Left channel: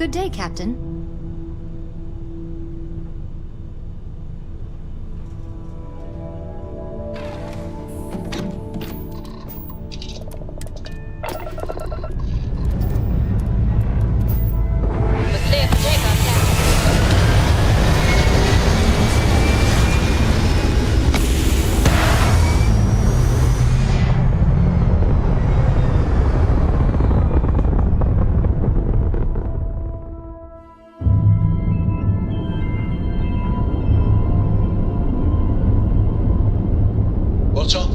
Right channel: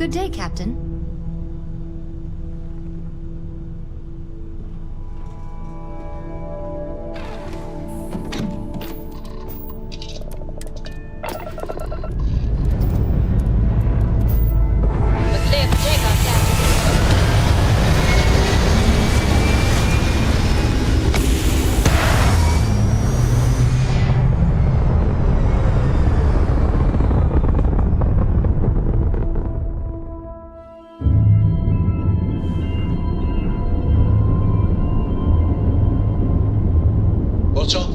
Good day, Captain. What's up?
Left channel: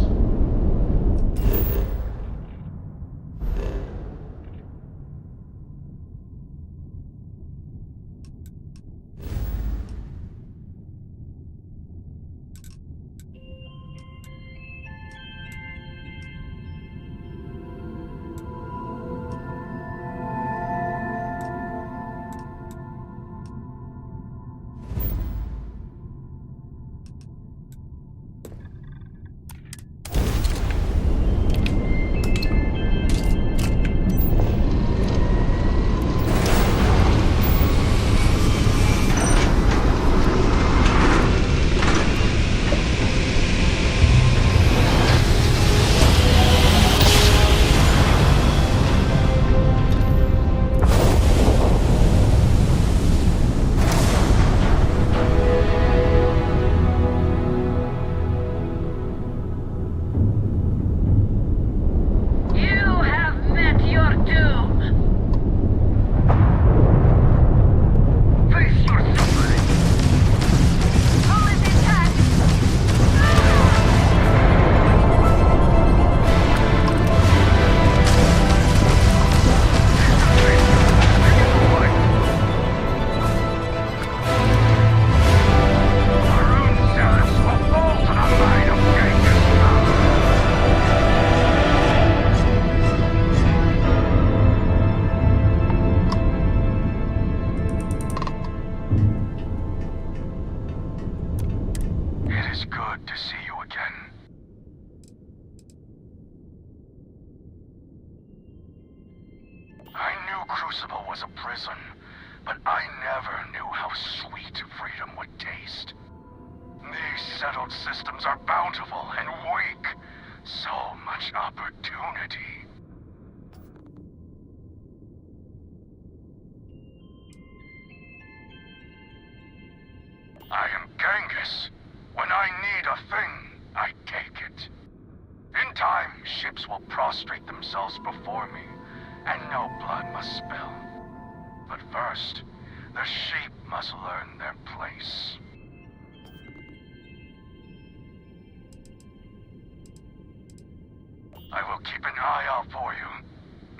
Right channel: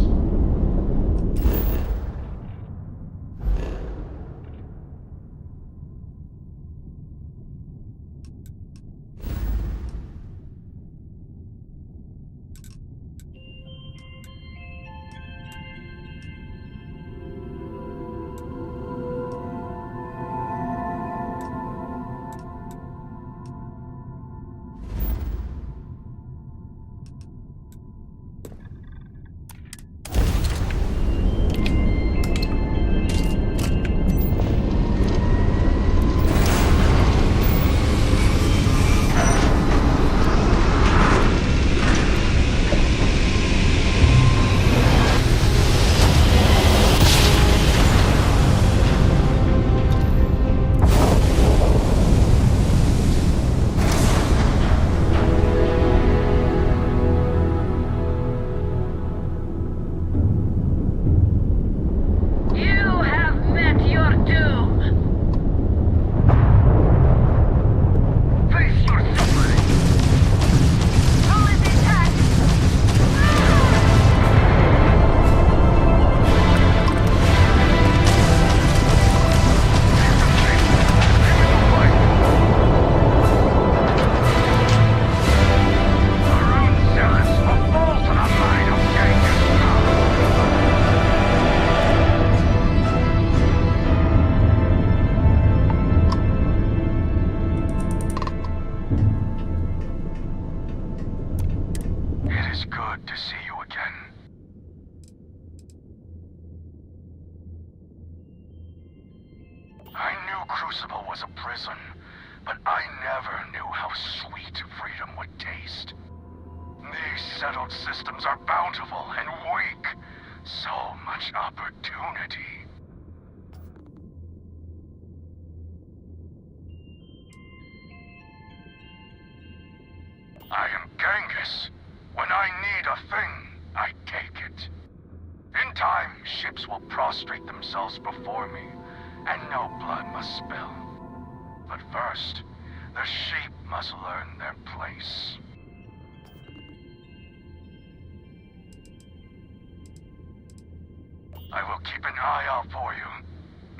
Crucible was a prison, but I never knew how sweet freedom would taste. These settled systems are bountiful and weak. So much opportunity. I am Genghis. When I need a thing, I take it. In time, ships will prostrate themselves before me, and no blood must spill. But first, the sheep must learn their place. I will keep an eye out for you.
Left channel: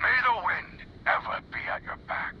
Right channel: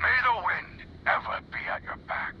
May the wind ever be at your back.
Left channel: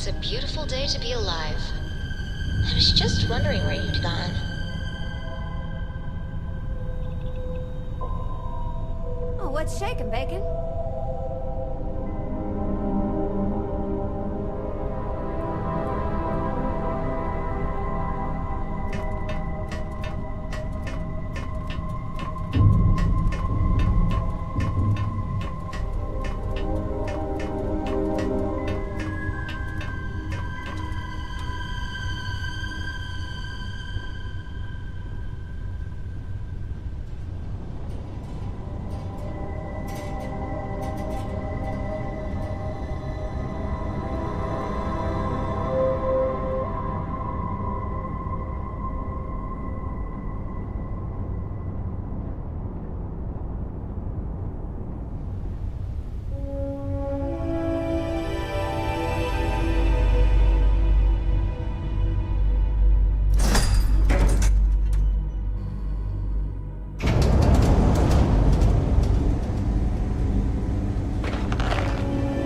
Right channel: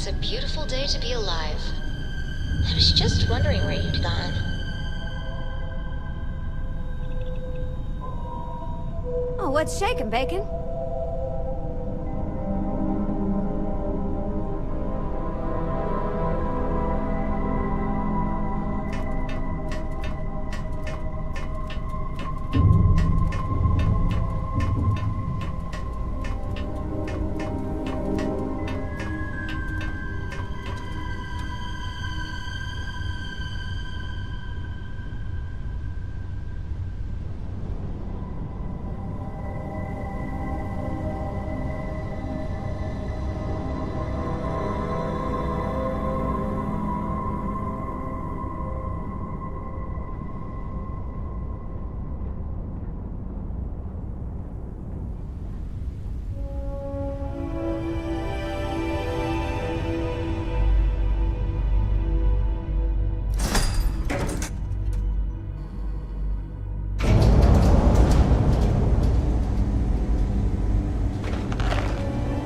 It's a beautiful day to be alive. I was just wondering where you'd gone. Oh, what's shaking, Bacon?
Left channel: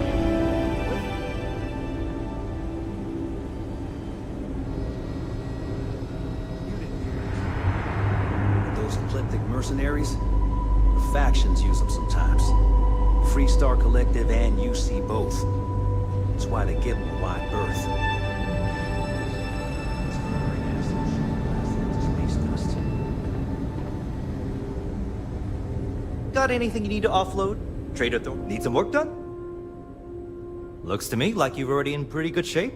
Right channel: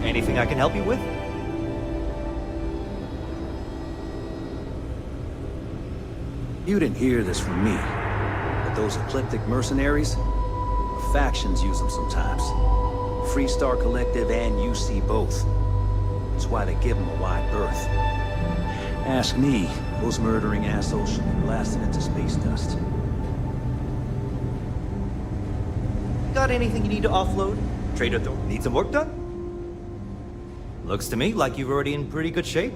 Anything I can help you with? You didn't hear this from me, but those eclectic mercenaries, the factions use them sometimes. Freestar Collective and UC both. That's why they give them a wide berth. Ask me, those murdering assholes should be blasted into space dust. Got anything you need to offload? Trader Thor, need some work done? Looks to me like you're already in pretty good shape.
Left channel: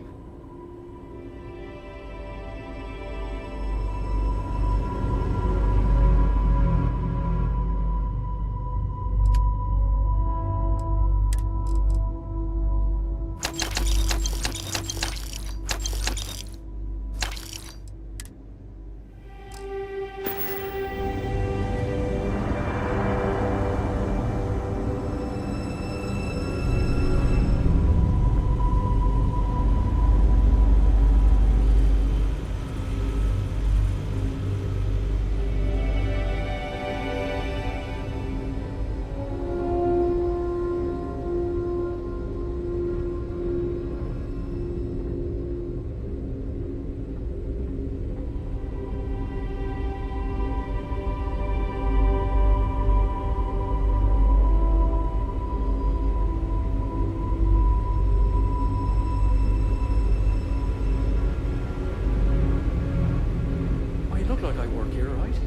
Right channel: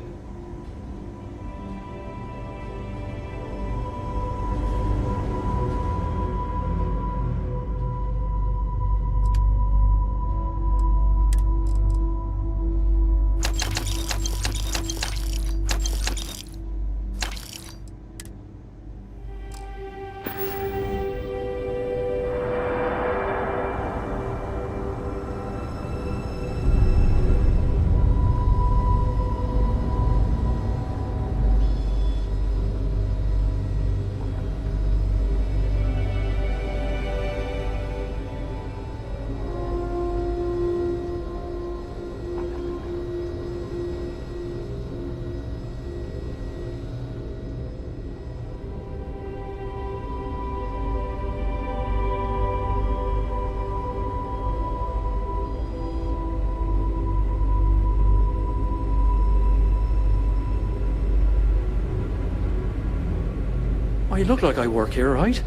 I look like I work here, right?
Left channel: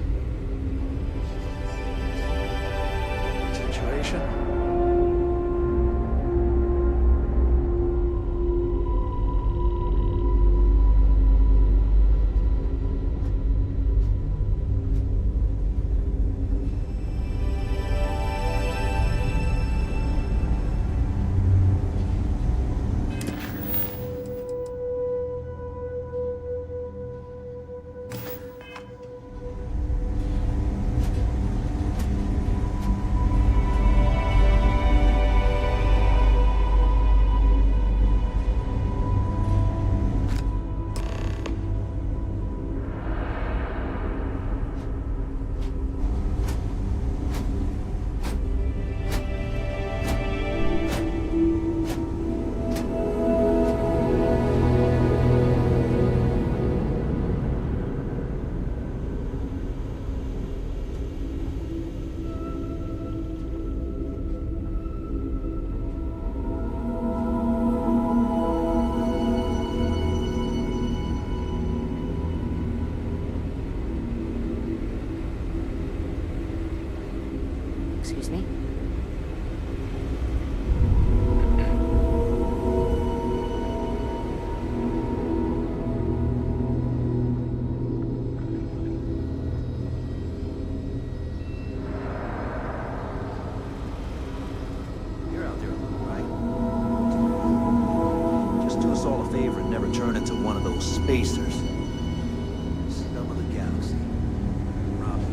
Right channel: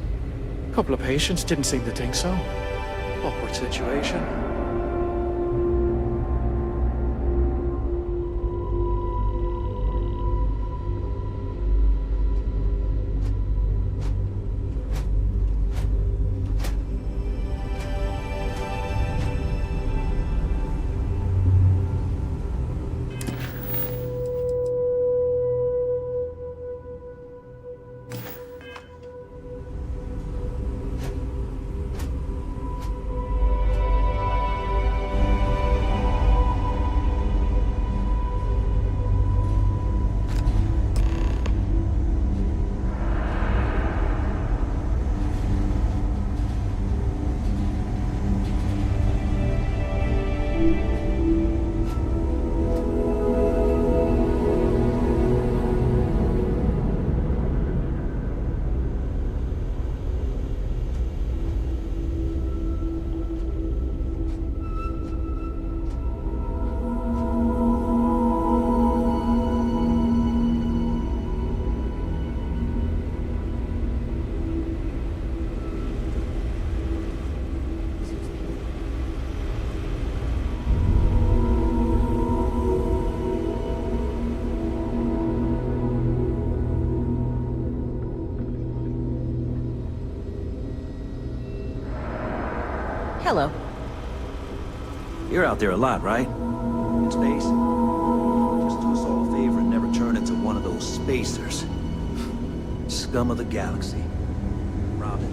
A couple of patients didn't seem to think so. Awkward situation. Excuse me. Hello. You're out there a lot, right? In space? Just do us all a favor and never turn into one of those spacers. Scum of the galaxy. Robin.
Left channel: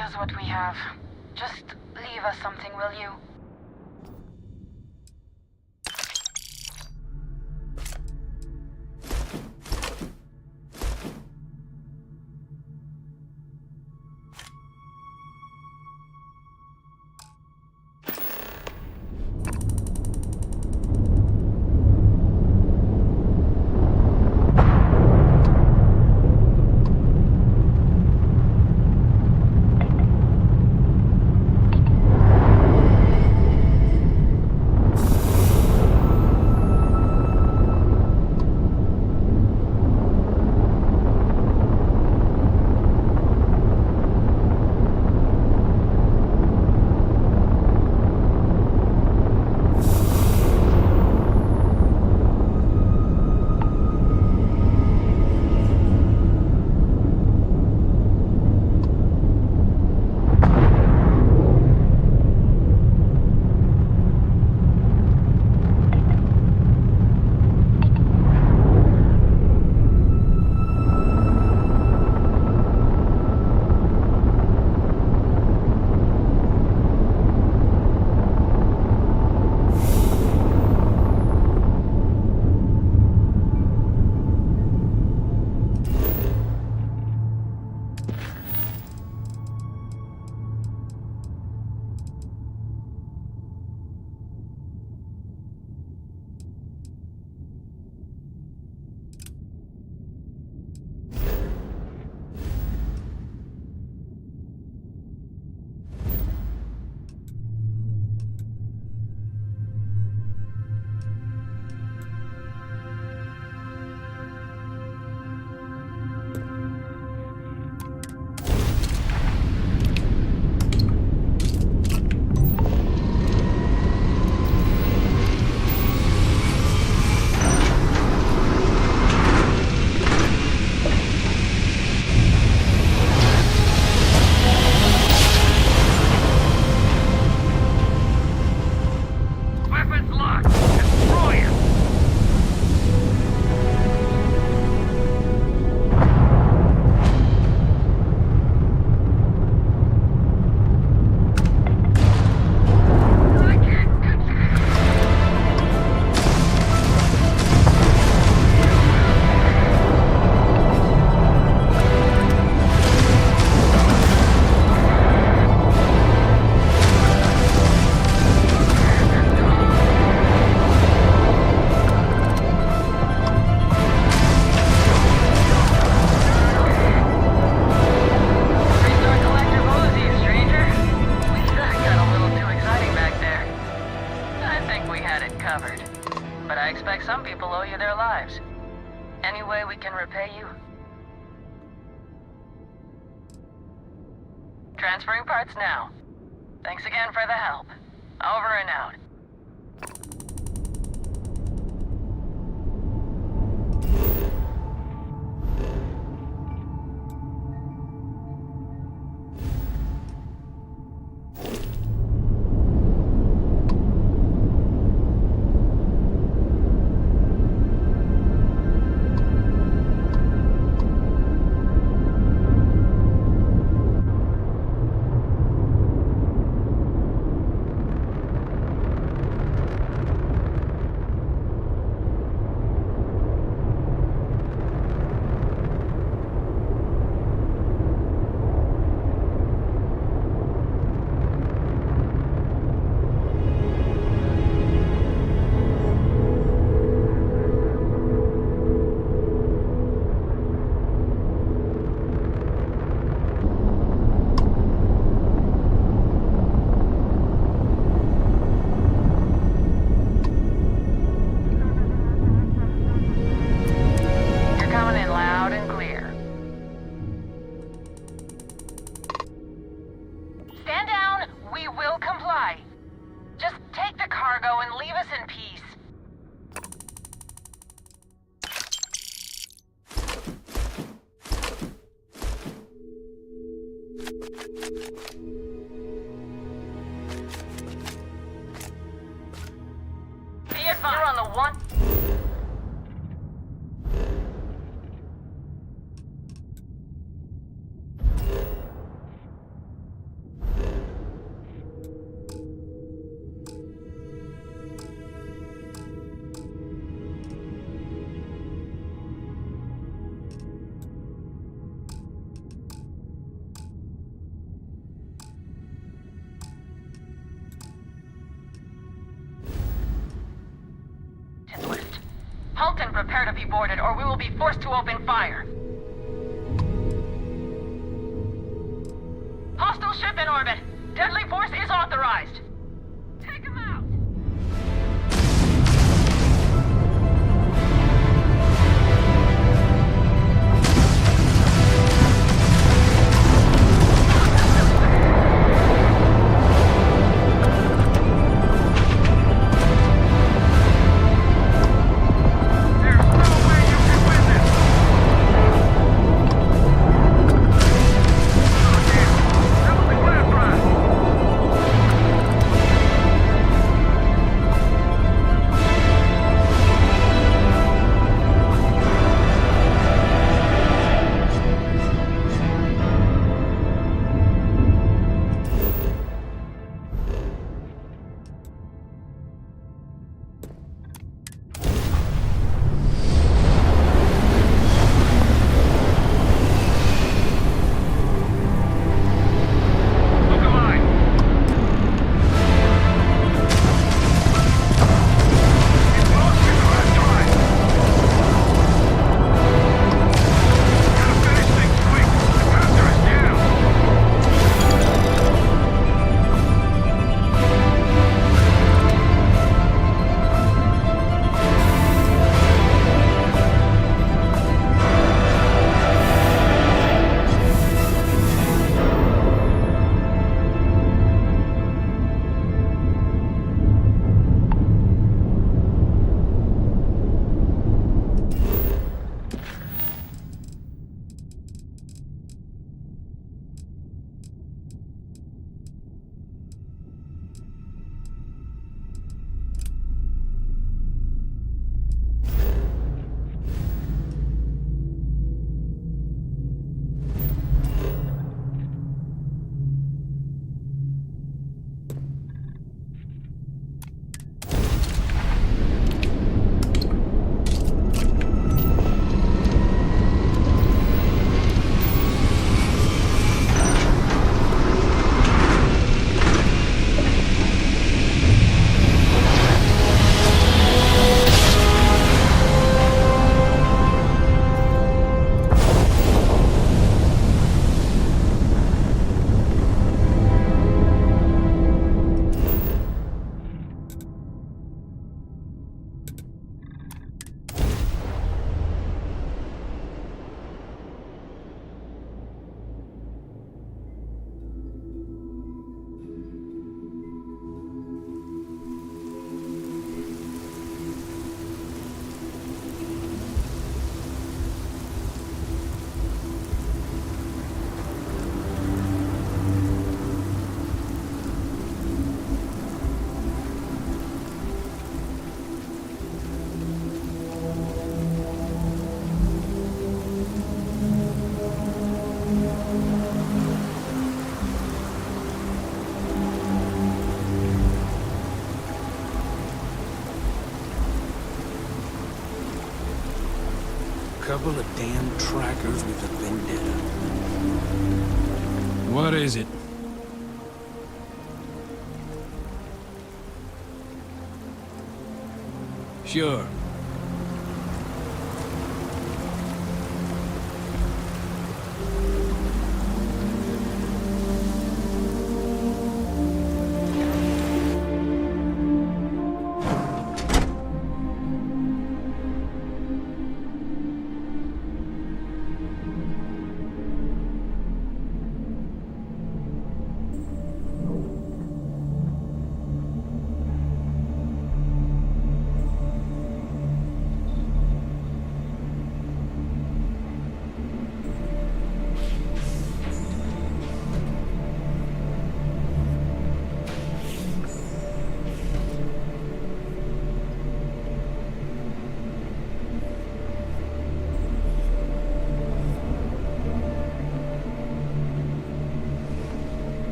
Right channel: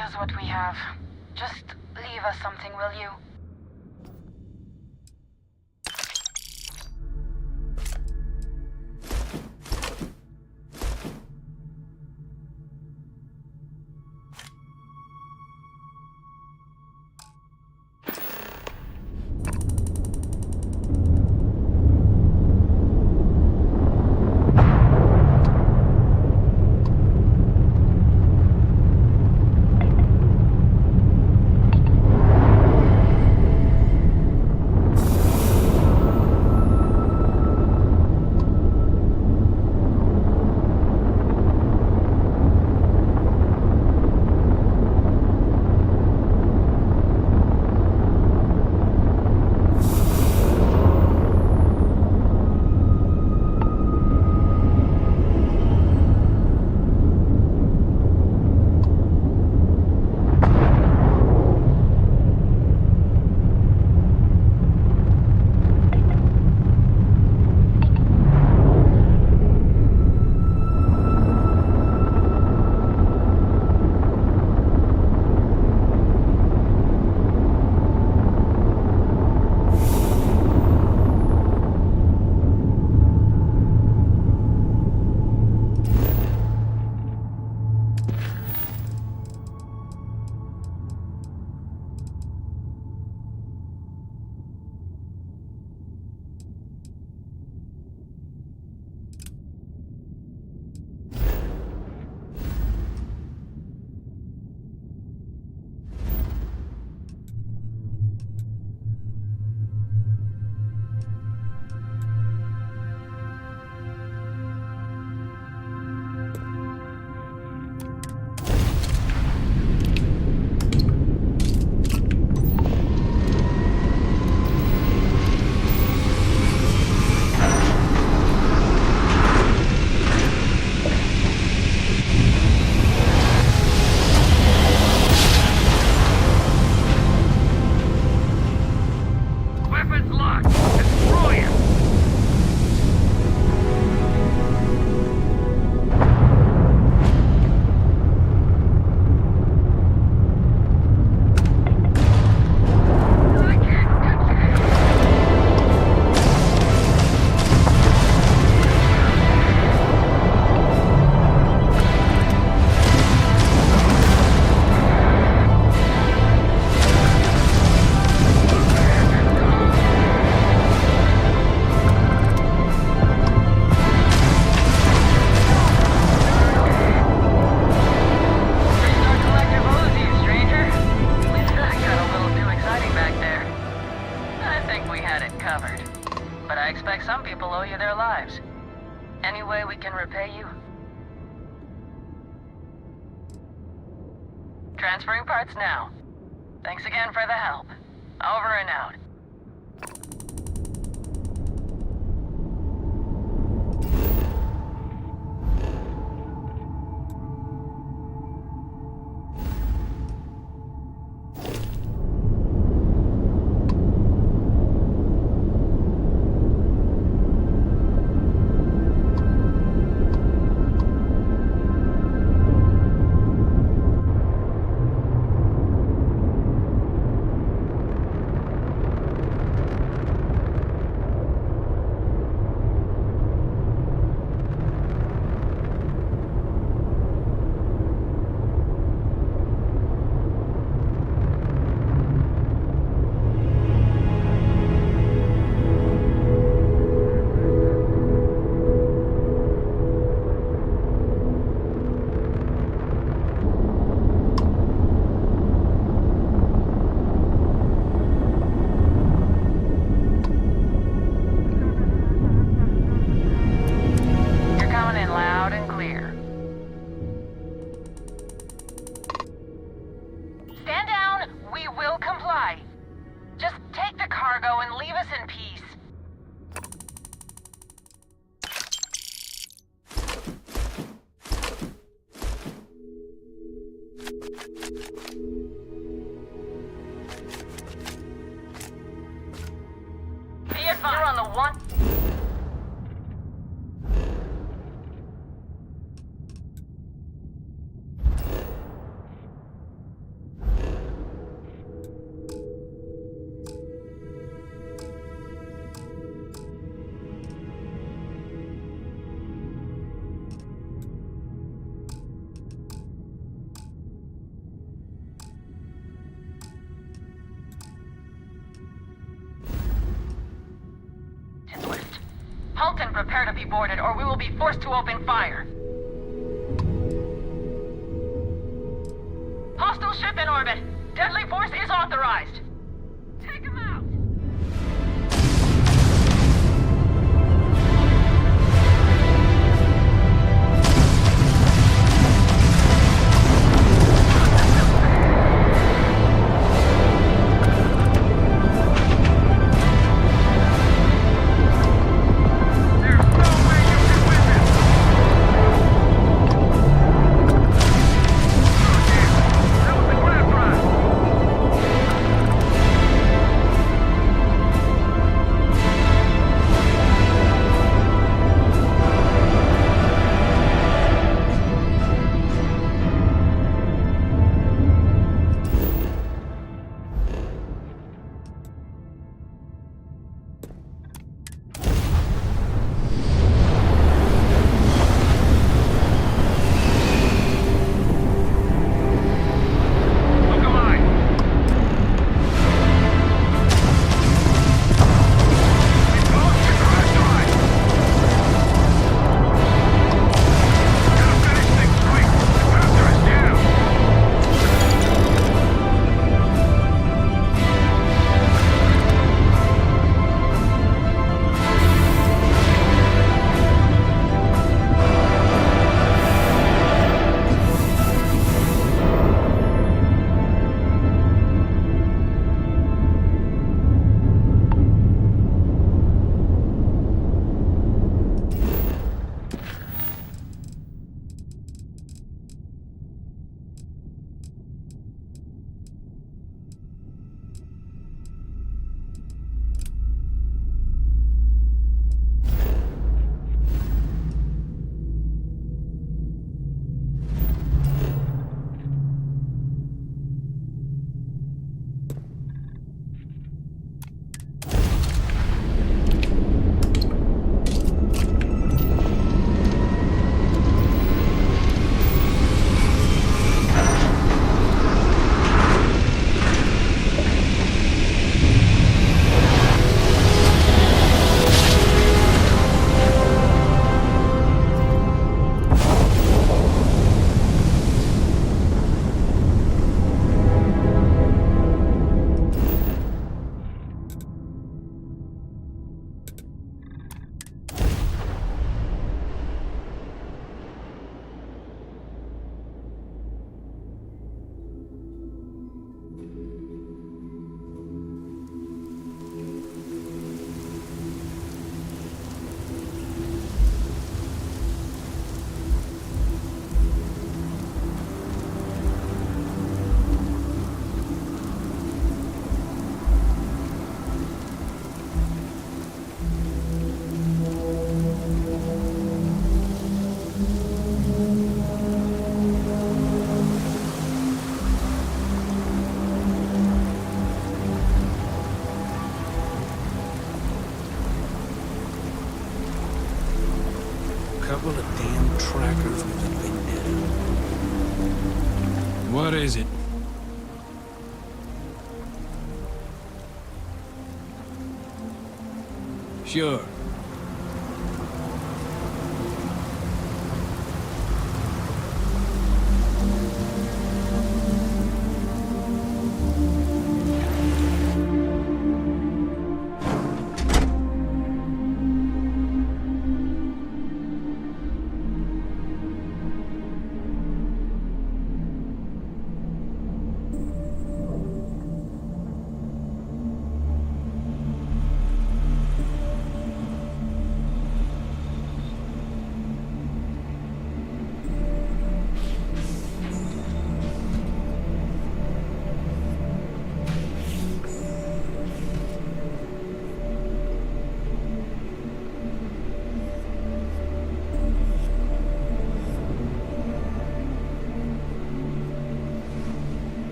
use what we have. Just leave us something, will you? Weapons locked! Destroy him! Restart collective Oz, stranger. That got a little too exciting back there. I think we had it covered. But I expect some people owe you their lives. Any way we can repay you? Transferring parts now. Thanks again for the help. Over and out. Halt and prepare to be boarded, or we will be forced to open fire. Hostile ship in orbit. Deadly force is authorized. Take him out! Couple of damn trackers with a vendetta. What is it? Sure.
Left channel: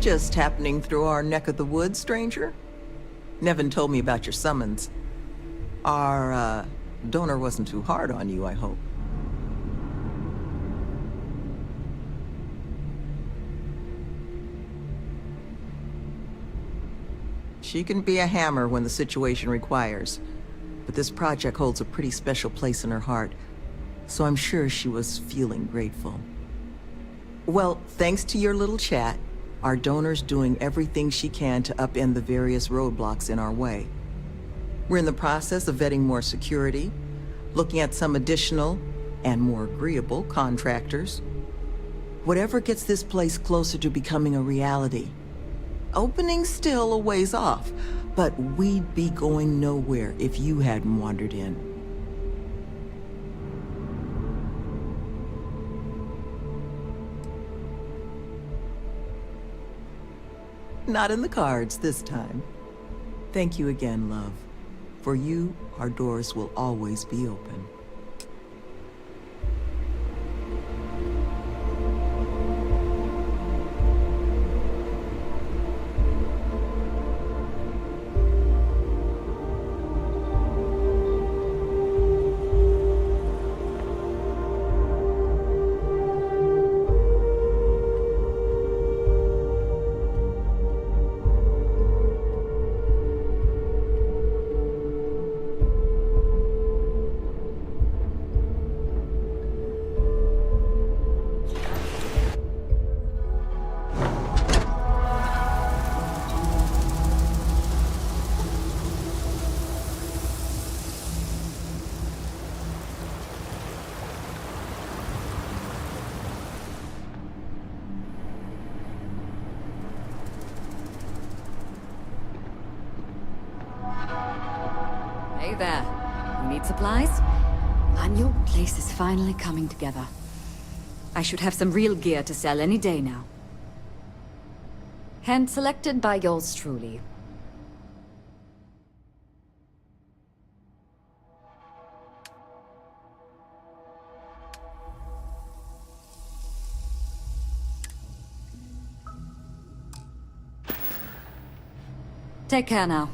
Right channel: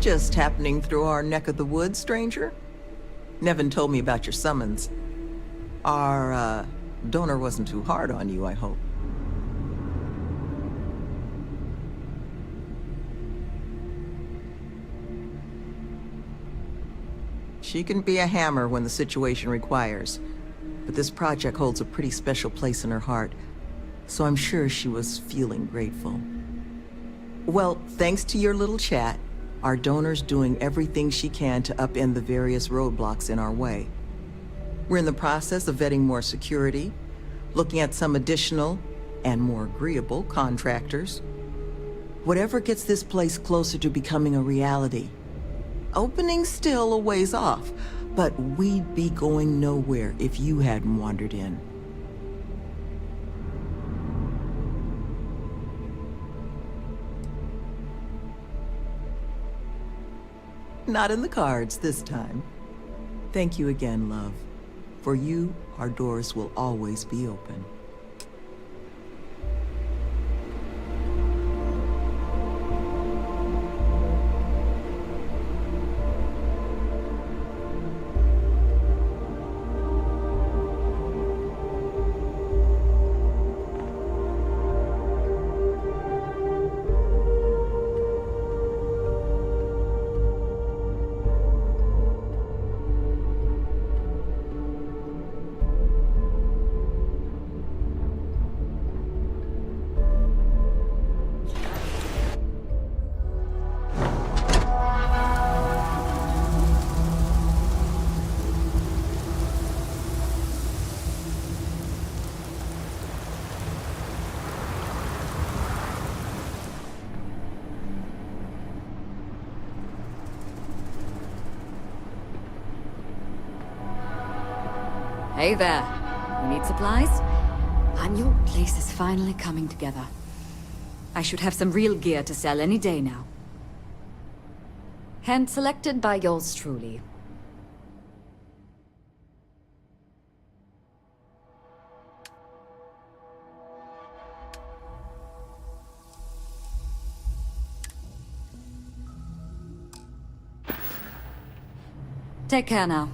Just happening through our neck of the woods, stranger? Nevin told me about your summons. Our, donor wasn't too hard on you, I hope. She can be a hammer when the situation requires. But this project holds a pretty special place in her heart, so I'm sure she was feeling grateful. Well, thanks to your little chat, our donor's doing everything she can to upend the various roadblocks in our way. We're in the process of vetting more security, looking at some additional and more agreeable contractors. Whatever gets this place closer to becoming a reality. Opening's still a ways off, but we'd be going nowhere if you hadn't wandered in. Not in the cards this time. Thank you again, love. For you, our doors will always be open. Hey there. Who needs supplies? And your place is finally coming together. I should have some real gear to sell any day now. Hand selected by yours truly. Take care now.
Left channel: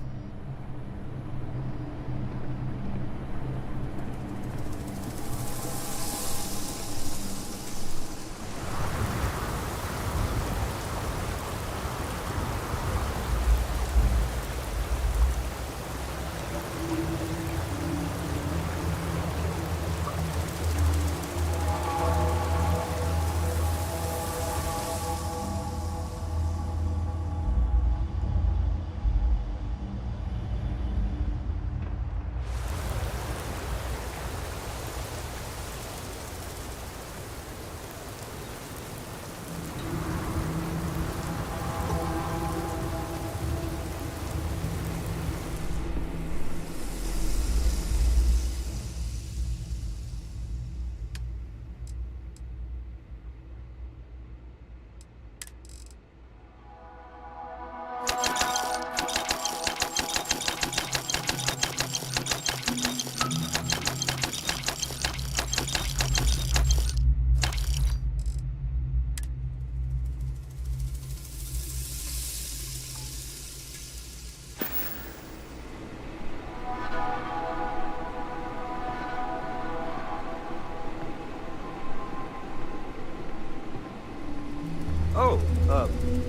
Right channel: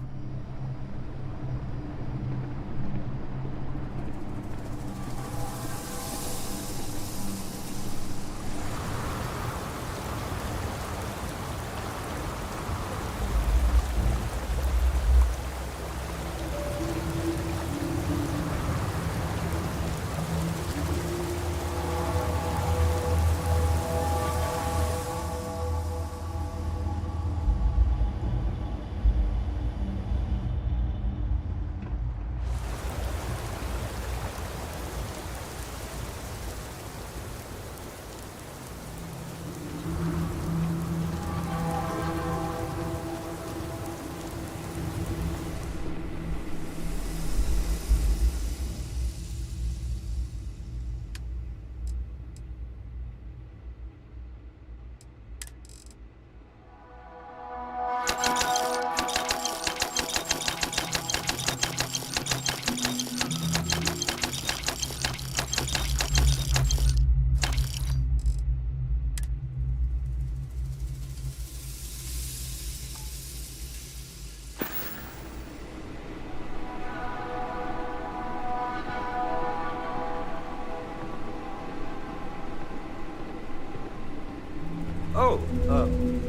Oh,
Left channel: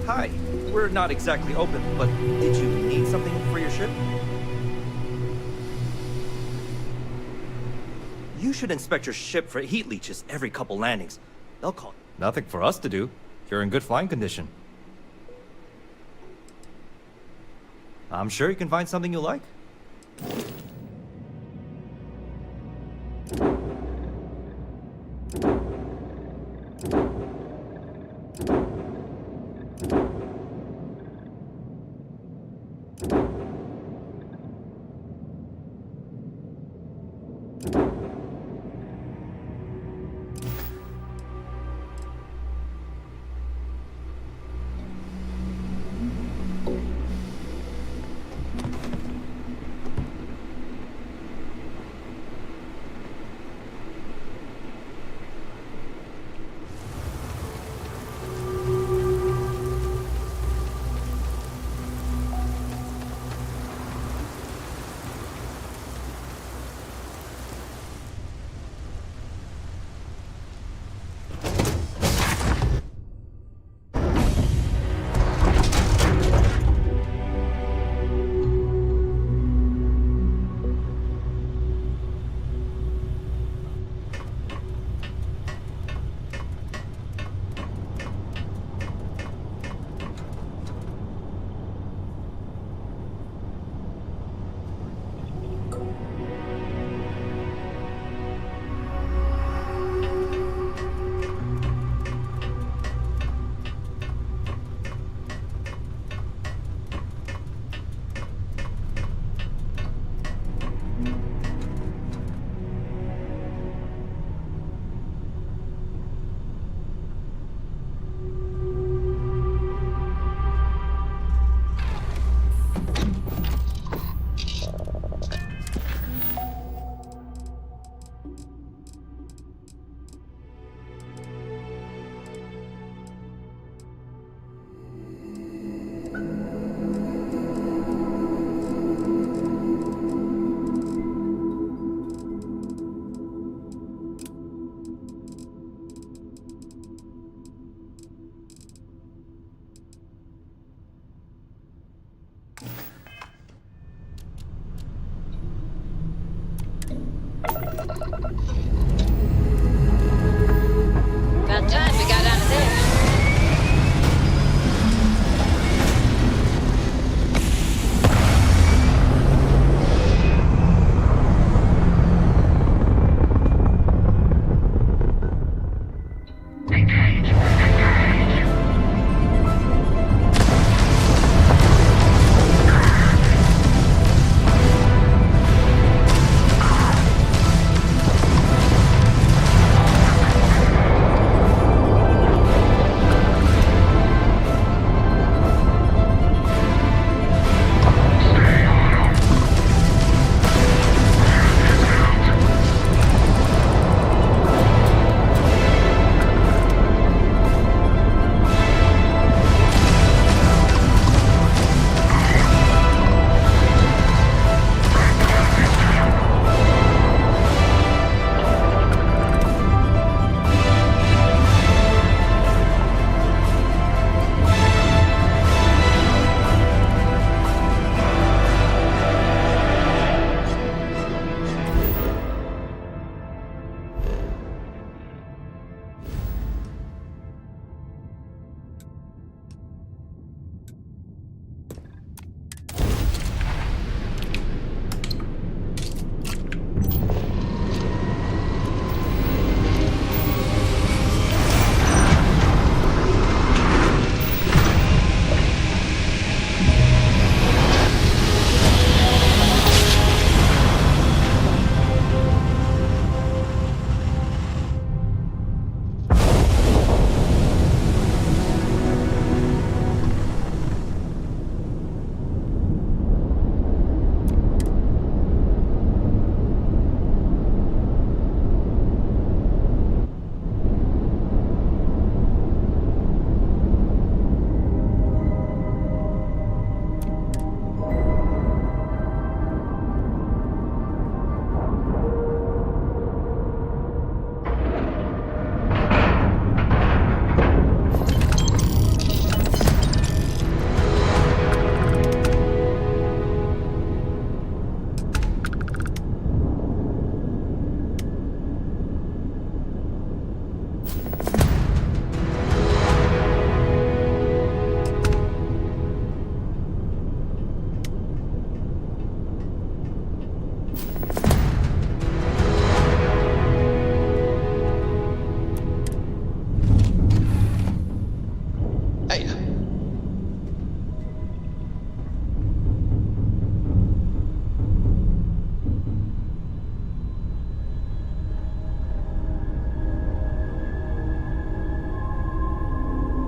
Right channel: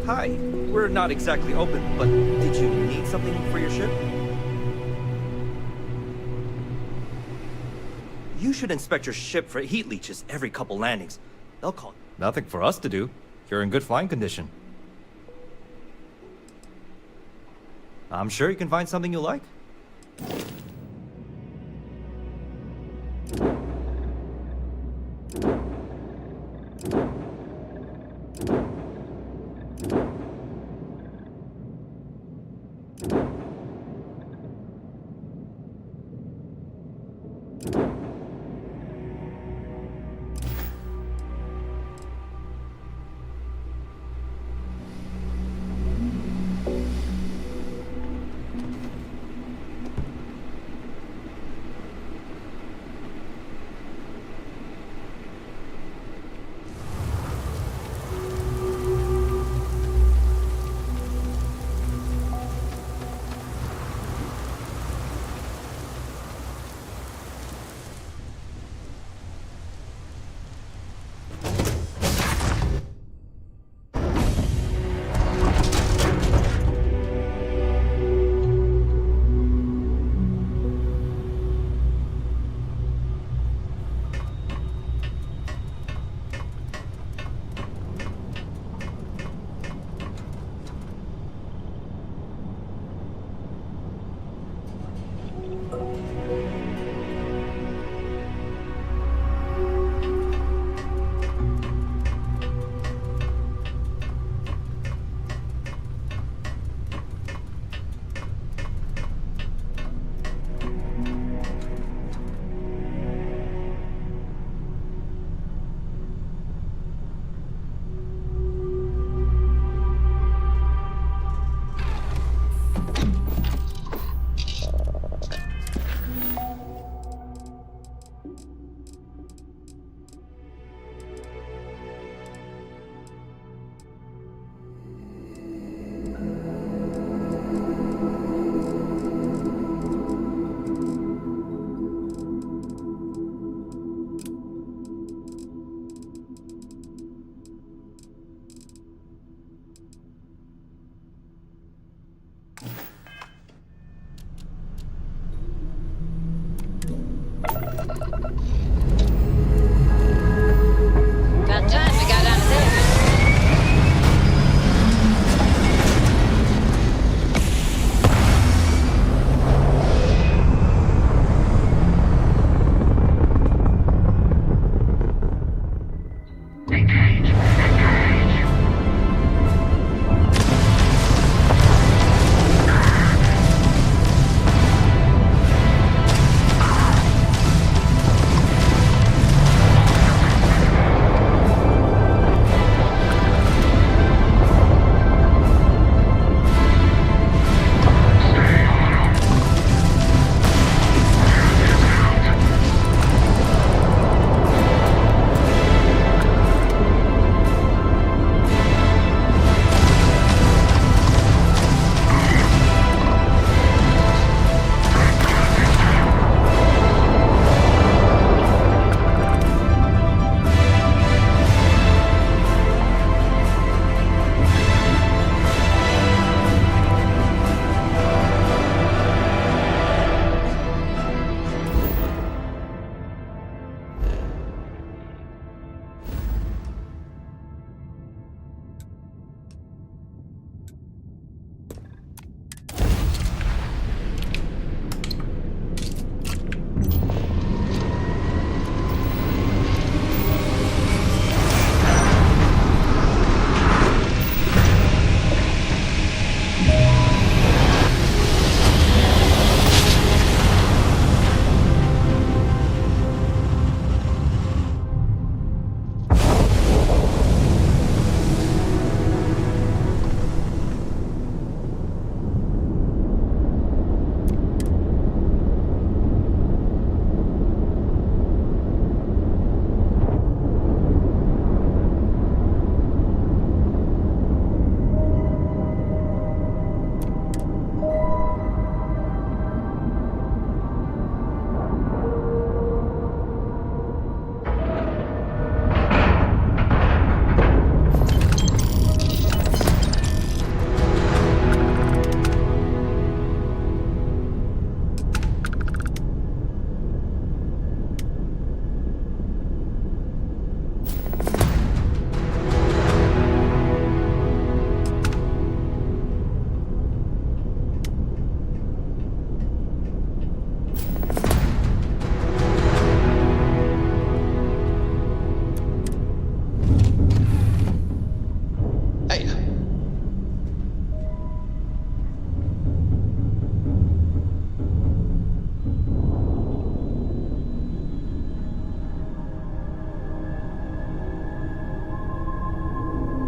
hi. We're not exactly open, but did you need something for your ship? You should inspect your ship for heat leeches every couple landings. They'll call. Nothing for us to do. You're in good flying condition. I'm sure you can find something you like.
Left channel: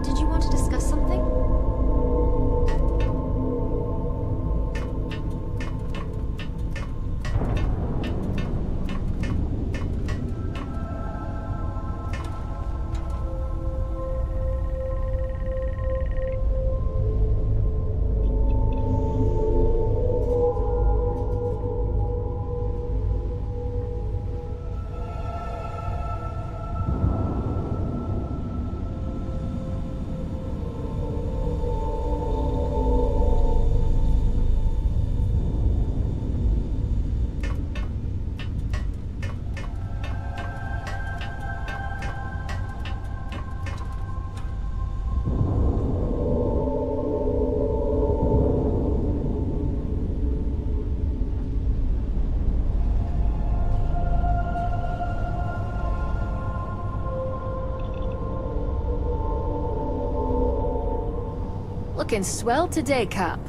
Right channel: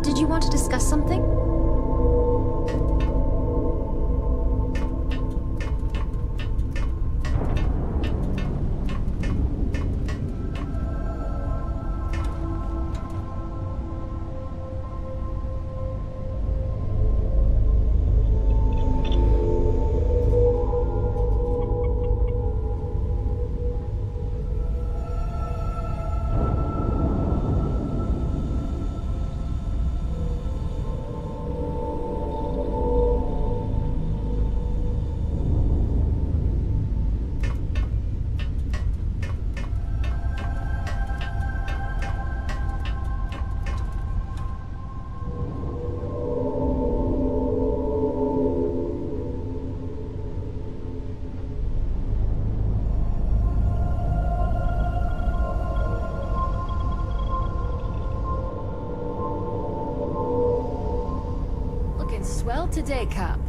Did you want to discuss something? Looking swell today, Cap.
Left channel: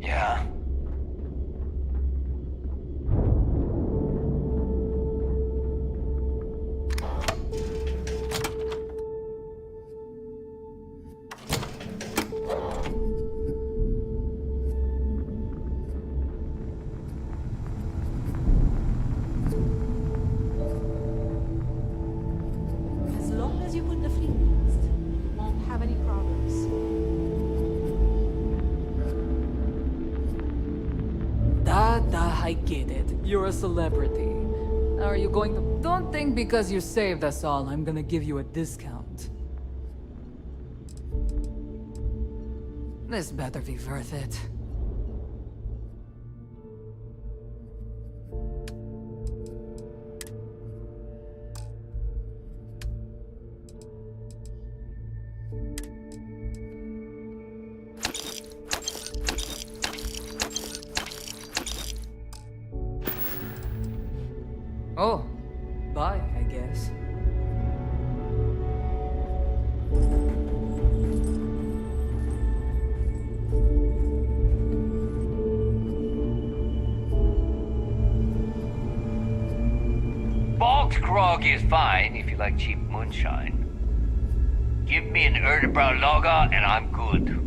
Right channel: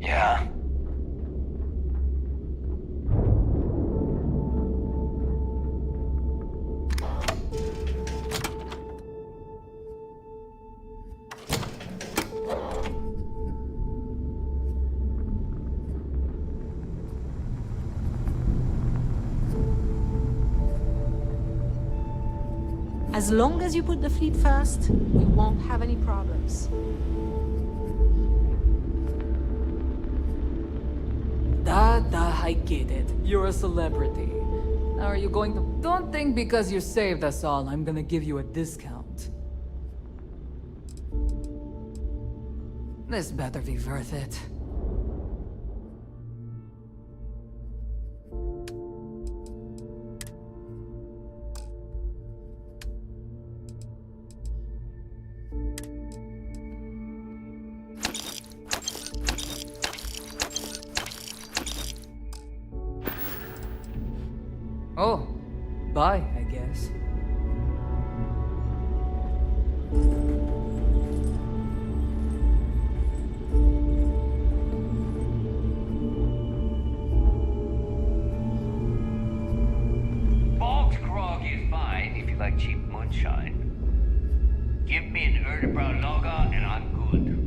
Yeah. As long as you put the fleet first, we won't have any problems. I get it. You're a celebrity. Now are you going to... Don't think because you saved us all, I'm gonna give you a discount. This better be worth it. Oh, bye, I guess. Bogged grog is fine if you like cheap moonshine. Give me an Erdebrow lager and I'm good.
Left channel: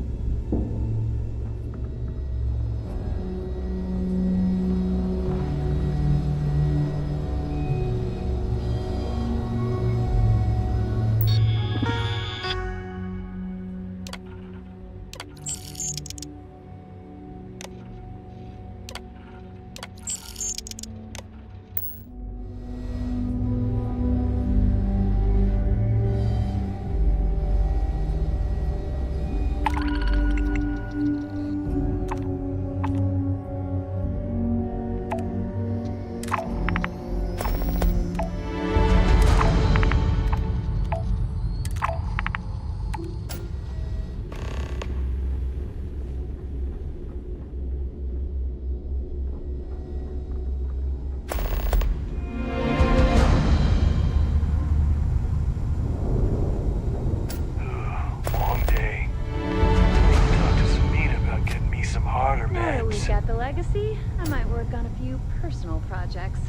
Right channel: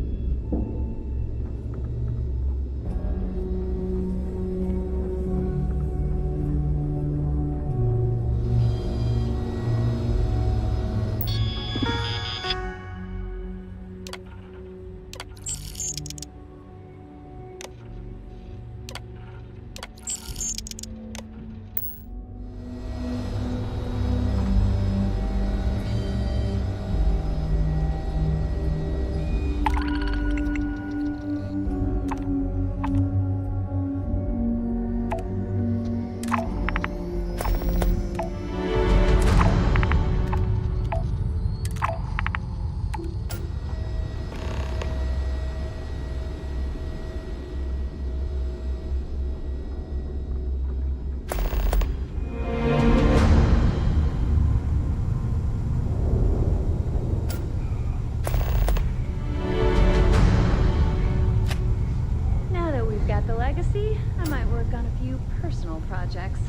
Legacy, I might work on a few personal projects.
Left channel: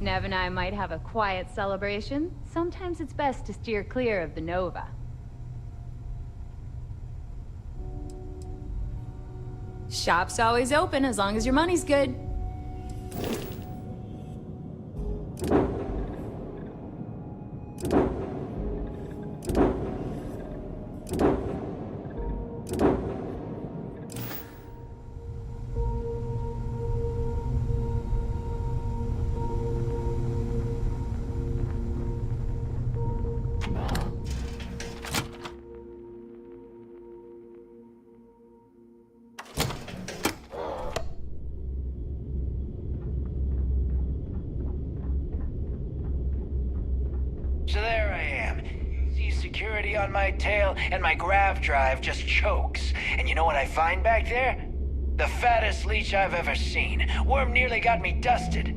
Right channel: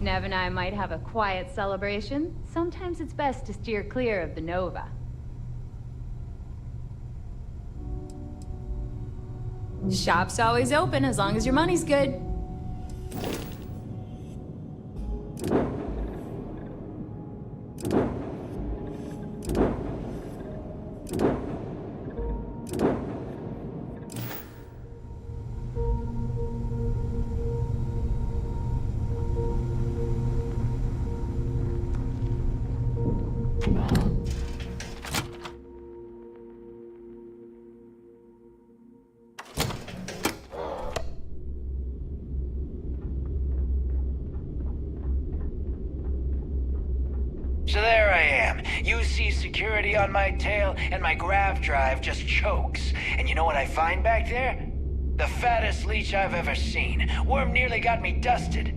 Nev and I might have a quiet celebration. Sometimes it's best to steer clear of the Nova. Shop's always open as long as your money's good. So there I am. You see security on my tail, and my grav drive just chokes. And you know what I find back there? The fattest leech I've ever seen. Worm nearly got me dusted.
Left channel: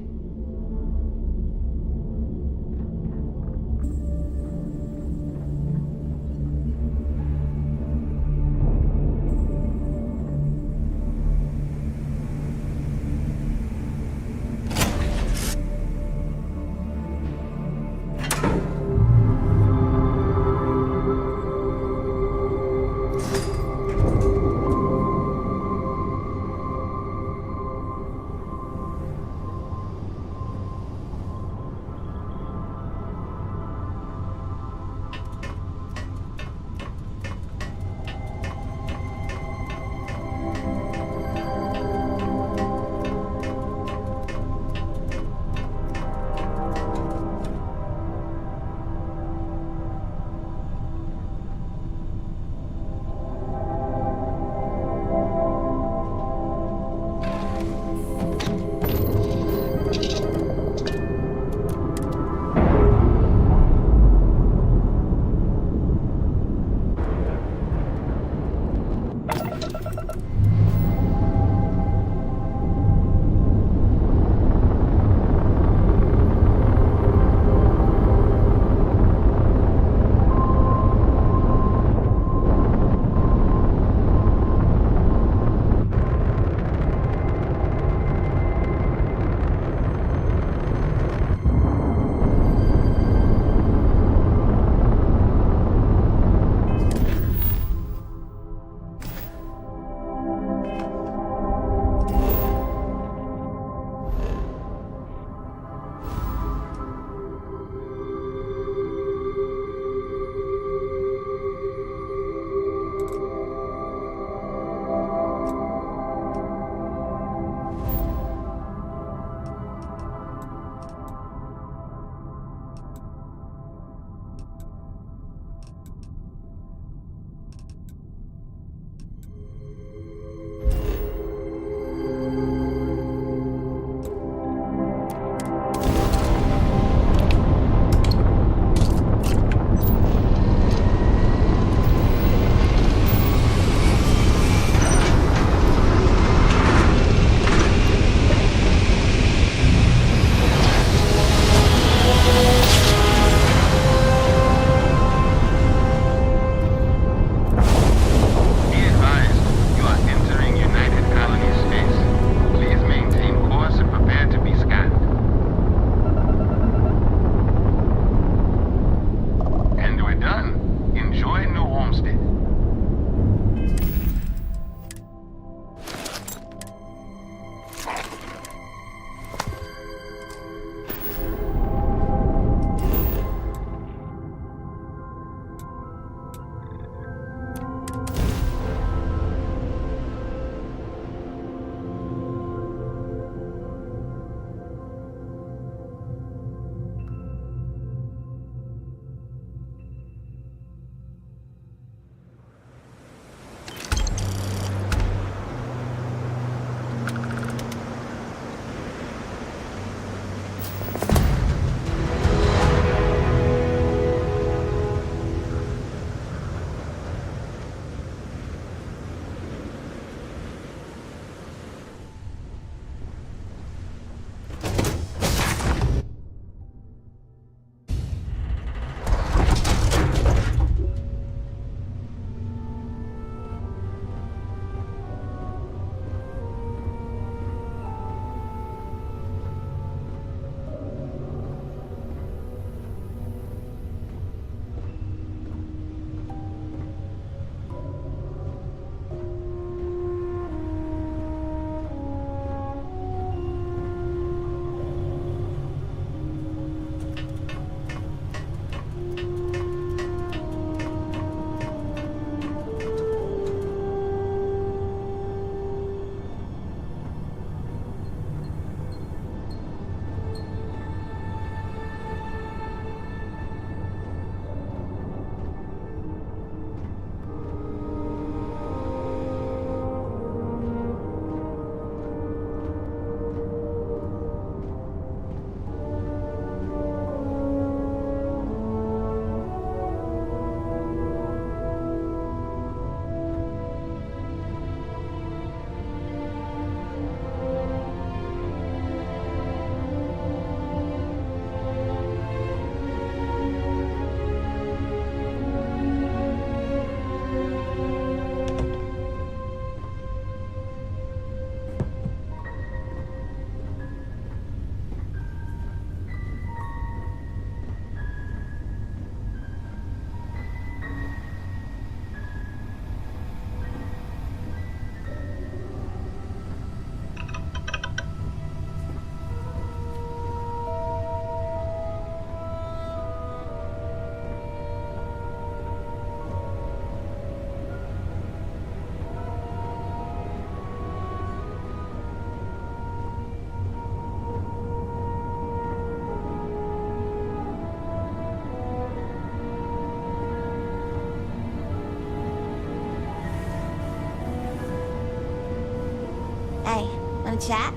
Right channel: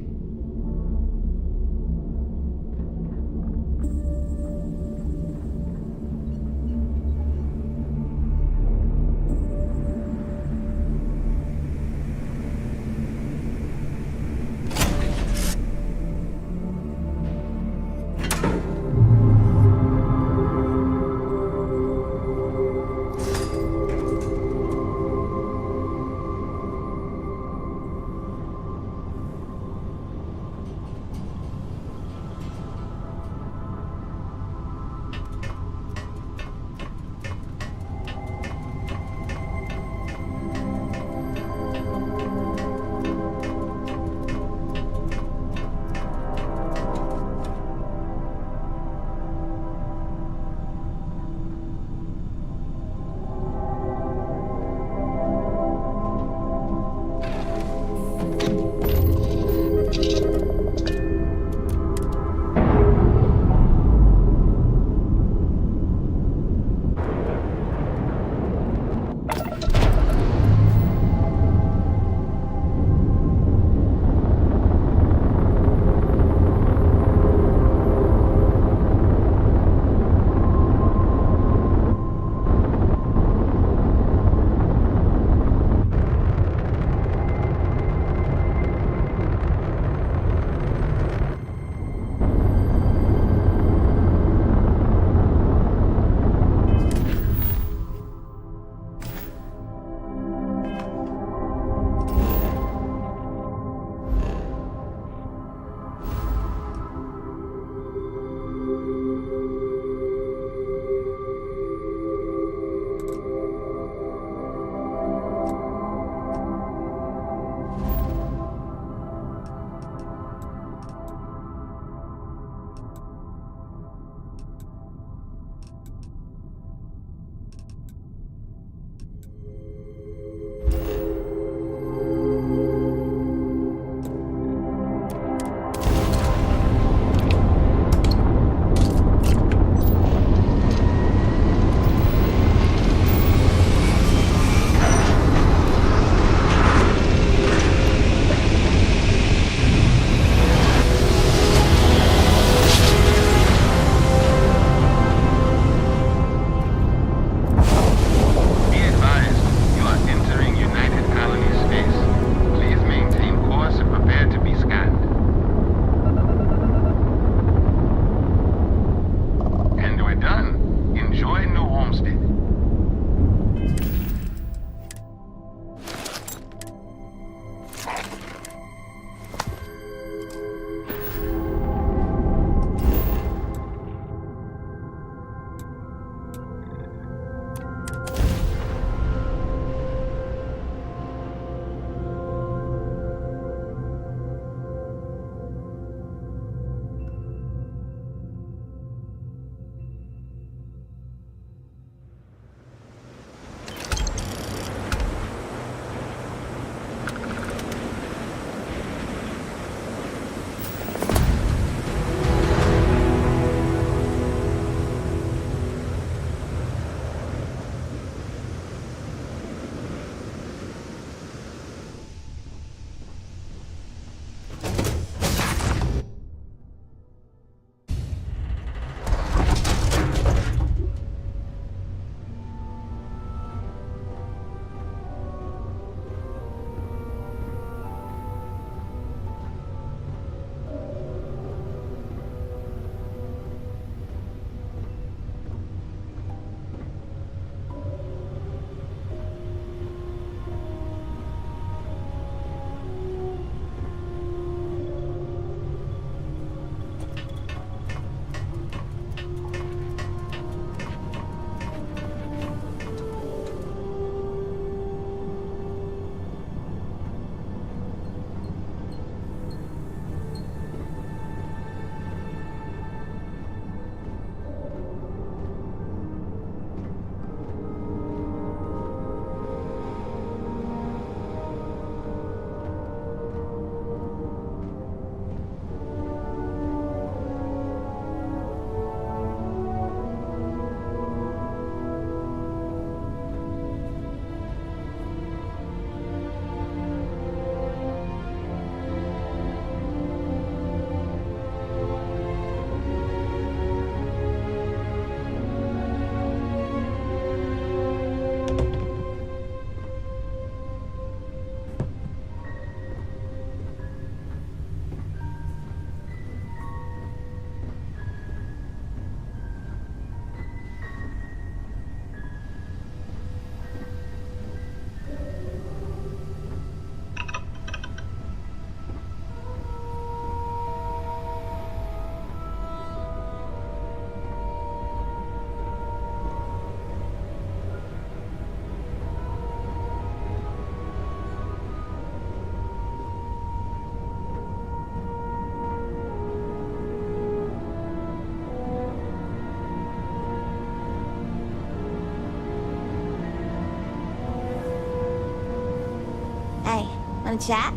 Wanna chat?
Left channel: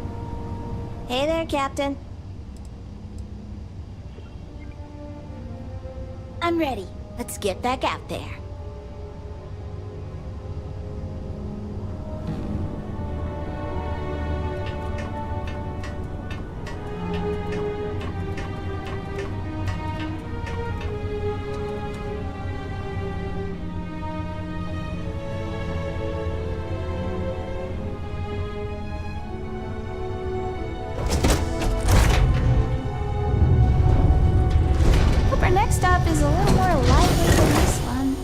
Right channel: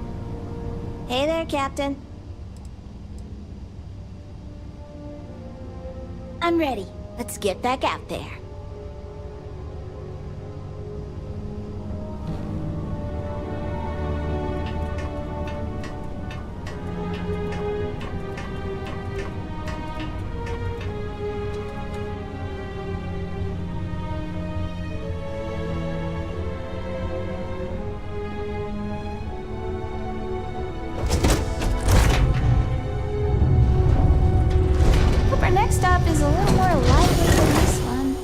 Hey there, Captain. I'm ready. Let's get back out there. Hope our next stop is a little more lively than this one.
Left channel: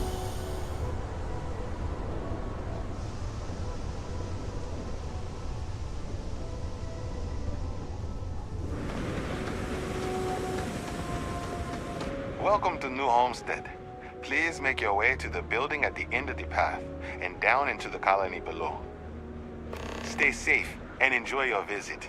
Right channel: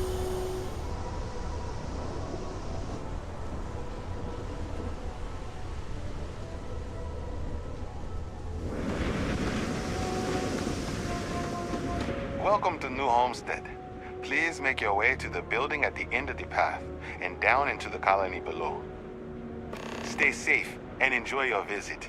Welcome to New Homestead. Please make your way to the building at the end of the path and down into the colony below. Stay safe and enjoy your visit.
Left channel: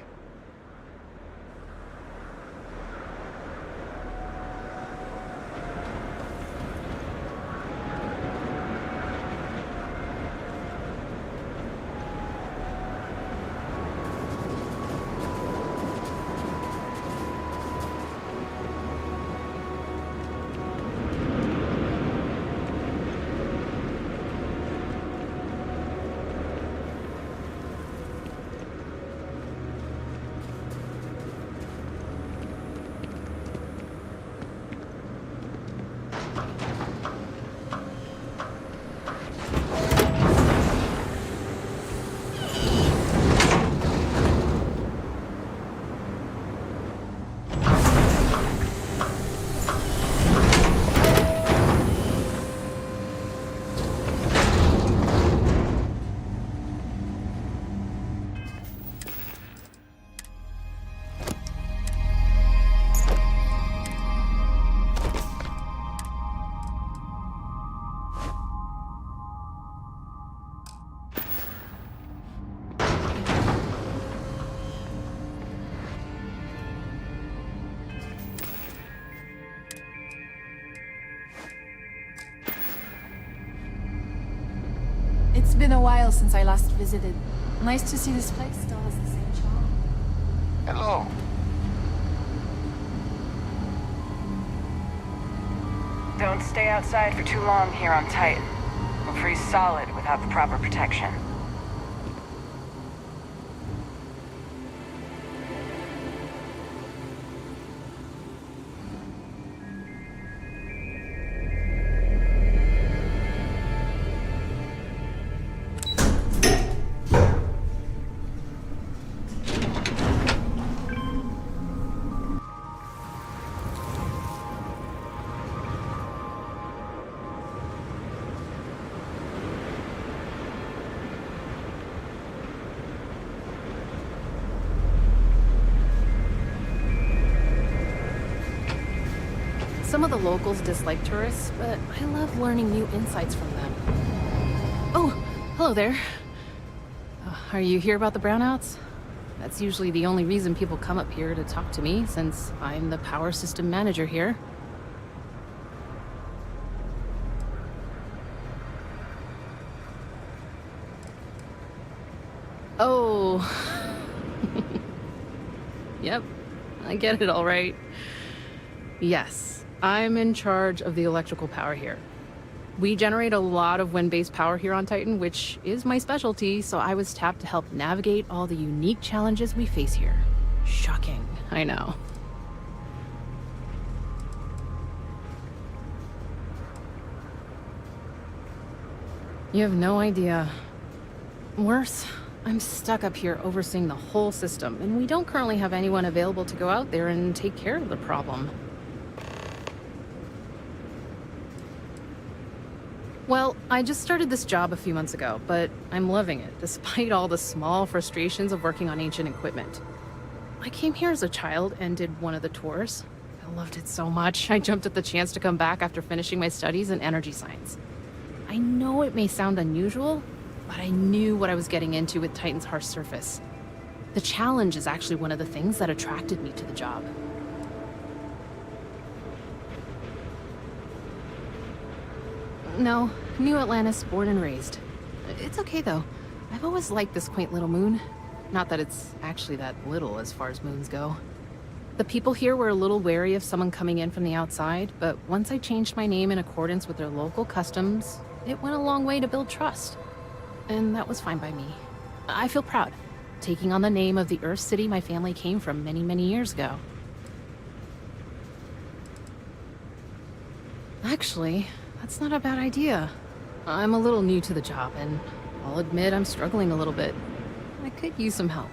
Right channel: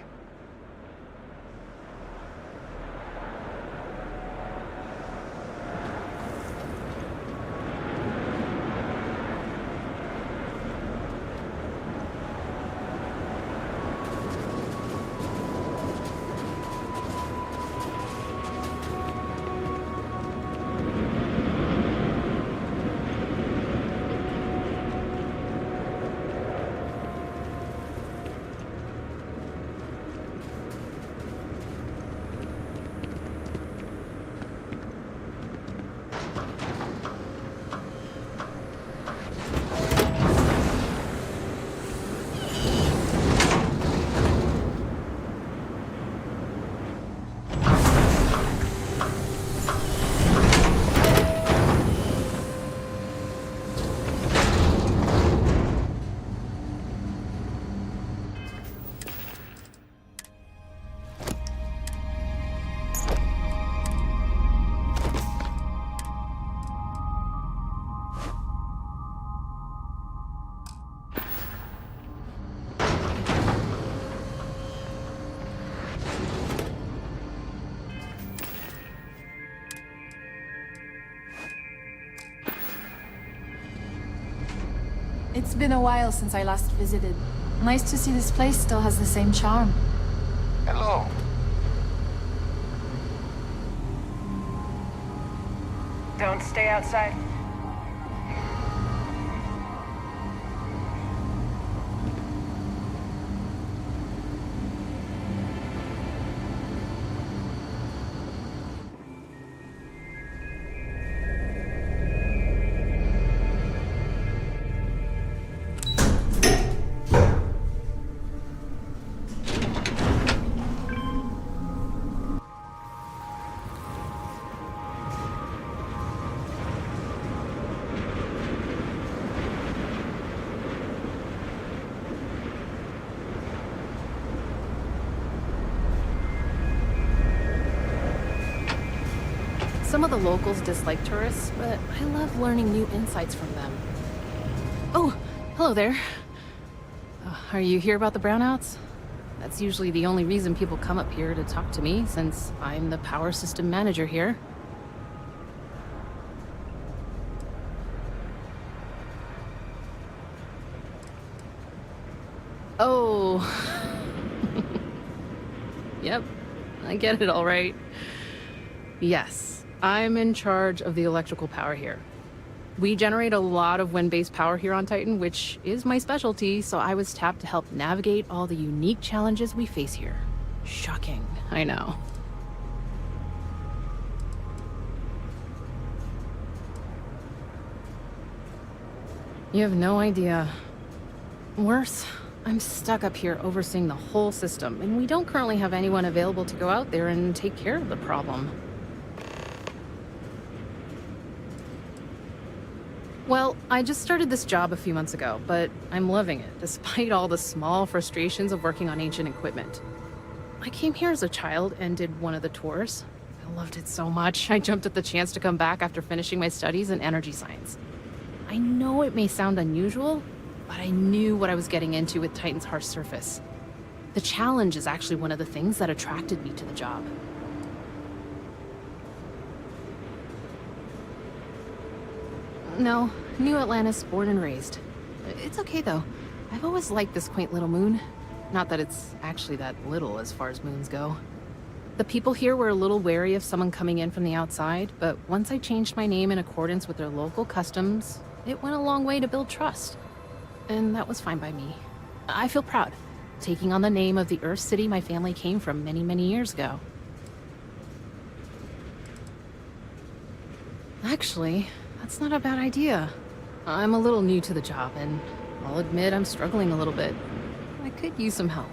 It's been a while since I last visited. Nice to see this place still has the same charm. Hello. Don't stay outside for too long here on Titan. We'll freeze solid without the proper protection. Some of the locals dislike tourists, but I love learning new insights from them. Oh, hello there. Are you here about the brownouts? That's usually the only reason people come up here to talk to me, since I'm the power system manager here. Oh. Yep, I get it all right. Yes. I'm in charge of the electrical power here. We generate a lot of wind-based power here on Titan, which is my specialty, so I was tapped to help navigate all the unique challenges we face here. Shocking, I know. You have no idea. Worse, I'm stuck up here overseeing the whole system, and we don't currently have anyone available to go out there and take care of the problem. Well, I just started this job a few months ago, but I'm loving it, despite all the small frustrations of working on ancient equipment. I came here as a child and did one of the tours. I loved it so much, I jumped at the chance to come back after finishing my studies in energy science. I know it may sound unusual, but I knew what I was getting into with Titan's harsh surface. The challenge is actually one of the things that attracted me to the job. No, New Atlantis, born and raised. It's okay though. I've always liked this quaint little moon. Not that it's actually that little as far as moons go. The people here were a little wary of someone coming in from the outside, but once I changed my name in accordance with their local customs, it went a long way to build trust. And that was fine by me. I feel proud, taking on the name of the Earth City my family came from many, many years ago. Actually, that's not a bad idea. I'm a little new to the job, and I'll admit I'm struggling a little bit. I could use some help.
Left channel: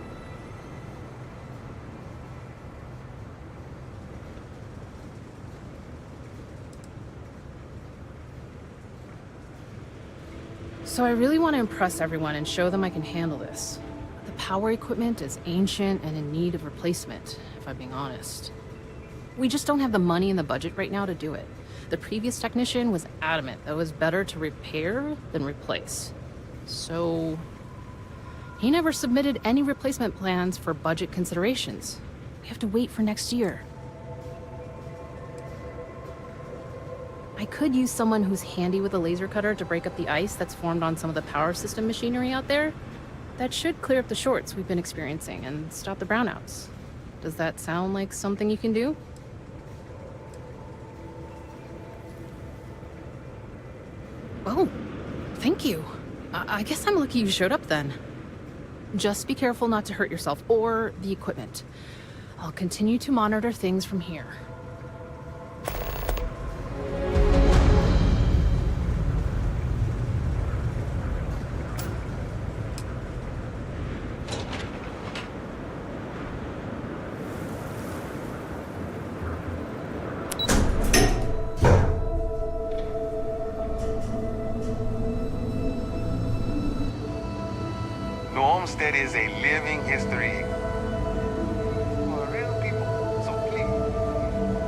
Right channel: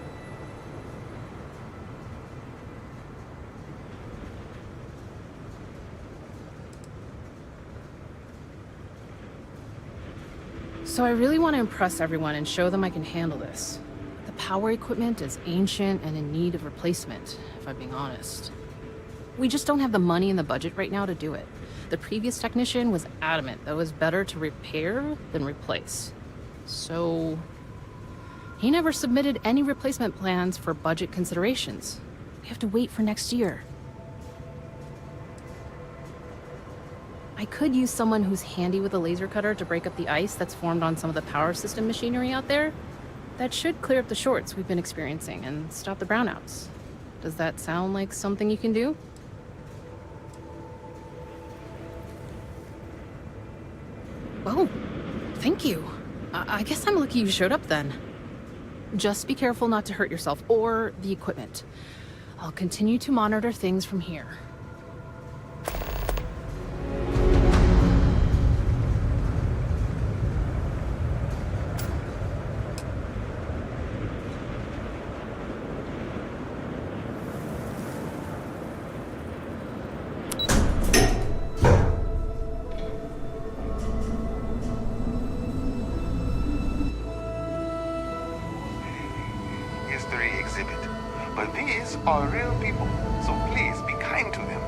So I really want to impress everyone and show them I can handle this. But the power equipment is ancient and in need of replacement, if I'm being honest. We just don't have the money and the budget right now to do it. The previous technician was adamant that it was better to repair than replace. So he never submitted any replacement plans for budget considerations. We have to wait for next year. I could use someone who's handy with a laser cutter to break up the ice that's formed on some of the power system machinery out there. That should clear up the shorts we've been experiencing and stop the brownouts. Does that sound like something you can do? Oh, thank you. I guess I'm lucky you showed up then. Just be careful not to hurt yourself or the equipment. I'll continue to monitor things from here. New Homestead is a living history exhibit. But these are real people, so please be kind to them.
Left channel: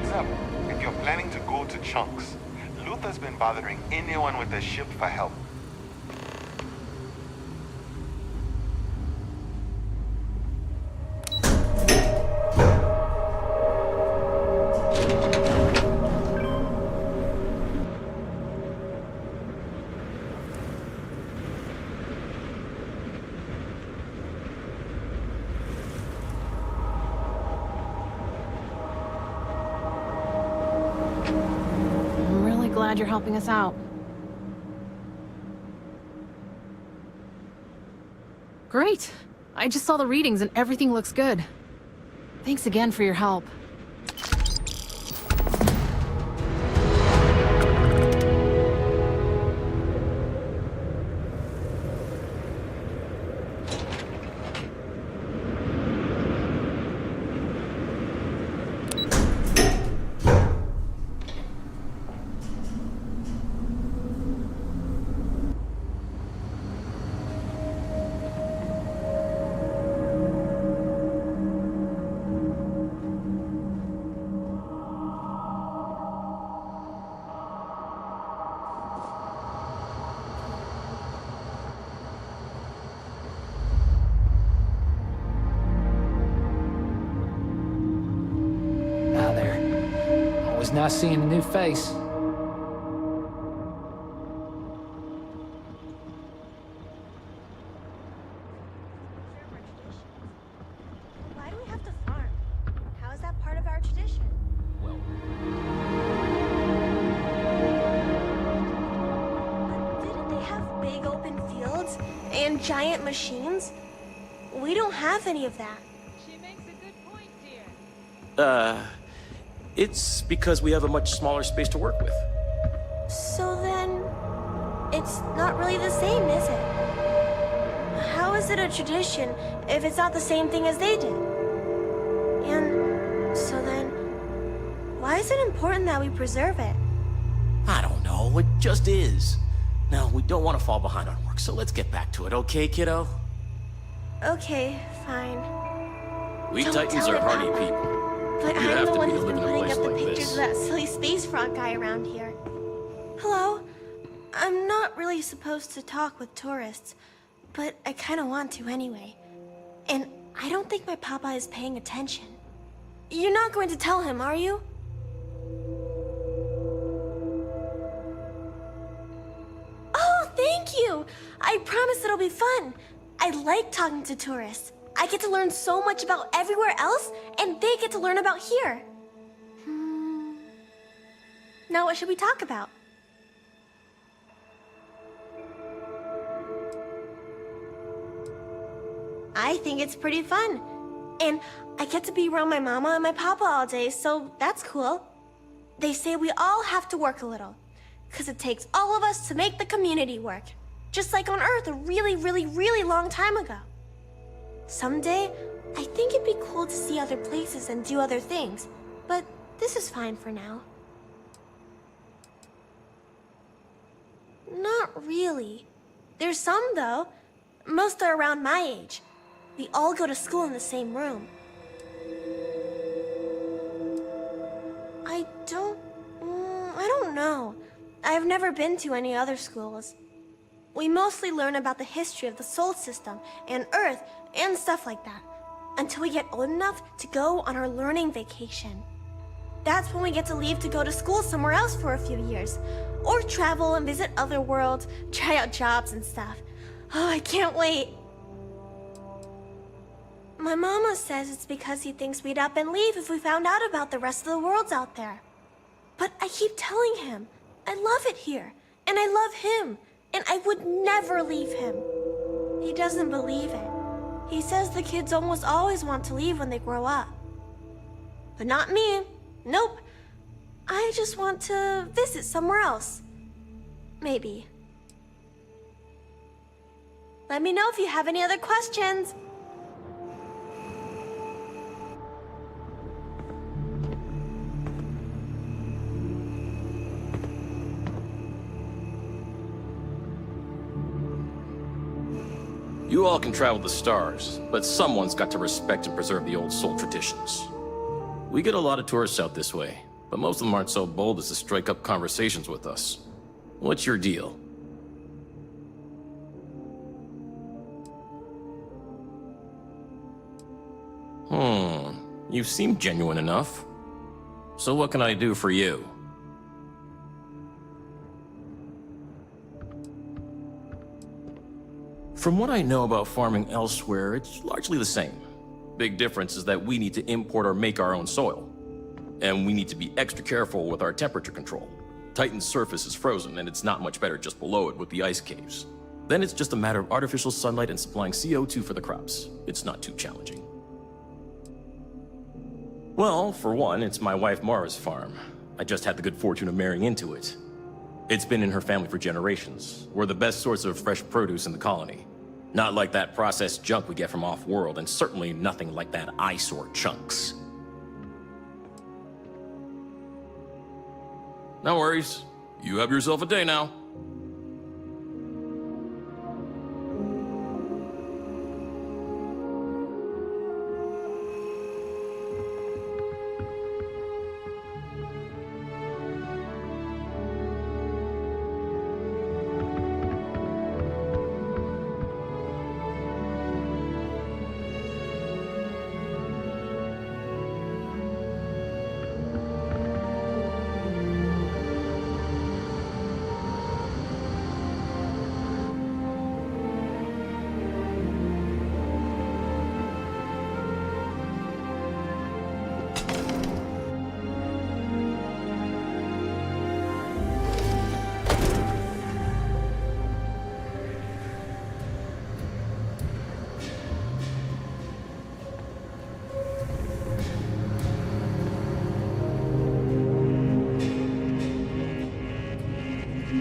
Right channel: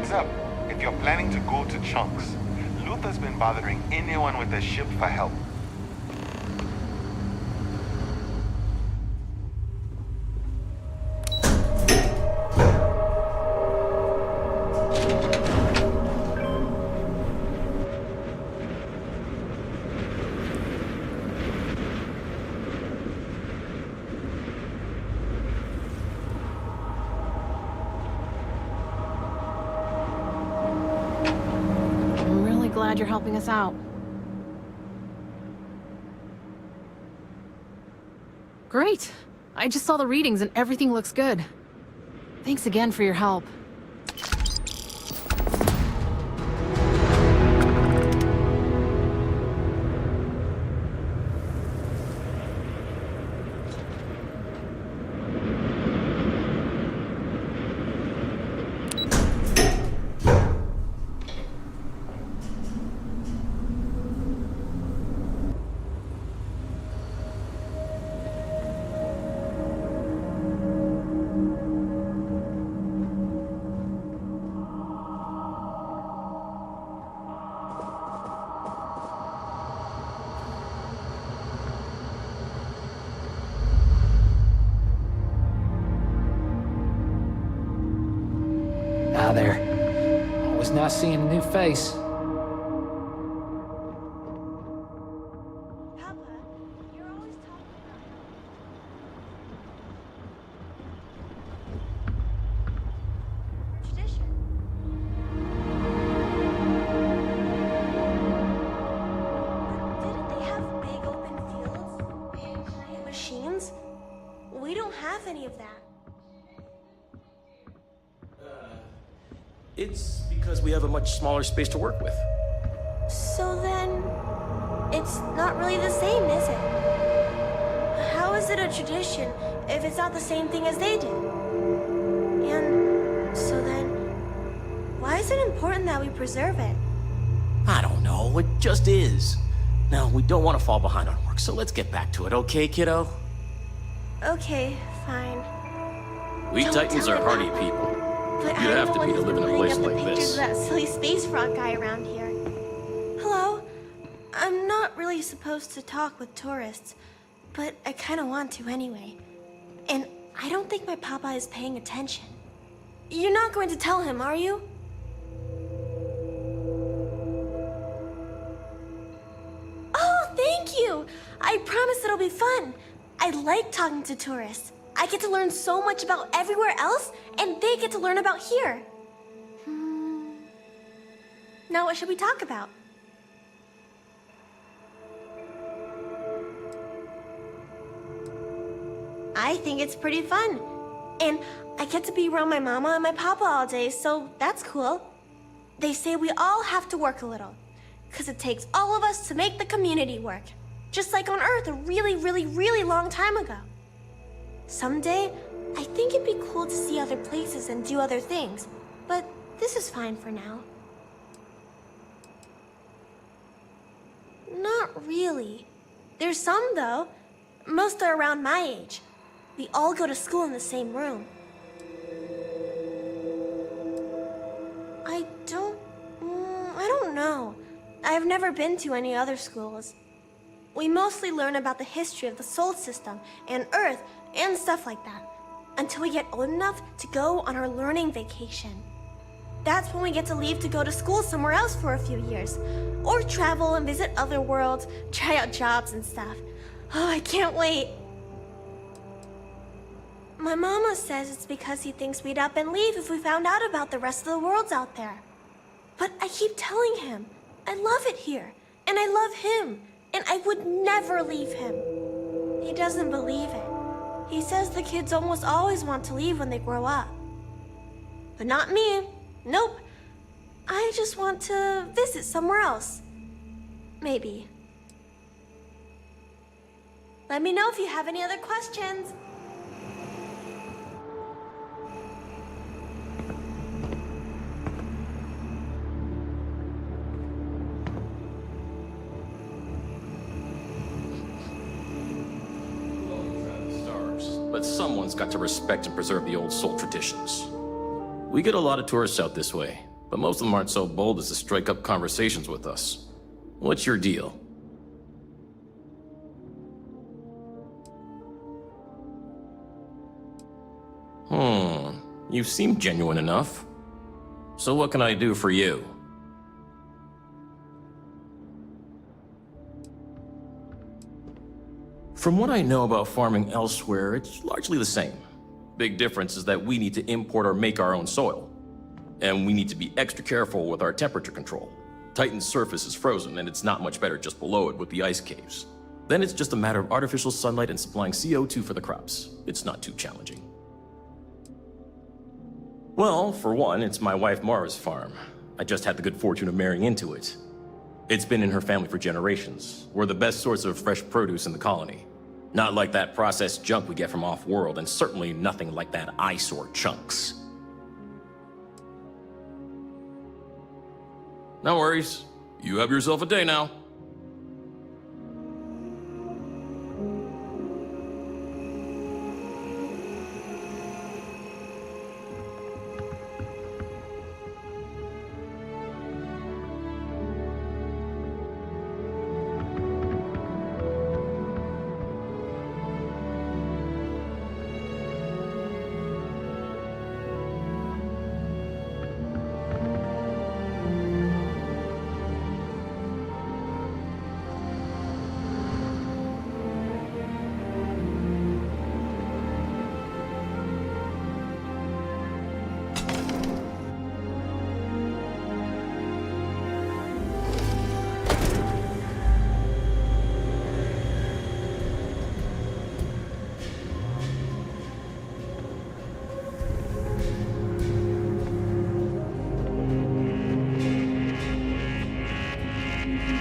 Heads up, if you're planning to go to Chunks, Luther's been bothering anyone with a ship for help. I'm really glad you're helping us out. Great. I just saw the readings and everything looks good. Thanks again for your help. Ah, there. Always nice seeing a new face. How is that part of our tradition? But didn't they have big open fields and giant machines? We don't have any of that. It's because we have a much smaller space to work with. So then, it's not really the same, is it? How is it a tradition if it's not the same thing as they did? And so then, why is it important that we preserve it? I don't know, it just is. Now, we don't want to fall behind on work, so let's get back to it, okay, kiddo? Okay, fine. We Don't Titans tell are it, hardy Papa. people. But You'd I'm have the to one be to who's live been in a putting place up the like pictures this. of that silly space frog guy around here. Hello? I'm not really supposed to talk with tourists, but I kind of want to anyway. And I don't think my papa is paying attention. You're not going to tell him, are you? Oh, thank you! I promise it'll be fun. I like talking to tourists. I get to learn so much about everywhere else, and they get to learn about here. Now what should we talk about? I think it's pretty fun. And I get to be around my mama and my papa all day, so that's cool. They say we all have to work a little, because it takes all of us to make the community work. Just like on Earth a really, really, really long time ago. Someday, I think it'd be cool to see other places and do other things, but this is fine for now. Not really. There's some, though. Most are around my age. We all go to school in the same room. I don't know. I've never been to any other schools. We mostly learn about the history of the Sol system and Earth and stuff like that, until we get old enough to go on our learning vacation. That's when we get to leave to go to school somewhere else for a few years, or travel and visit other worlds, try out jobs and stuff. Oh, I can't wait. My mama says it's because he thinks we'd up and leave if we found out about the rest of the worlds out there. But I keep telling him, I love it here, and I love him, and I would never leave him. He doesn't believe it. He says the kids almost always want to leave when they grow up. But not me. Nope. I just want to visit somewhere else. Maybe. Let me know if you have any other questions. You all can travel the stars, but someone's got to respect and preserve the old Sol traditions. We get a lot of tourists out this way, but most of them aren't so bold as to strike up conversations with us. What's your deal? You seem genuine enough. So what can I do for you? From what I know about farming elsewhere, it's largely the same. Big difference is that we need to import or make our own soil. And we need to be extra careful with our temperature control. Titan's surface is frozen, and it's not much better just below it with the ice caves. Then it's just a matter of artificial sunlight and supplying CO2 for the crops. It's not too challenging. Well, for one, it's my wife Mara's farm. I just had the good fortune of marrying into it. It's been in her family for generations. We're the best source of fresh produce in the colony. Not like that processed junk we get from off-world, and certainly nothing like that eyesore chunks. No worries. You have yourself a day now.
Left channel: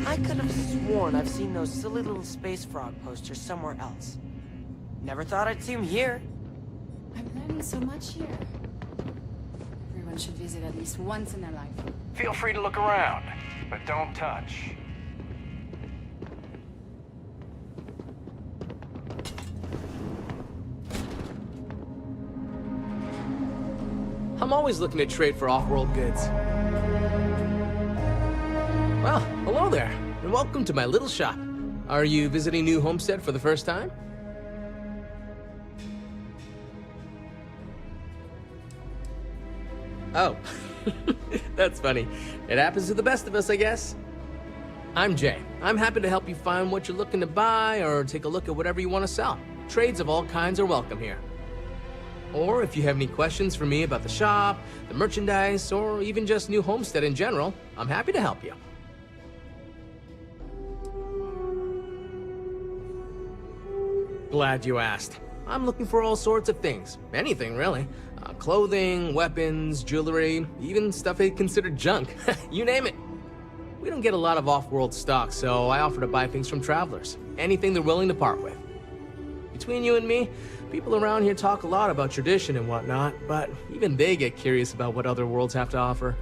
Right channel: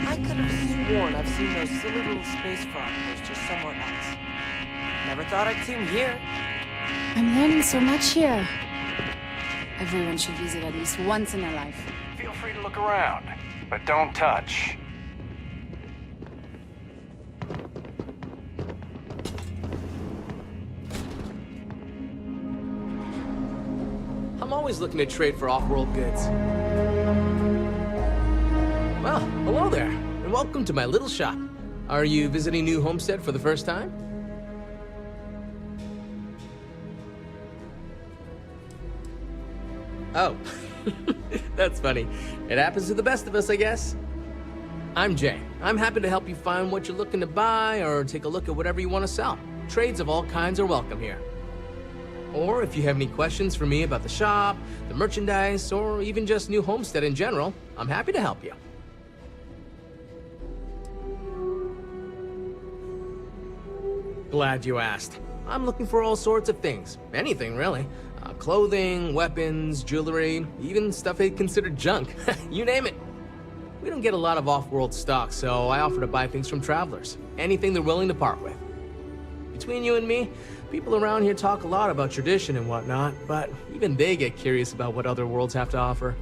I could have sworn I've seen those silly little space frog posters somewhere else. Never thought I'd see them here. I'm learning so much here. Everyone should visit at least once in their life. Feel free to look around, but don't touch. I'm always looking to trade for off-world goods. Well, hello there, and welcome to my little shop. Are you visiting New Homestead for the first time? Oh, that's funny. It happens to the best of us, I guess. I'm Jay. I'm happy to help you find what you're looking to buy or take a look at whatever you want to sell. Trades of all kinds are welcome here. Or if you have any questions for me about the shop, the merchandise, or even just New Homestead in general, I'm happy to help you. Glad you asked. I'm looking for all sorts of things. Anything, really. Clothing, weapons, jewelry, even stuff they consider junk. You name it. We don't get a lot of off-world stock, so I offer to buy things from travelers. Anything they're willing to part with. Between you and me, people around here talk a lot about tradition and whatnot, but even they get curious about what other worlds have to offer.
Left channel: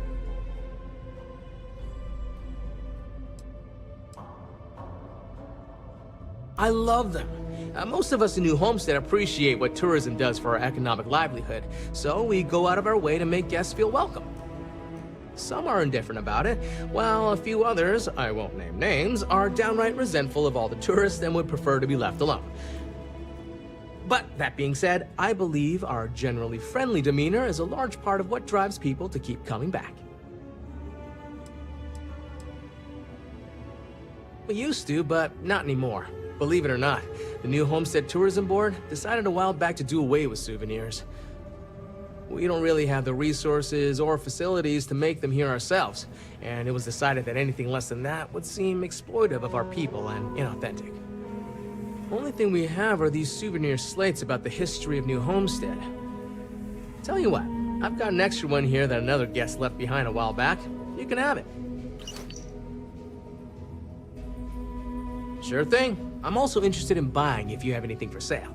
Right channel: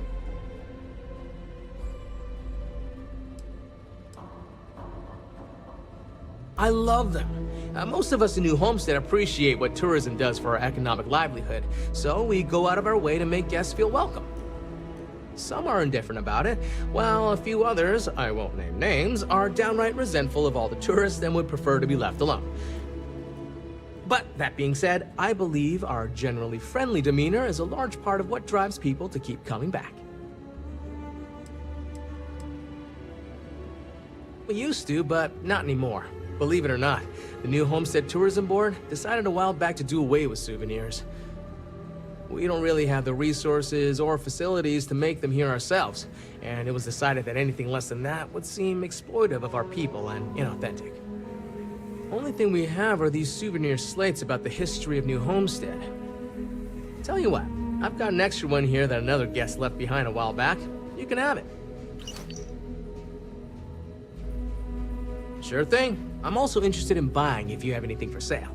I love them. Most of us in New Homestead appreciate what tourism does for our economic livelihood, so we go out of our way to make guests feel welcome. Some are indifferent about it, while a few others, I won't name names, are downright resentful of all the tourists and would prefer to be left alone. But that being said, I believe our generally friendly demeanor is a large part of what drives people to keep coming back. We used to, but not anymore. Believe it or not, the New Homestead Tourism Board decided a while back to do away with souvenirs. We don't really have the resources or facilities to make them here ourselves, and it was decided that anything less than that would seem exploitive of our people and inauthentic. Only thing we have are these souvenir slates about the history of New Homestead. Tell you what, I've got an extra one here that another guest left behind a while back. You can have it. Sure thing. I'm also interested in buying if you have anything for sale.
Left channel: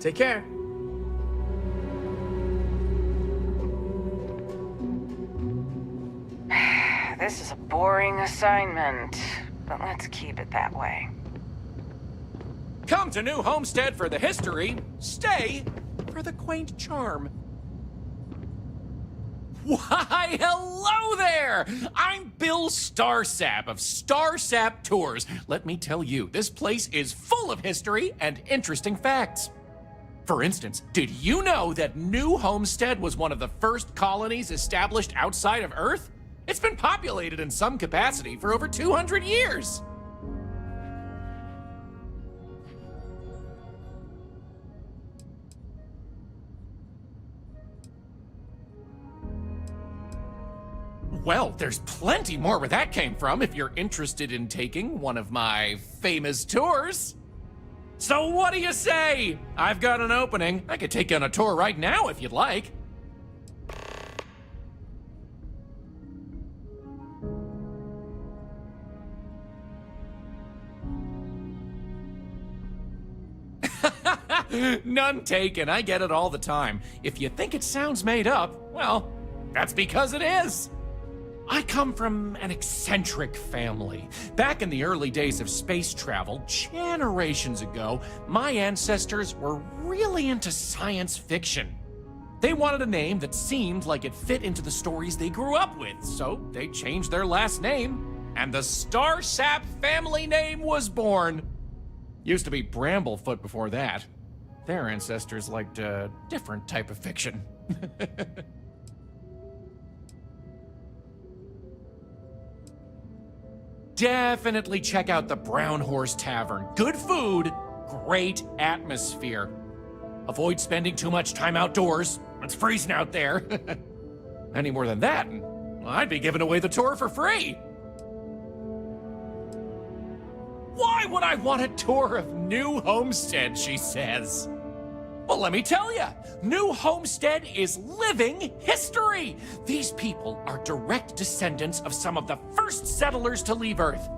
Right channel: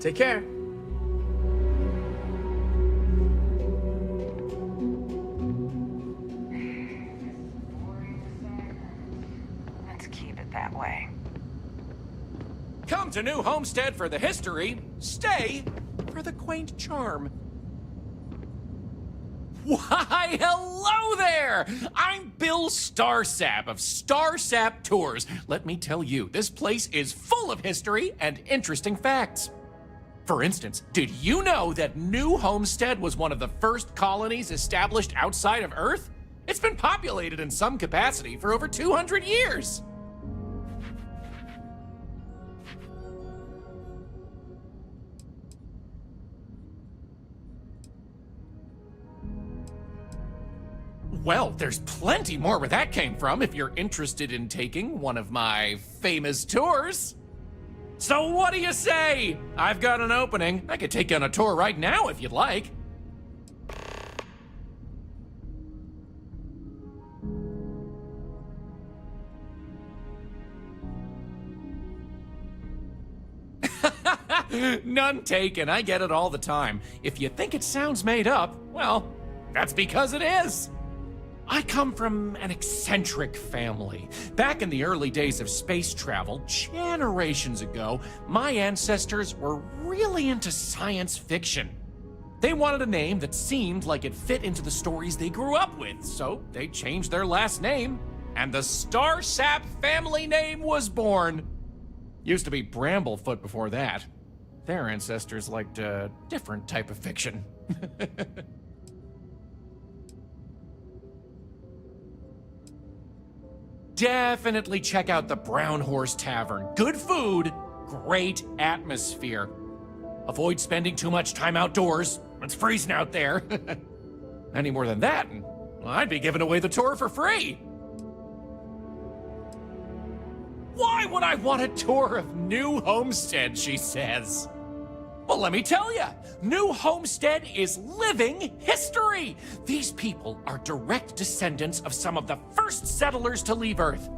Take care. This is a boring assignment, but let's keep it that way. Come to New Homestead for the history, stay for the quaint charm. Why, hello there! I'm Bill Starsap of Starsap Tours. Let me tell you, this place is full of history and interesting facts. For instance, did you know that New Homestead was one of the first colonies established outside of Earth? It's been populated in some capacity for over 200 years. Well, there's plenty more where that came from if you're interested in taking one of my famous tours. So what do you say? I've got an opening. I could take you on a tour right now if you'd like. None taken. I get it all the time. If you think it sounds made up, well, that's because it is. I come from an eccentric family. Back in the early days of space travel, generations ago, my ancestors were really into science fiction. They wanted a name that seemed like it fit into the stories they grew up with, so they changed their last name, and the Starsap family name was born. Used to be Bramblefoot before that. Their ancestors liked a different type of fiction. Definitely check out the Brown Horse Tavern. Good food, great atmosphere. Avoid spending too much time outdoors. It's freezing out there. Any more than that, and I'd be giving away the tour for free. Why would I want a tour of New Homestead, she says. Well, let me tell you, New Homestead is living history. These people are direct descendants of some of the first settlers to leave Earth.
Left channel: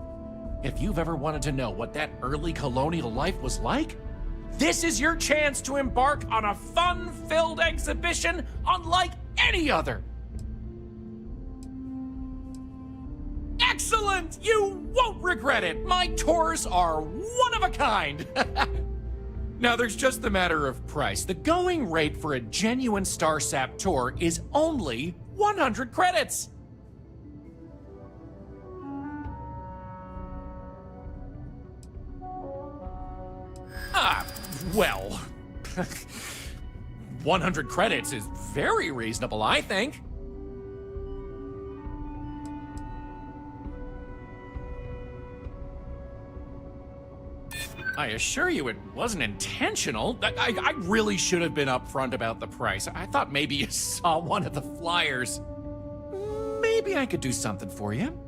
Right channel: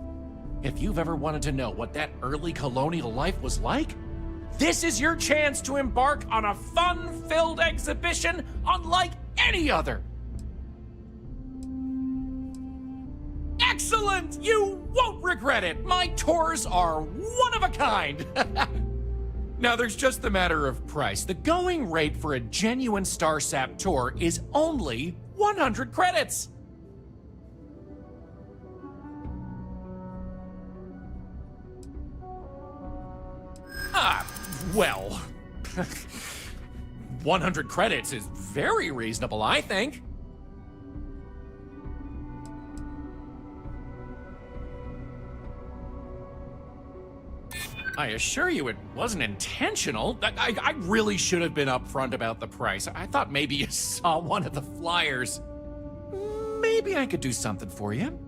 If you've ever wanted to know what that early colonial life was like, this is your chance to embark on a fun-filled exhibition unlike any other. Excellent! You won't regret it. My tours are one of a kind. Now, there's just the matter of price. The going rate for a genuine Starsap tour is only 100 credits. Well, 100 credits is very reasonable, I think. I assure you it wasn't intentional. I really should have been upfront about the price. I thought maybe you saw one of the flyers. Maybe I could do something for you.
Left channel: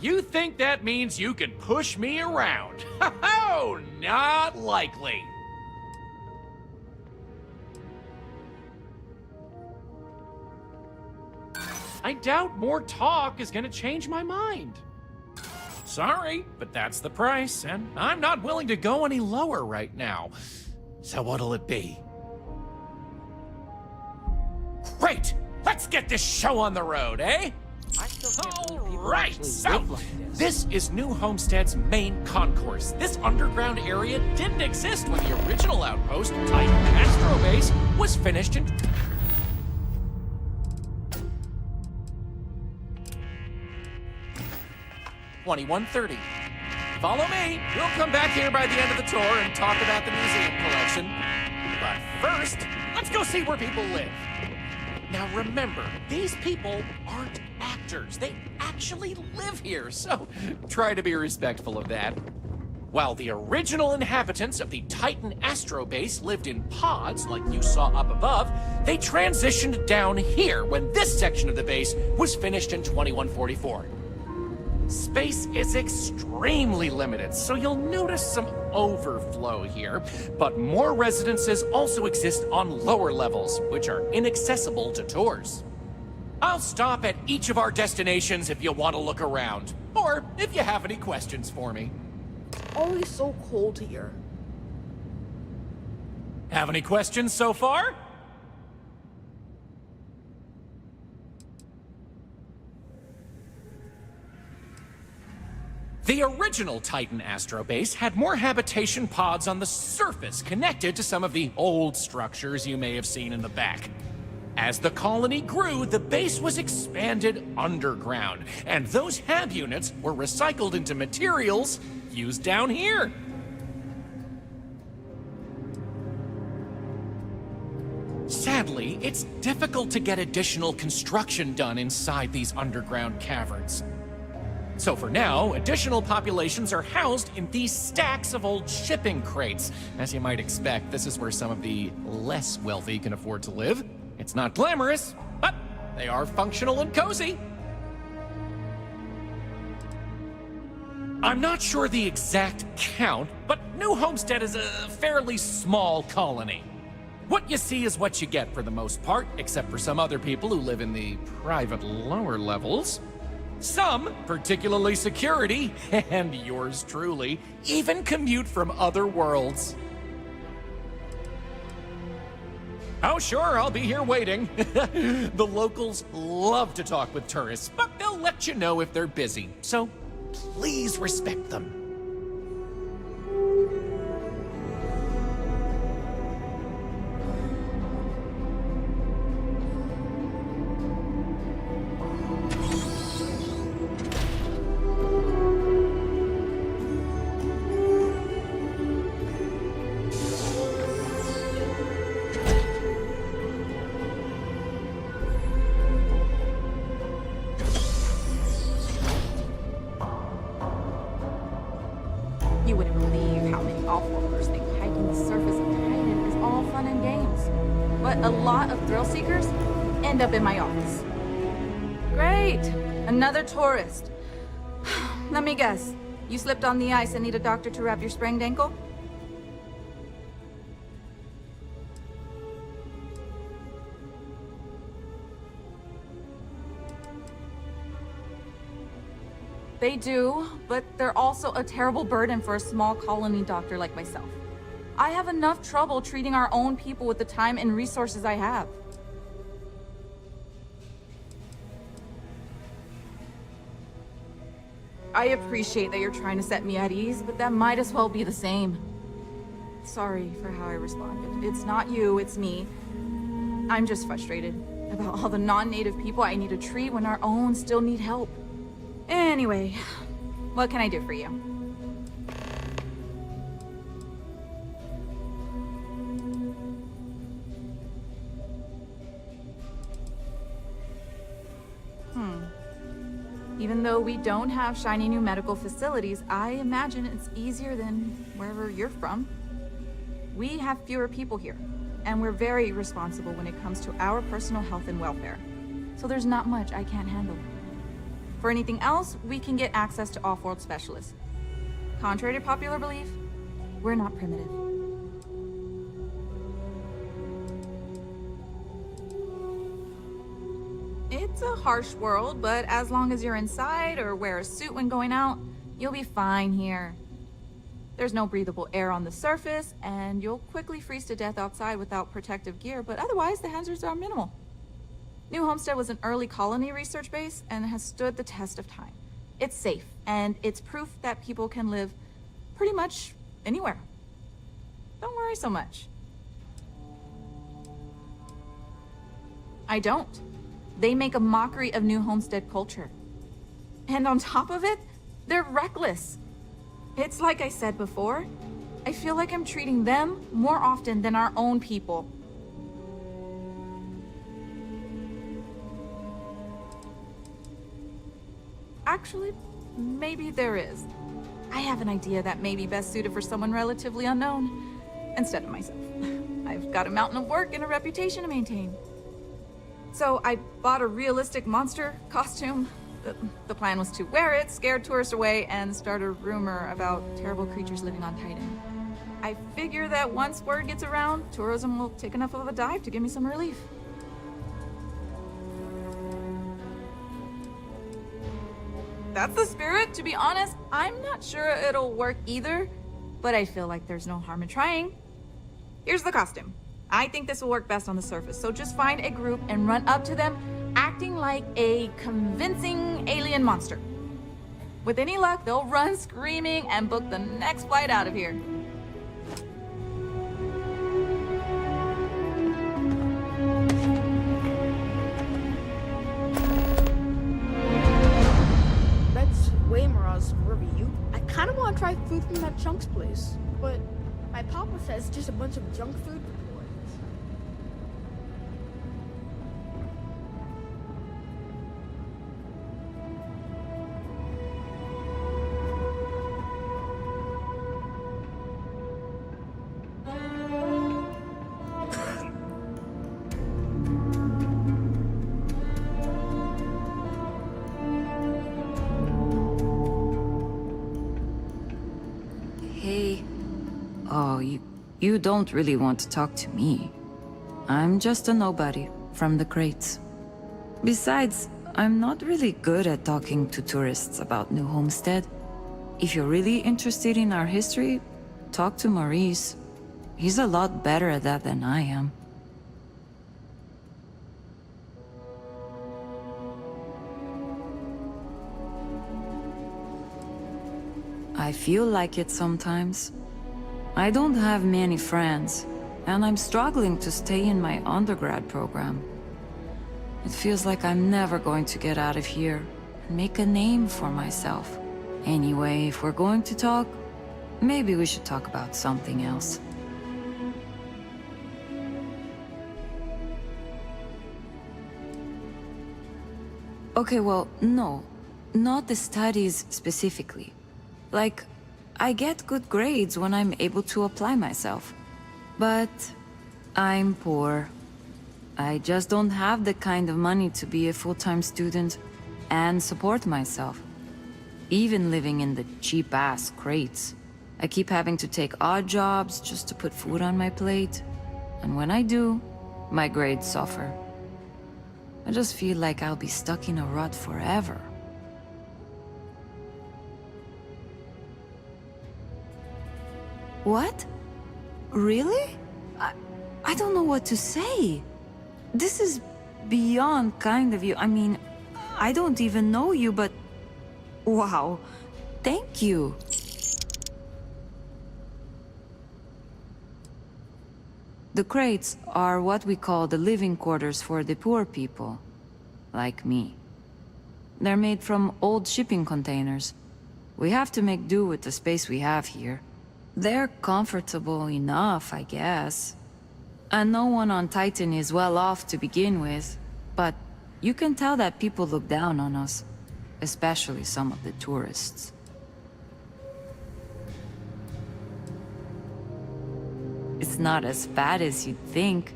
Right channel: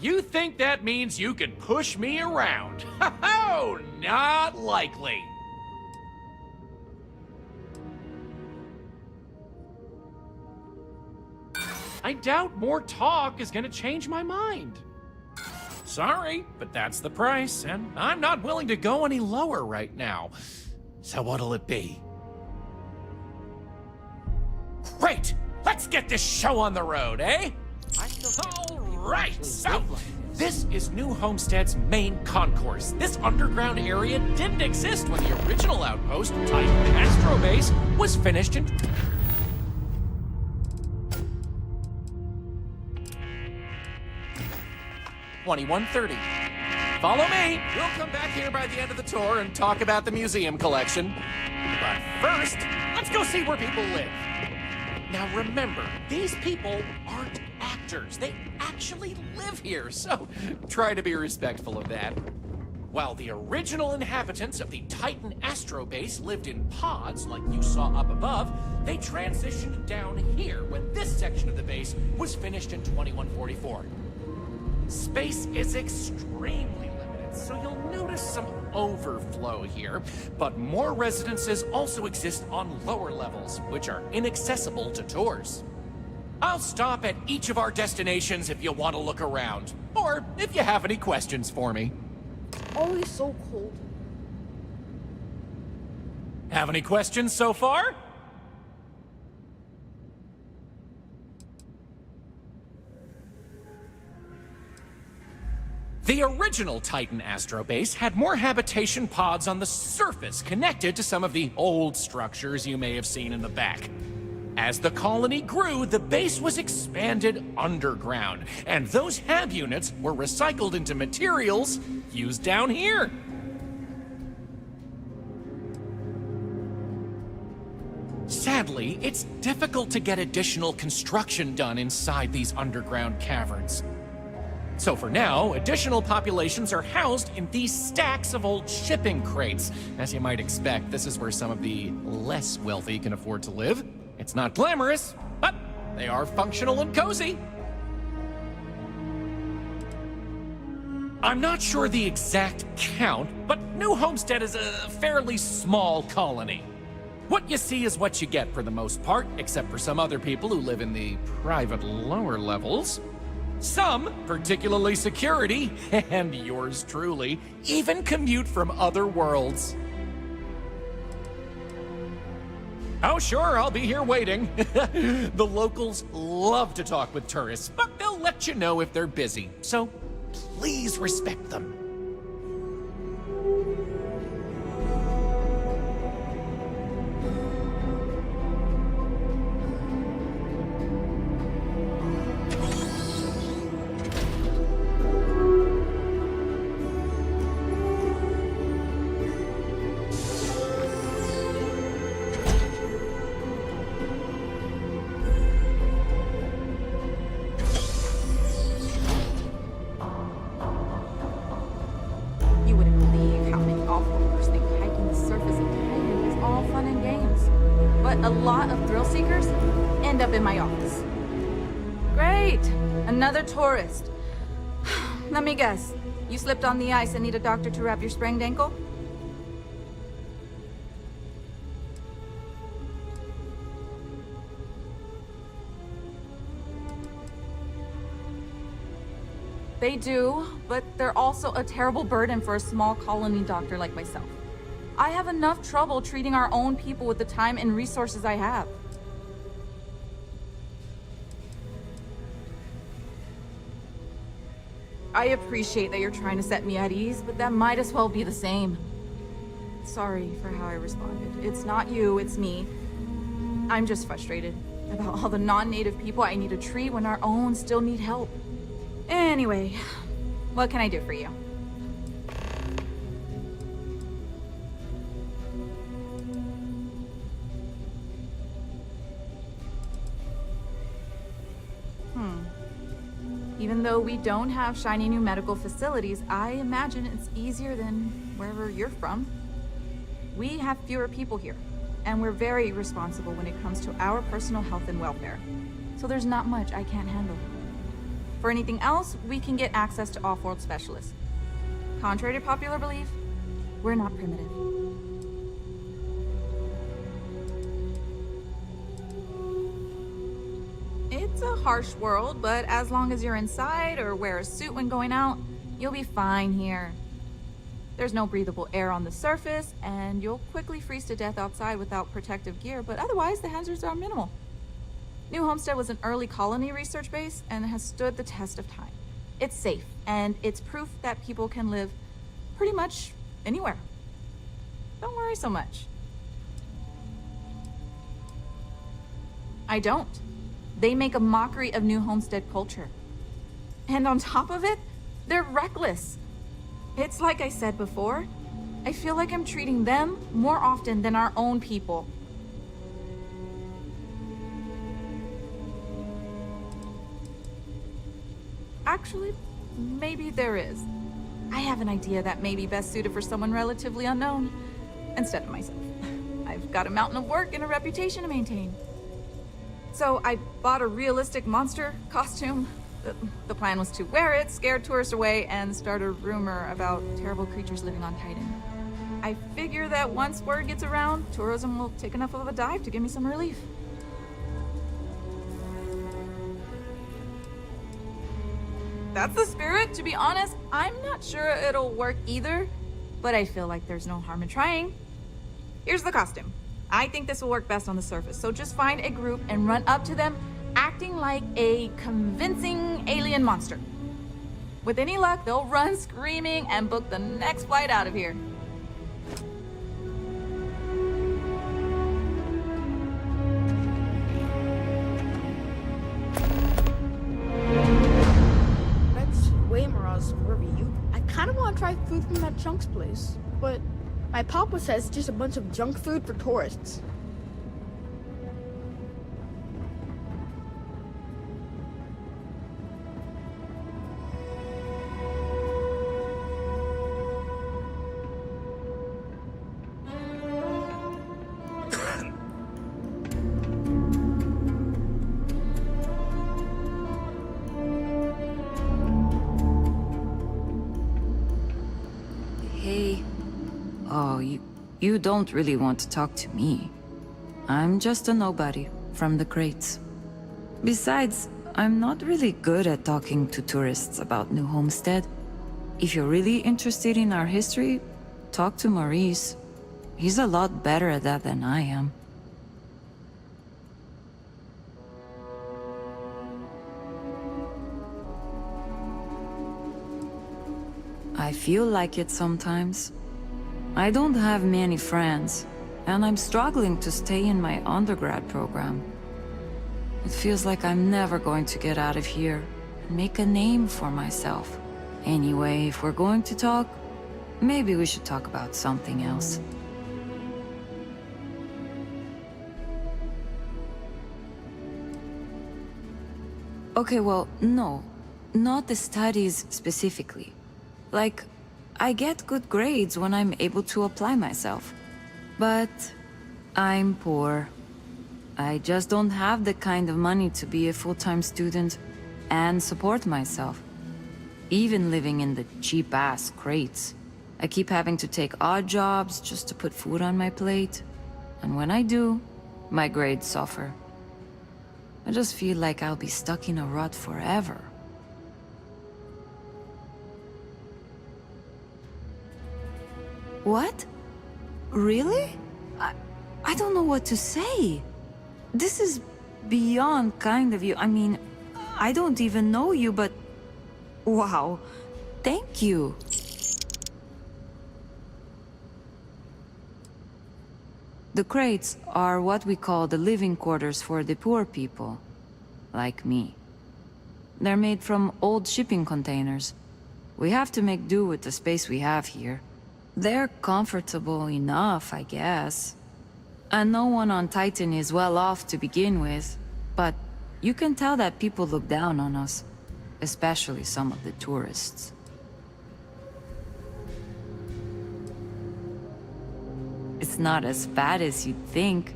You think that means you can push me around? Oh, not likely. I doubt more talk is gonna change my mind. Sorry, but that's the price, and I'm not willing to go any lower right now. So what'll it be? Great! Let's get this show on the road, eh? All right, so this is New Homestead's main concourse. This underground area didn't exist when the original outpost, Titan Astro Base, was finished in... $21.30. Follow me. We'll come back here by the end of the tour and talk about the museum collection. But first, let's go see where people live. Now remember, these people aren't actors. They actually live here, so try to be respectful of that. While the original inhabitants of the Titan Astro Base lived in pods like you saw up above, they transitioned down here when this section of the base was finished in 2144. Space is extremely limited, so you'll notice some overflow here, but more residences also exist on lower levels, which are inaccessible to tours. I'll stop at each of our destinations if you want to look around. Or if you have any questions for me. Always so cold here. Have any questions so far? The original Titan astrobase had more habitation pods on the surface connected to some of the old structures you may have seen in the back. As the colony grew, the base was expanded underground, and those hab units were recycled into materials used down here. Sadly, it's difficult to get additional construction done inside these underground caverns. So for now, additional populations are housed in these stacks of old shipping crates. As you might expect, this is where some of the less wealthy can afford to live. It's not glamorous, but they are functional and cozy. I'm not sure the exact count, but New Homestead is a fairly small colony. What you see is what you get for the most part, except for some other people who live in the private lower levels. Some, particularly security, and yours truly, even commute from other worlds. Oh sure, I'll be here waiting. The locals love to talk with tourists, but they'll let you know if they're busy, so please respect them. You wouldn't believe how many off-worlders think hiking the surface of Titan is all fun and games. But a lot of thrill seekers end up in my office. Great! Another tourist. Let me guess. You slipped on the ice and need a doctor to wrap your sprained ankle? They do, but they're also a terrible burden for a small colony doctor like myself. I have enough trouble treating our own people with the time and resources I have. I appreciate that you're trying to set me at ease, but that might as well be the same. Sorry for how I responded. It's not you, it's me. I'm just frustrated about all the non-native people I need to treat when our own still need help. Anyway, what can I do for you? Even though we don't have shiny new medical facilities, I imagine it's easier than wherever you're from. We have fewer people here, and we're very responsible when it comes to our personal health and welfare. So there's not much I can't handle. For anything else, we can get access to off-world specialists. Contrary to popular belief, we're not primitive. It's a harsh world, but as long as you're inside or wear a suit when going out, you'll be fine here. There's no breathable air on the surface, and you'll quickly freeze to death outside without protective gear, but otherwise the hazards are minimal. New Homestead was an early colony research base and has stood the test of time. It's safe, and it's proof that people can live pretty much anywhere. Don't worry so much. I don't. They make a mockery of New Homestead culture. And on top of it, they're reckless. It's like I said before, I feel like I'm treating them more often than our own people. Actually, maybe there is. I have an idea that may be best suited for someone relatively unknown, instead of myself. I've got a mountain of work and a reputation to maintain. So I bought a realistic monster costume. The plan was to wear it, scare tourists away, and start a rumor about terrible creatures living on Titan. I figure that once word gets around, tourism will take enough of a dive to give me some relief. that's the spirit. To be honest, I'm not sure it'll work either, but I feel like there's no harm in trying. Here's the costume. I think this will work best on the surface, so just find a group and run up to them, acting like a convincing alien monster. With any luck, they'll run screaming and book the next flight out of here. That's way more awesome, wherever you. I kind of want to try food from that Chunks place, but my papa says it's just a bunch of junk food for tourists. Hey. Oh, you don't really want to talk to me. I'm just a nobody from the crates. Besides, I'm not really good at talking to tourists about New Homestead. If you're really interested in our history, talk to Maurice. He's a lot better at that than I am. I feel like it sometimes. I don't have many friends, and I'm struggling to stay in my undergrad program. It feels like I'm never going to get out of here and make a name for myself. Anyway, if we're going to talk, maybe we should talk about something else. Okay, well, no. Not the studies specifically. Like, I get good grades when I'm able to apply myself. But I'm poor. I just don't have the kind of money to be a full-time student and support myself. Even living in the cheap-ass crates. I keep having to take odd jobs just to put food on my plate. And when I do, my grades suffer. I just feel like I'll be stuck in a rut forever. What? Really? I don't know what to say. This is beyond kind of you. I mean, I don't even know you, but... Wow. Thank you. The crates are what we call the living quarters for the poor people. Like me. They're made from old shipping containers. We have to make do with the space we have here. They're comfortable enough, I guess. And no one on Titan is well off to begin with, but you can tell that people look down on us, especially some of the tourists. It's not as bad as you'd think.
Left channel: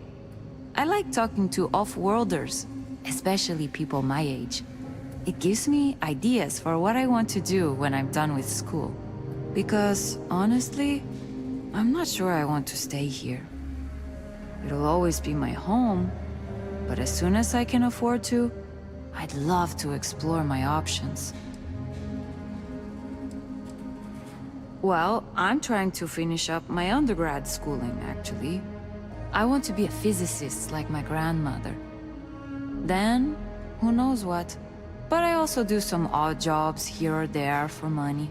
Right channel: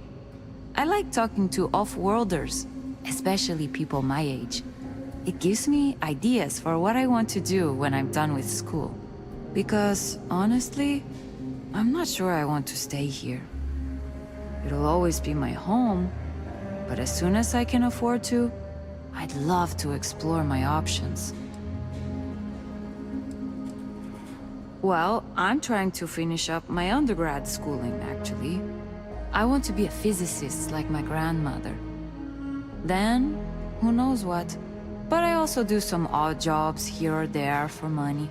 I like talking to off-worlders, especially people my age. It gives me ideas for what I want to do when I'm done with school. Because, honestly, I'm not sure I want to stay here. It'll always be my home, but as soon as I can afford to, I'd love to explore my options. Well, I'm trying to finish up my undergrad schooling, actually. I want to be a physicist like my grandmother. Then, who knows what. But I also do some odd jobs here or there for money.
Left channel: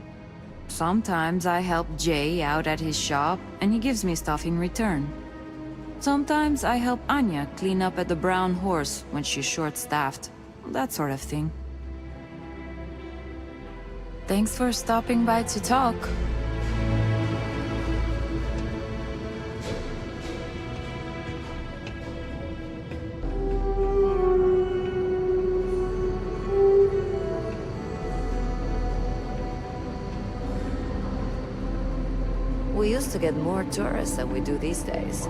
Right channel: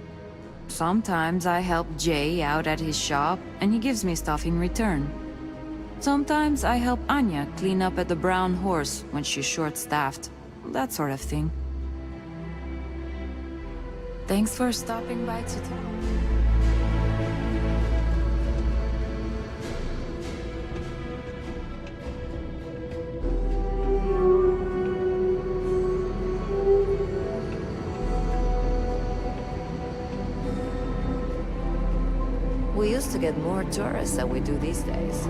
Sometimes I help Jay out at his shop, and he gives me stuff in return. Sometimes I help Anya clean up at the Brown Horse when she's short-staffed. That sort of thing. Thanks for stopping by to talk. We used to get more tourists than we do these days.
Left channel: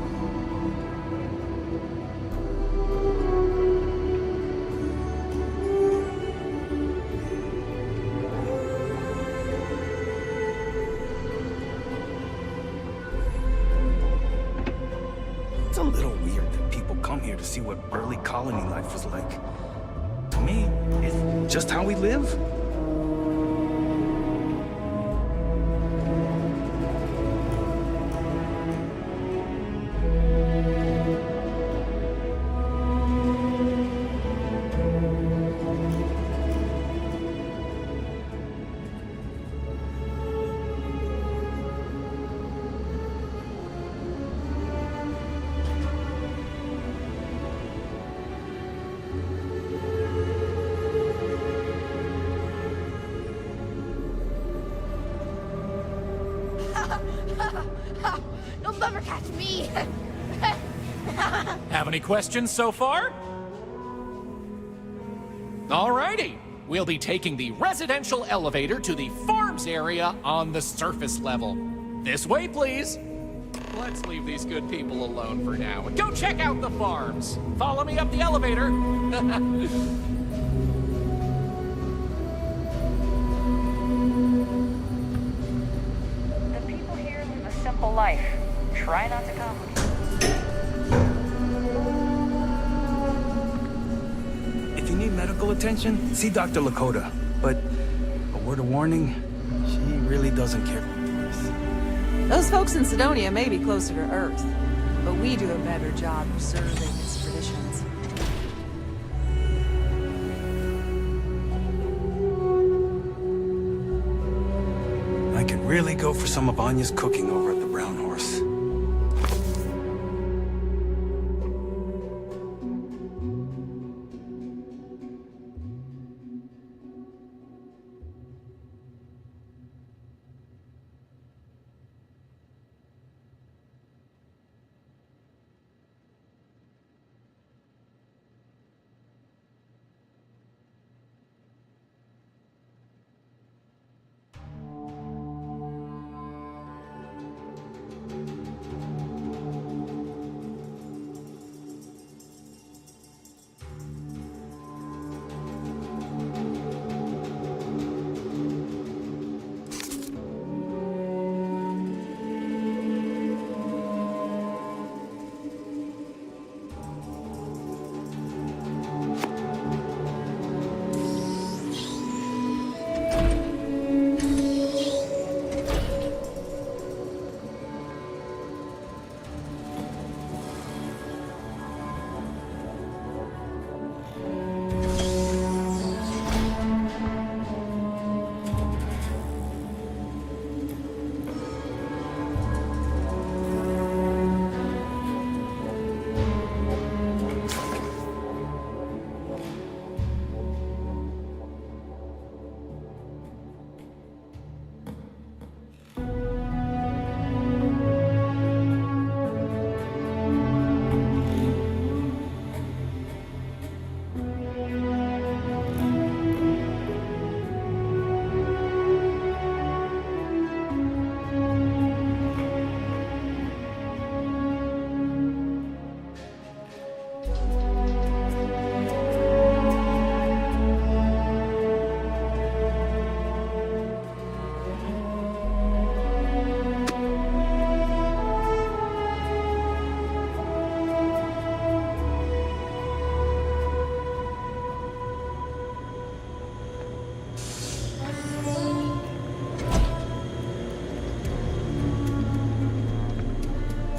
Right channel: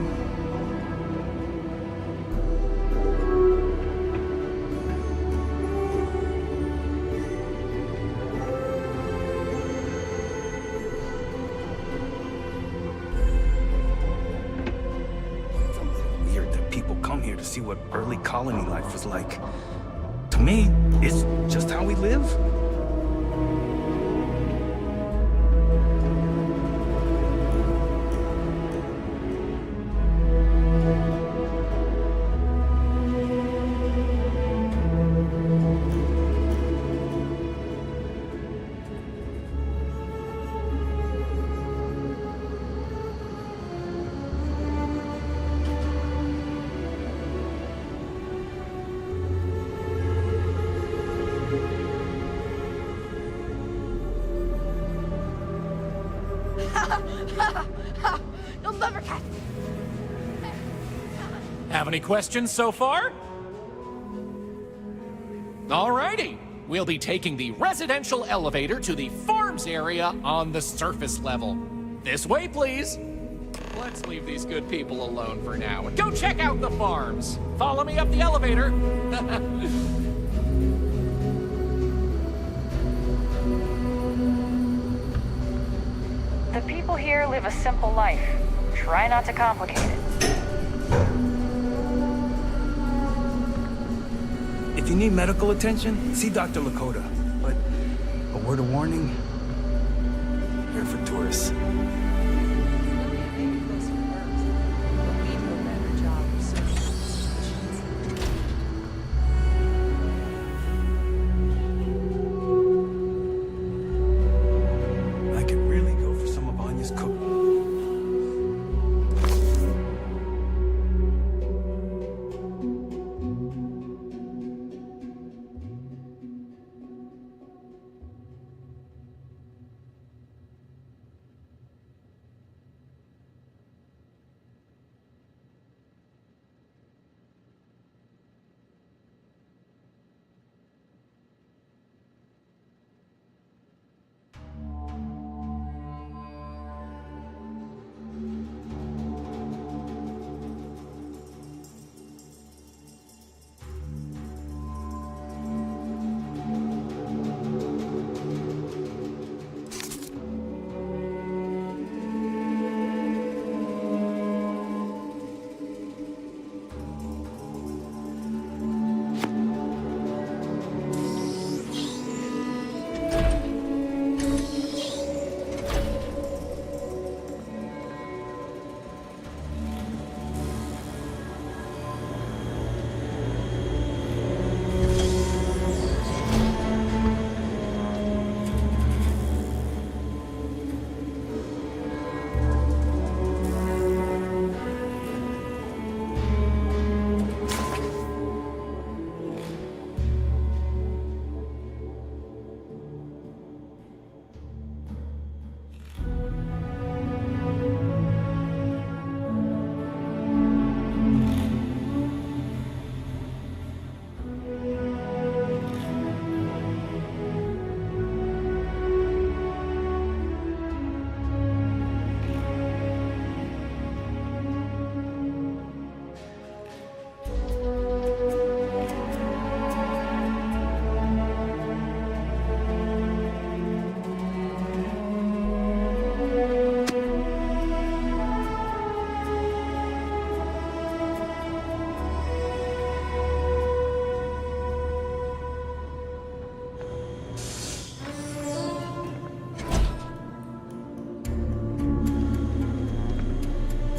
It's a little weird that people come here to see what early colony life was like. To me, it's just how we live. You'll never catch me. Have any questions so far? Alrighty. We'll be taking the residential elevator to the farms area on the surface level. This way, please. Let's leave these good people alone for now and go check out the farms. Follow me up the elevator. The people here live a simple life. Try not to complicate it. If you need medical attention, see Dr. Lakota. But a word of warning, she really doesn't care for tourists. Those folks in Sidonia may be closer to Earth, but we do a better job of serving its traditions. I could really go for some of Anya's cooking over at the Brown Horse.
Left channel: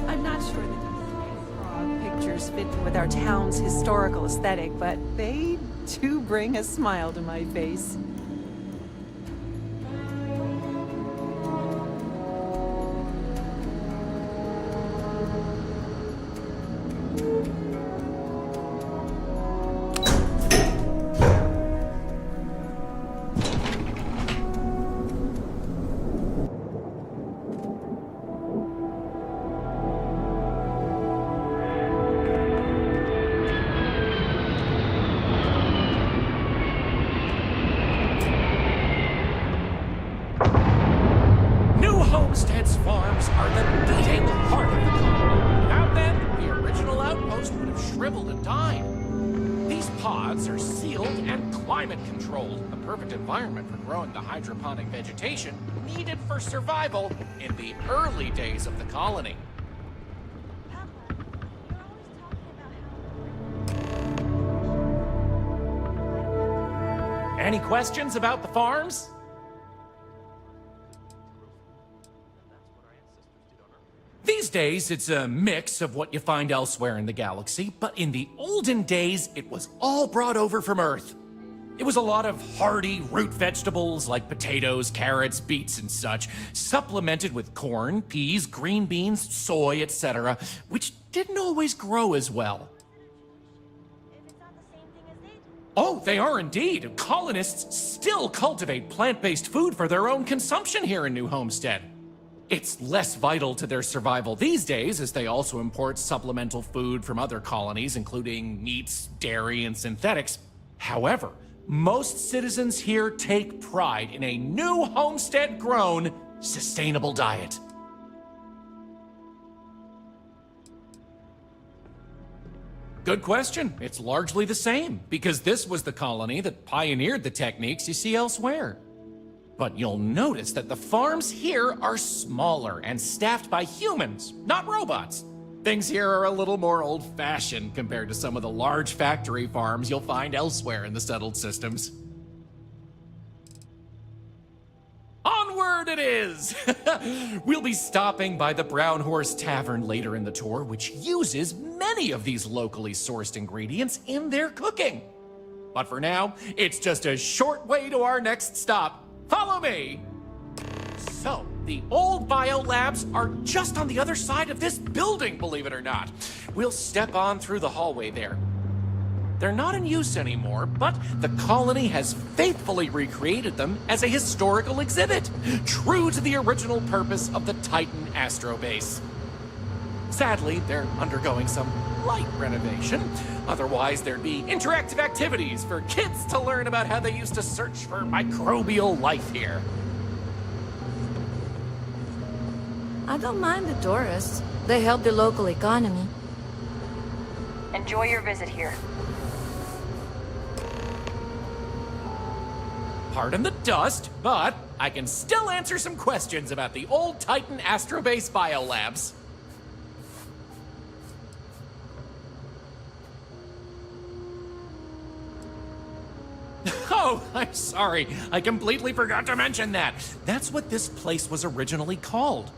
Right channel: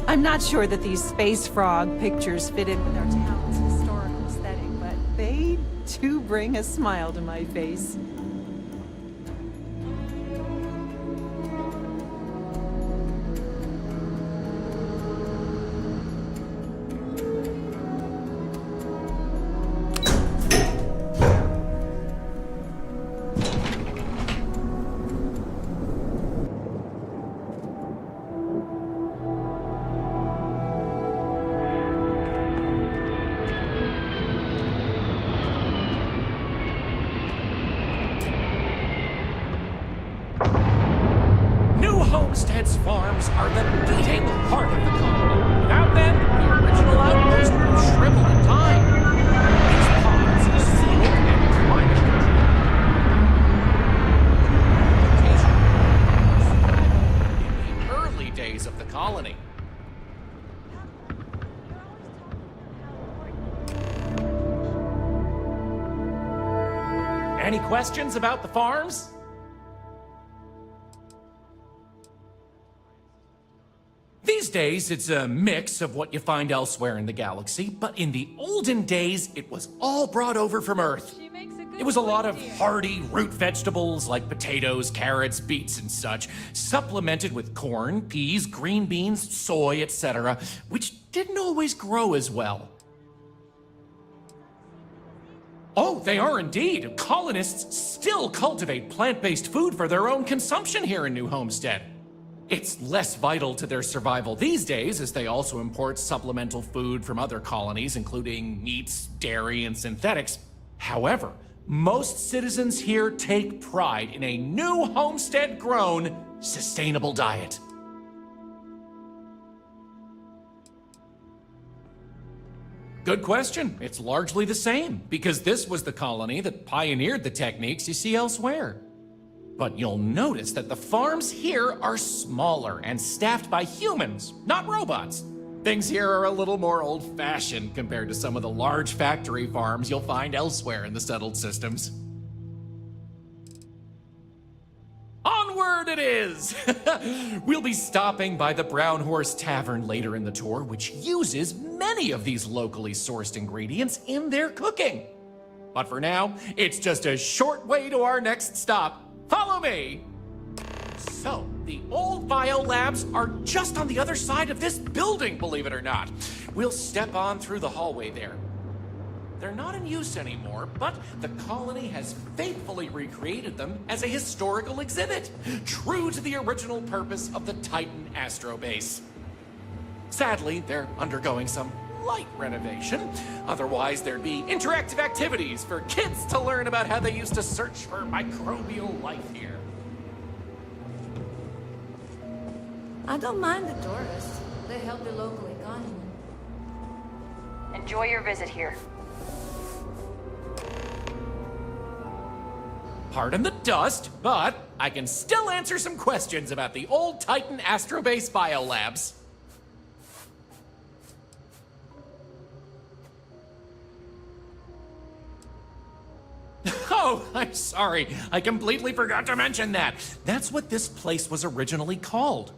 I'm not sure that these space frog pictures fit in with our town's historical aesthetic, but they do bring a smile to my face. Homestead's farms are the beating heart of the colony. Without them, the original outpost would have shriveled and died. These pods are sealed and climate controlled. Perfect environment for growing the hydroponic vegetation needed for survival in the early days of the colony. Any questions about the farms? These days, it's a mix of what you find elsewhere in the galaxy, but in the olden days, it was all brought over from Earth. It was a lot of hardy root vegetables like potatoes, carrots, beets, and such, supplemented with corn, peas, green beans, soy, etc., which didn't always grow as well. Oh, they are indeed. Colonists still cultivate plant-based food for their own consumption here in New Homestead. It's less vital to their survival these days, as they also import supplemental food from other colonies, including meats, dairy, and synthetics. However, most citizens here take pride in a new homestead-grown, sustainable diet. Good question. It's largely the same, because this was the colony that pioneered the techniques you see elsewhere. But you'll notice that the farms here are smaller and staffed by humans, not robots. Things here are a little more old-fashioned compared to some of the large factory farms you'll find elsewhere in the settled systems. Onward it is! We'll be stopping by the Brown Horse Tavern later in the tour, which uses many of these locally sourced ingredients in their cooking. But for now, it's just a short way to our next stop. Follow me! So, the old biolabs are just on the other side of this building, believe it or not. We'll step on through the hallway there. They're not in use anymore, but the colony has faithfully recreated them as a historical exhibit, true to the original purpose of the Titan Astrobase. Sadly, they're undergoing some light renovation. Otherwise, there'd be interactive activities for kids to learn about how they used to search for microbial life here. I don't mind the tourists. They help the local economy. Enjoy your visit here. Pardon the dust, but I can still answer some questions about the old Titan Astrobase biolabs. Oh, I'm sorry. I completely forgot to mention that. That's what this place was originally called.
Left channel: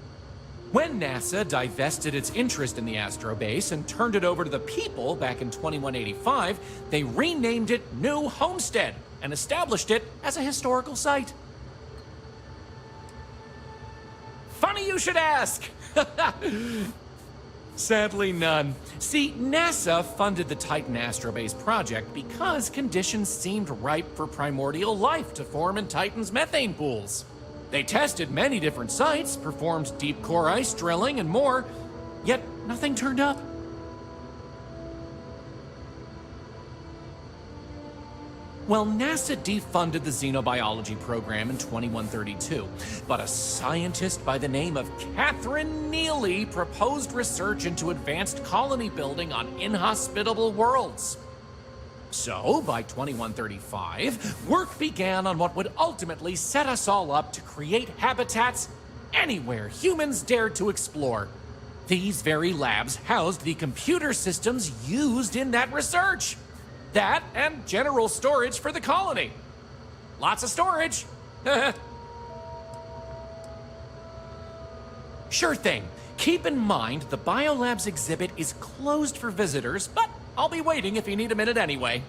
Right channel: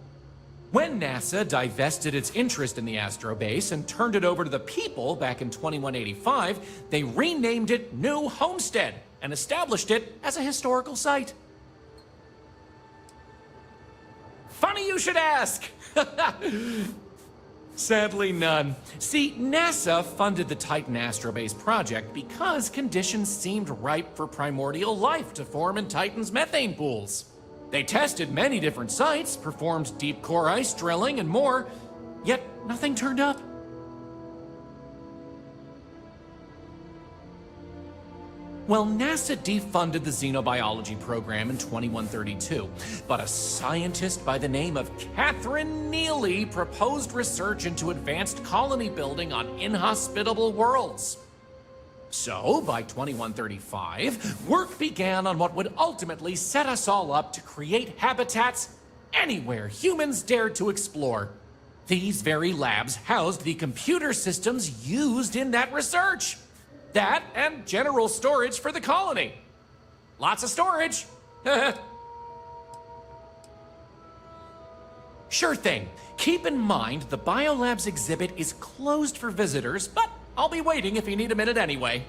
When NASA divested its interest in the Astrobase and turned it over to the people back in 2185, they renamed it New Homestead and established it as a historical site. Funny you should ask! Sadly, none. See, NASA funded the Titan Astrobase project because conditions seemed ripe for primordial life to form in Titan's methane pools. They tested many different sites, performed deep core ice drilling, and more, yet nothing turned up. Well, NASA defunded the xenobiology program in 2132, but a scientist by the name of Catherine Neely proposed research into advanced colony building on inhospitable worlds. So, by 2135, work began on what would ultimately set us all up to create habitats anywhere humans dared to explore. These very labs housed the computer systems used in that research. That and general storage for the colony. Lots of storage. Sure thing. Keep in mind the Biolabs exhibit is closed for visitors, but I'll be waiting if you need a minute anyway.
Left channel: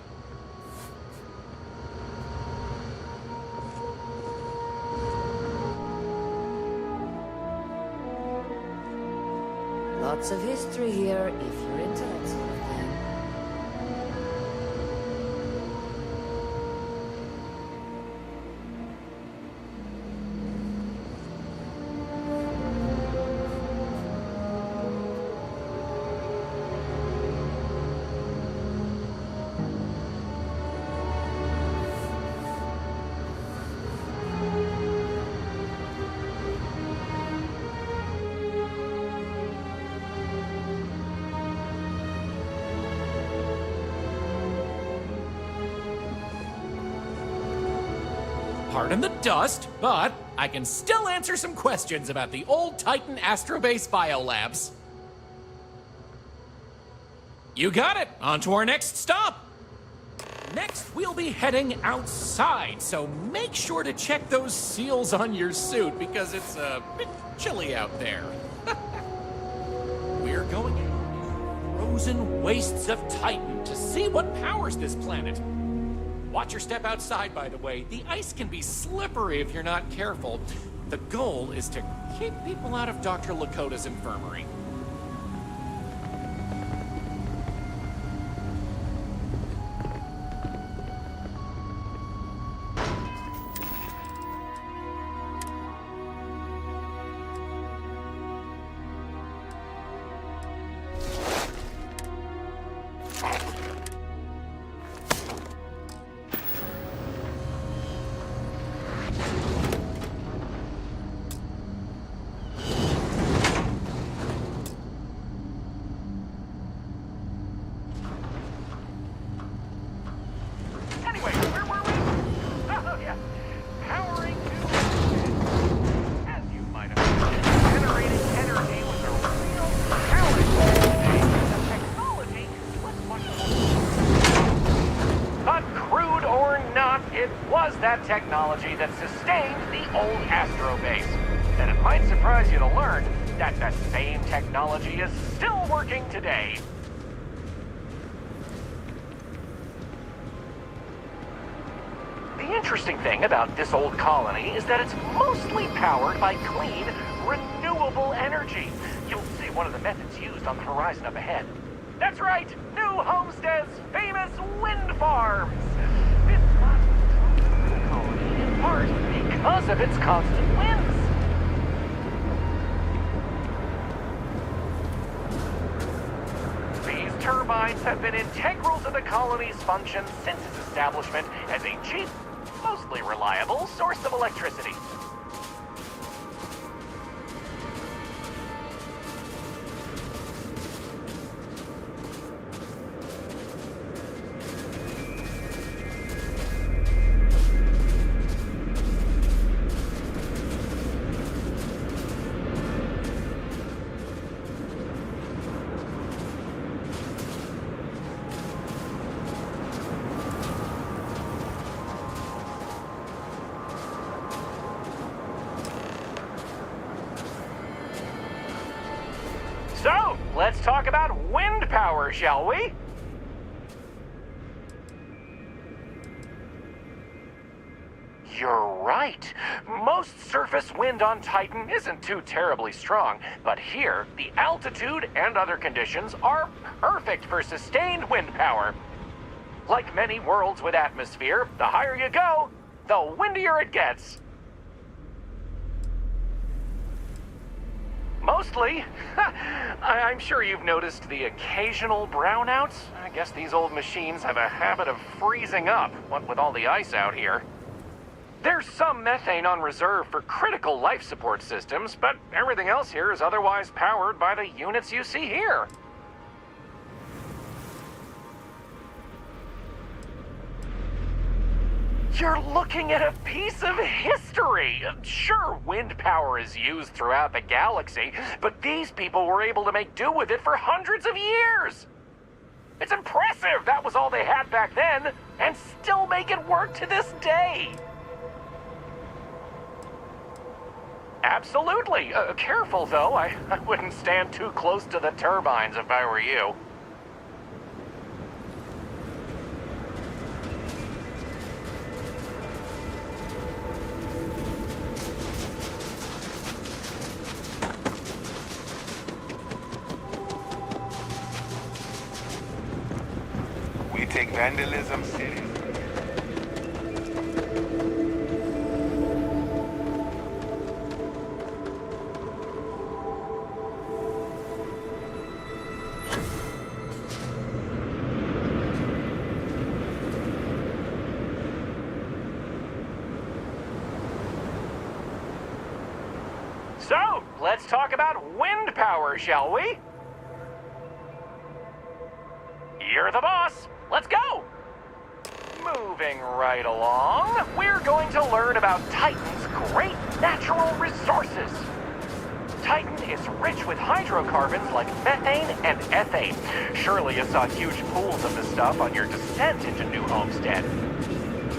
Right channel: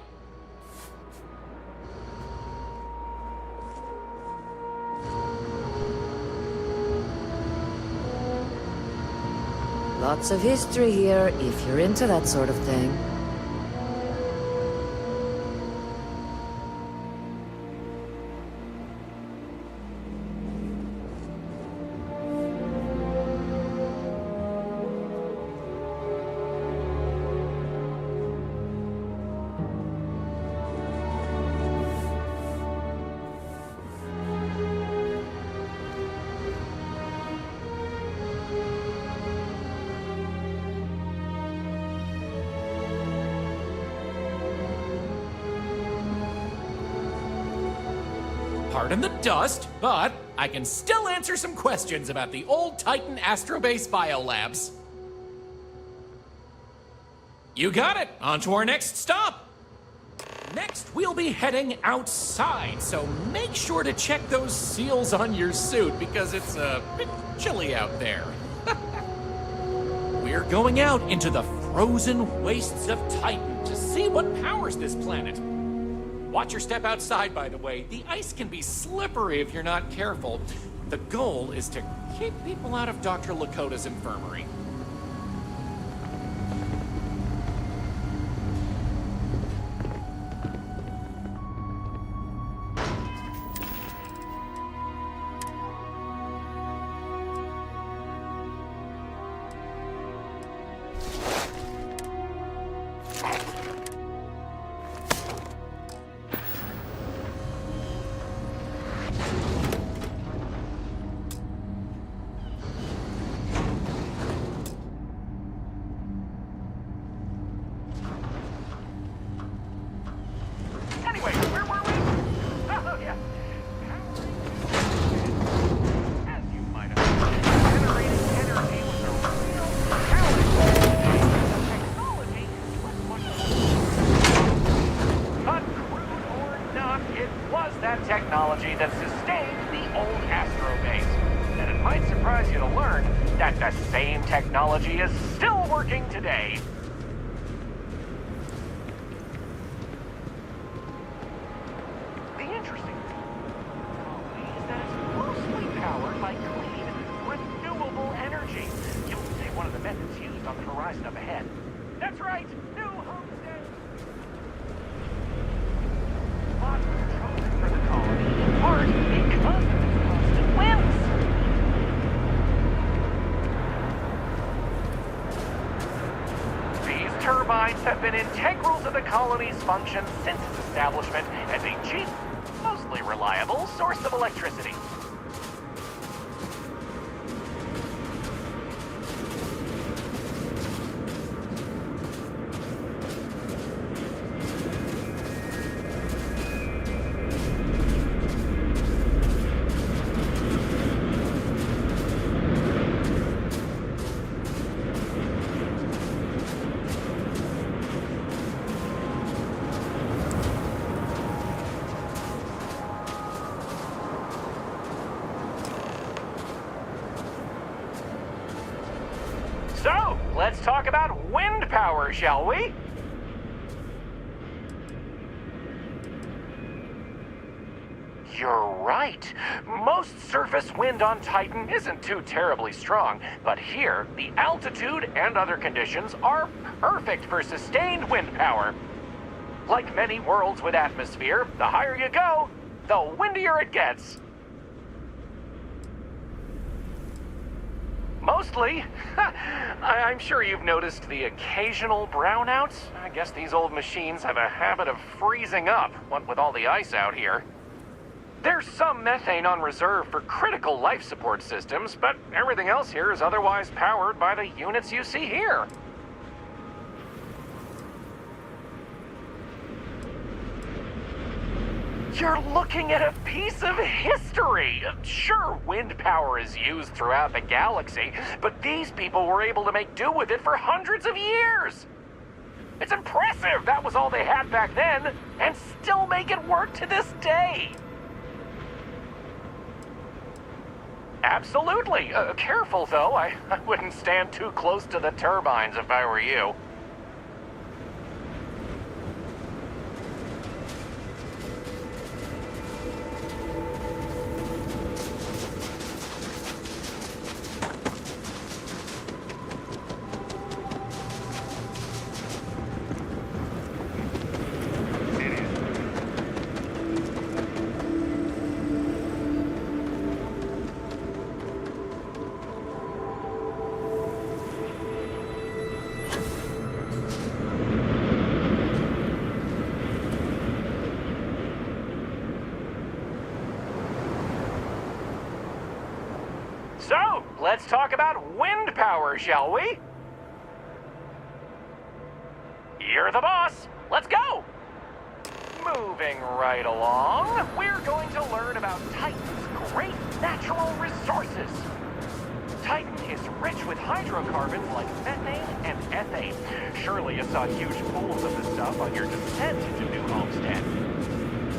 Lots of history here, if you're into that sort of thing. Pardon the dust, but I can still answer some questions about the old Titan Astrobase biolabs. You got it! On to our next stop! Next, we'll be heading outside, so make sure to check those seals on your suit because it's a bit chilly out there. We're going out into the frozen wastes of Titan to see what powers this planet. Watch your step outside, by the way. The ice can be slippery if you're not careful. The goal is to keep people out of Dr. Lakota's infirmary. technology that sustained the old Astro base. And it might surprise you to learn that the same technology is still working today. The interesting thing about this old colony is that it's mostly powered by clean, renewable energy. You'll see one of the methods used on the horizon up ahead. That's right, New Homestead's famous wind farms. This spot was chosen for the colony in part because of its constant winds. These turbines have been integral to the colony's function since its establishment as a cheap, mostly reliable source of electricity. So, let's talk about wind power, shall we? You're right. Most surface wind on Titan isn't too terribly strong, but here, the altitude and other conditions are perfect for sustained wind power. Like many worlds with atmosphere, the higher you go, the windier it gets. Mostly. I'm sure you've noticed the occasional brownouts. I guess these old machines have a habit of freezing up, what with all the ice out here. There's some methane on reserve for critical life support systems, but everything else here is otherwise powered by the units you see here. You're looking at a piece of history. Sure, wind power is used throughout the galaxy, but these people were able to make do with it for hundreds of years. It's impressive that was all they had back then, and still make it work to this day. Absolutely. Careful, though. I wouldn't stand too close to the turbines if I were you. We take vandalism seriously. So, let's talk about wind power, shall we? You're the boss. Let's go! Moving right along, we're going to learn about Titan's great natural resources. Titan is rich with hydrocarbons like methane and ethane. Surely you saw huge pools of this stuff on your descent into New Homestead.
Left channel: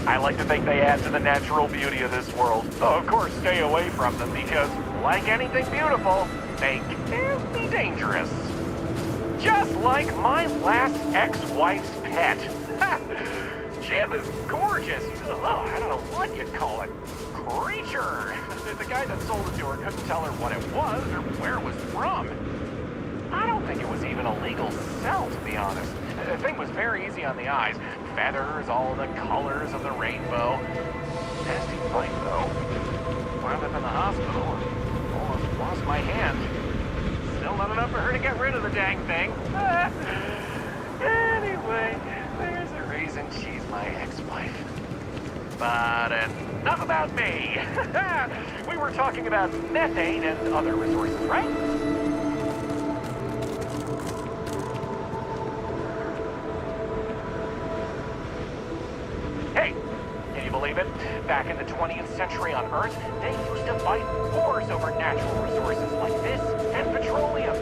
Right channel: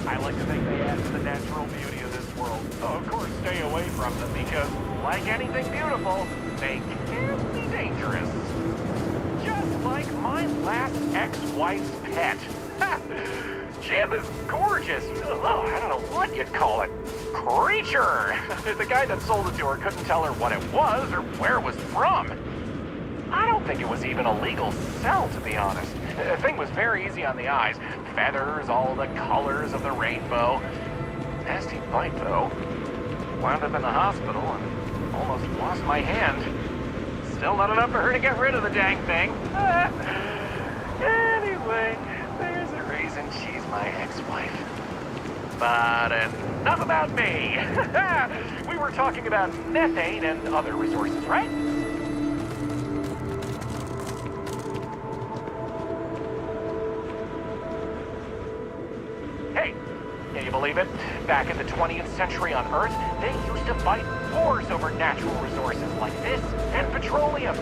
I like to think they add to the natural beauty of this world. Though, of course, stay away from them because, like anything beautiful, they can be dangerous. Just like my last ex-wife's pet. She had this gorgeous, I don't know what you'd call it, creature. The guy that sold it to her couldn't tell her what it was or where it was from. I don't think it was even a legal sell, to be honest. The thing was very easy on the eyes. Feathers, all the colors of the rainbow. Nasty bite, though. Wound up in the hospital and almost lost my hand. Still not enough for her to get rid of the dang thing. Anyway, there's a reason she's my ex-wife. But enough about me. We were talking about methane and other resources, right? Hey, can you believe it? Back in the 20th century on Earth, they used to fight wars over natural resources like this and petroleum.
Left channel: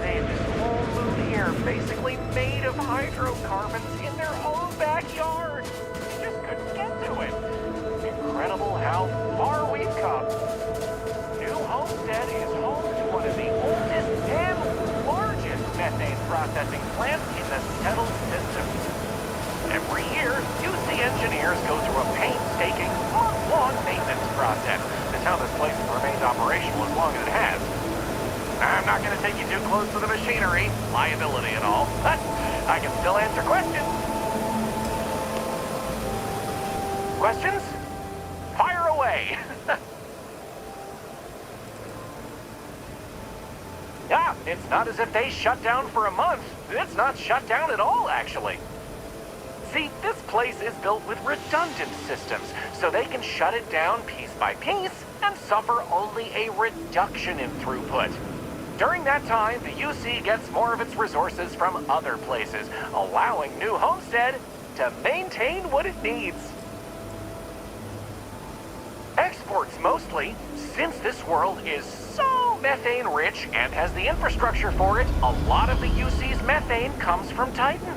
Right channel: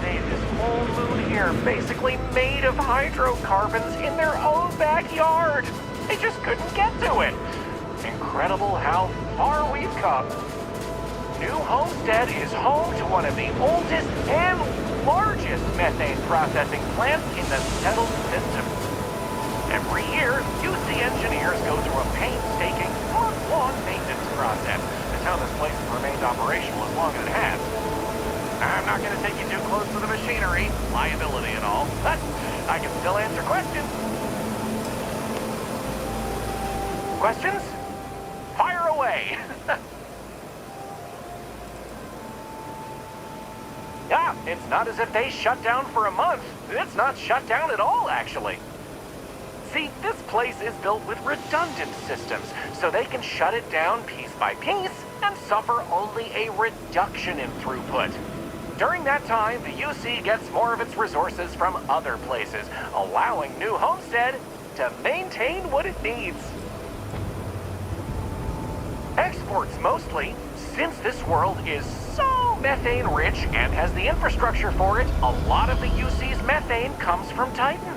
They had this whole moon here basically made of hydrocarbons in their own backyard. They just couldn't get to it. Incredible how far we've come. New Homestead is home to one of the oldest and largest methane processing plants in the settled system. Every year, UC engineers go through a painstaking, month-long maintenance process. That's how this place has remained operational as long as it has. I'm not going to take you too close to the machinery, liability and all, but I can still answer questions. Questions? Fire away! Yeah, it's not as if they shut down for a month. It's not shut down at all, actually. See, this place is built with redundant systems, so they can shut it down piece by piece and suffer only a reduction in throughput. During that time, the UC gets more of its resources from other places, allowing New Homestead to maintain what it needs. Exports mostly, since this world is so methane rich and has the infrastructure for it, a lot of the UC's methane comes from Titan.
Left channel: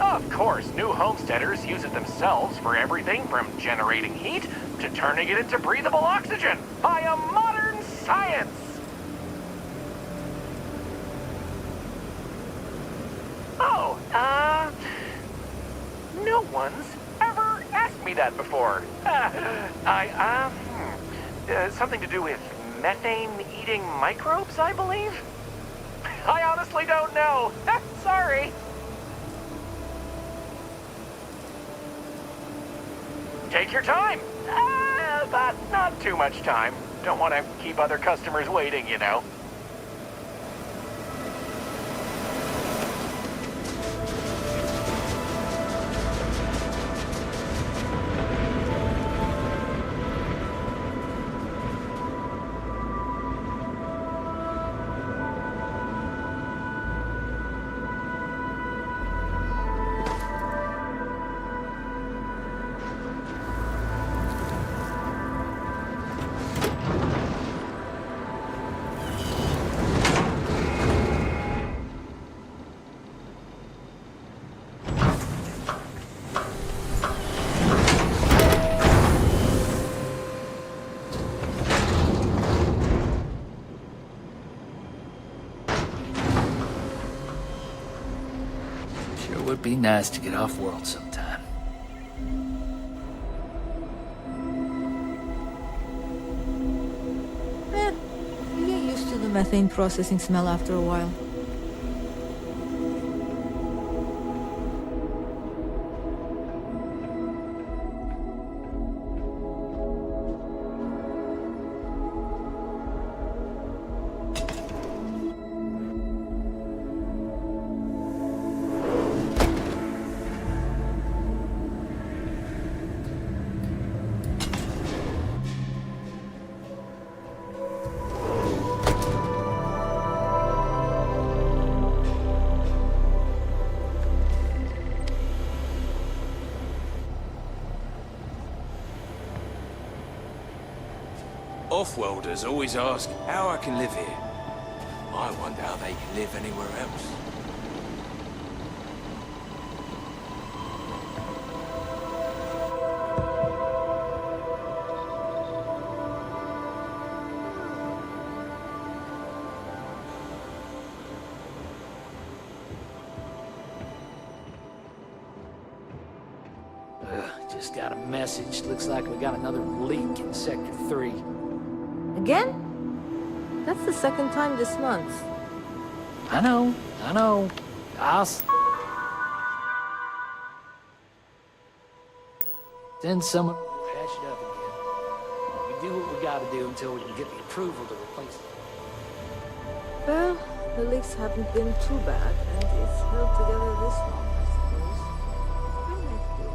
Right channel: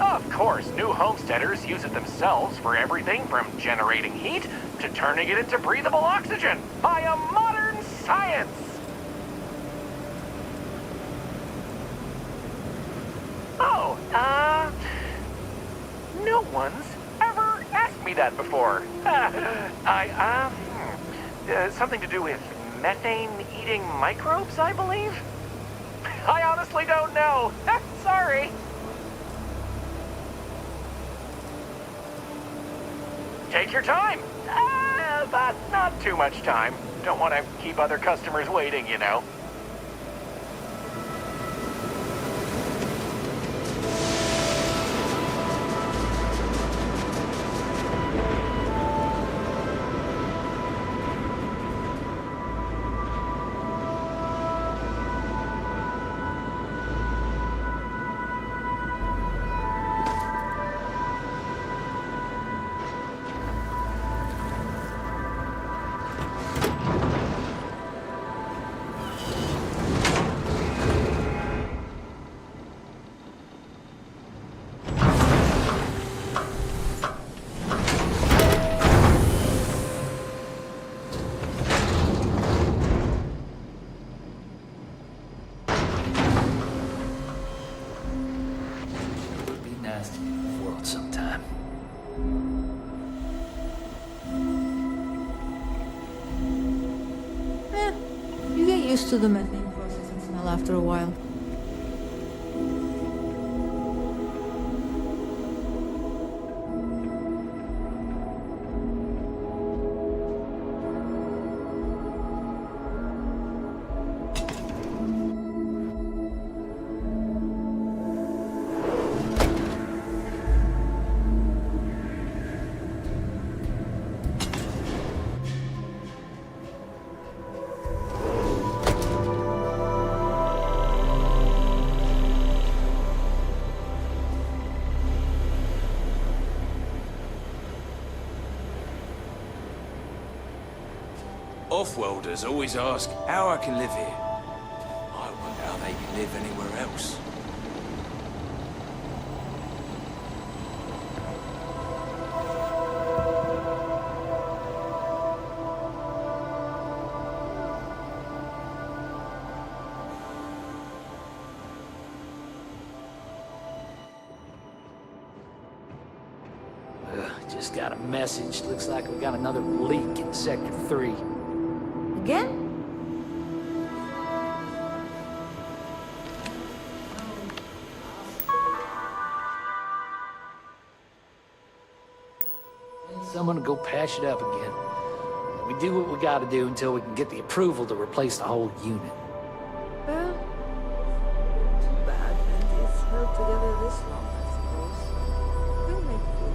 Of course, New Homesteaders use it themselves for everything from generating heat to turning it into breathable oxygen by a modern science. Oh, no one's ever asked me that before. Something to do with methane-eating microbes, I believe? I honestly don't know. Sorry. Take your time. But not too much time. Don't want to keep other customers waiting, you know. Would be nice to get off world sometime. You get used to the methane processing smell after a while. Off-worlders always ask how I can live here. I wonder how they can live anywhere else. Just got a message. Looks like we got another leak in Sector 3. Again? That's the second time this month. I know. Send someone to go patch it up again. We do what we gotta do until we can get the approval to replace the whole unit. Well, the leaks haven't been too bad, and it's held together this long, I suppose. We'll make do.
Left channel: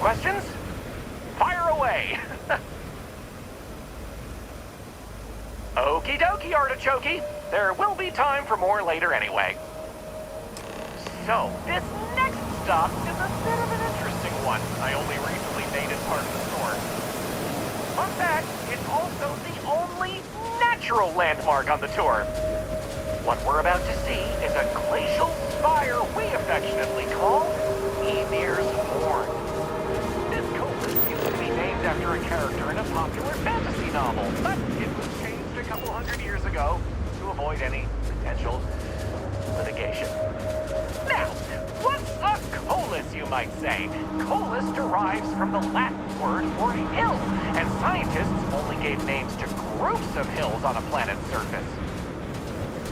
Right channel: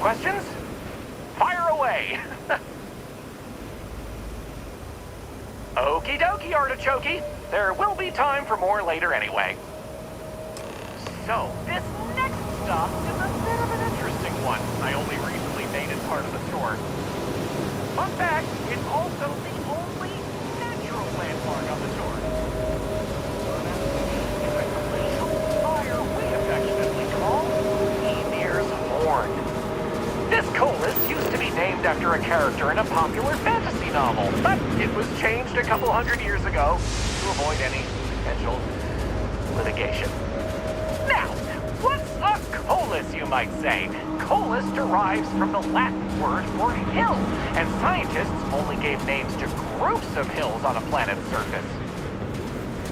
Questions? Fire away! Okie dokie, Artichoke. There will be time for more later anyway. So, this next stop is a bit of an interesting one. I only recently made it part of the tour. Fun fact, it's also the only natural landmark on the tour. What we're about to see is a glacial spire we affectionately call Ymir's Horn. This collis used to be named after a character in a popular fantasy novel, but it was changed a couple hundred years ago to avoid any potential litigation. Now, what's a collis, you might say? Collis derives from the Latin word for hill, and scientists only gave names to groups of hills on a planet's surface.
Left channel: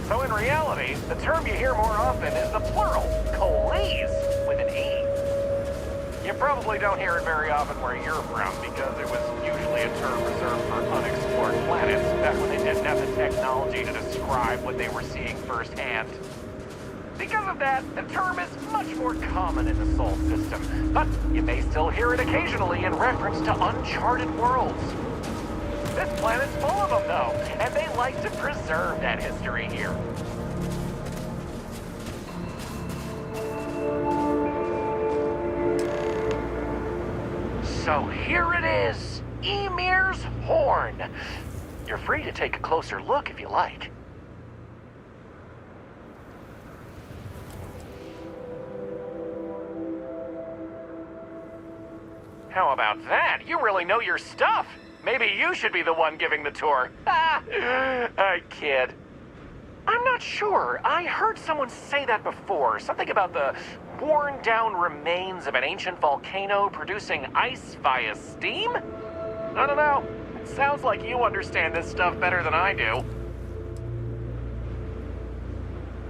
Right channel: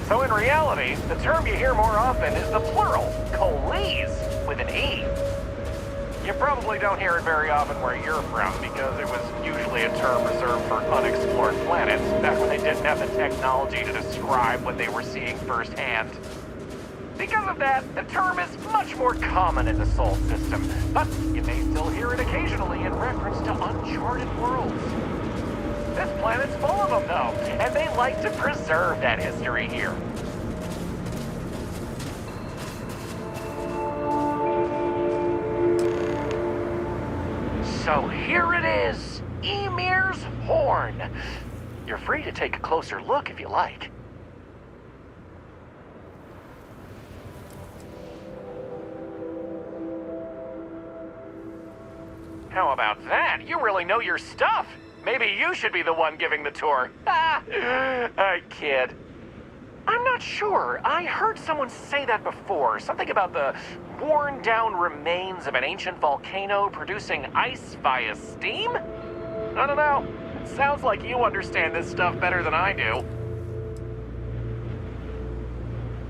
So in reality, the term you hear more often is the plural, colis, with an E. You probably don't hear it very often where you're from, because it was usually a term reserved for unexplored planets, back when they didn't have the technology to describe what they were seeing firsthand. Because of that, the term is much more common in the Sol system, but you may still hear it occasionally in reference to uncharted worlds. This planet's full of them, though, and they like to preserve that history here. So here it is, Ymir's Horn. You're free to take a closer look if you like. How about that? You really know your stuff. Maybe you should be the one giving the tour. I kid. I'm not sure. I heard someone say that before. Something about the worn-down remains of an ancient volcano producing ice via steam? I don't know. It sounds like you understand this stuff better than I do.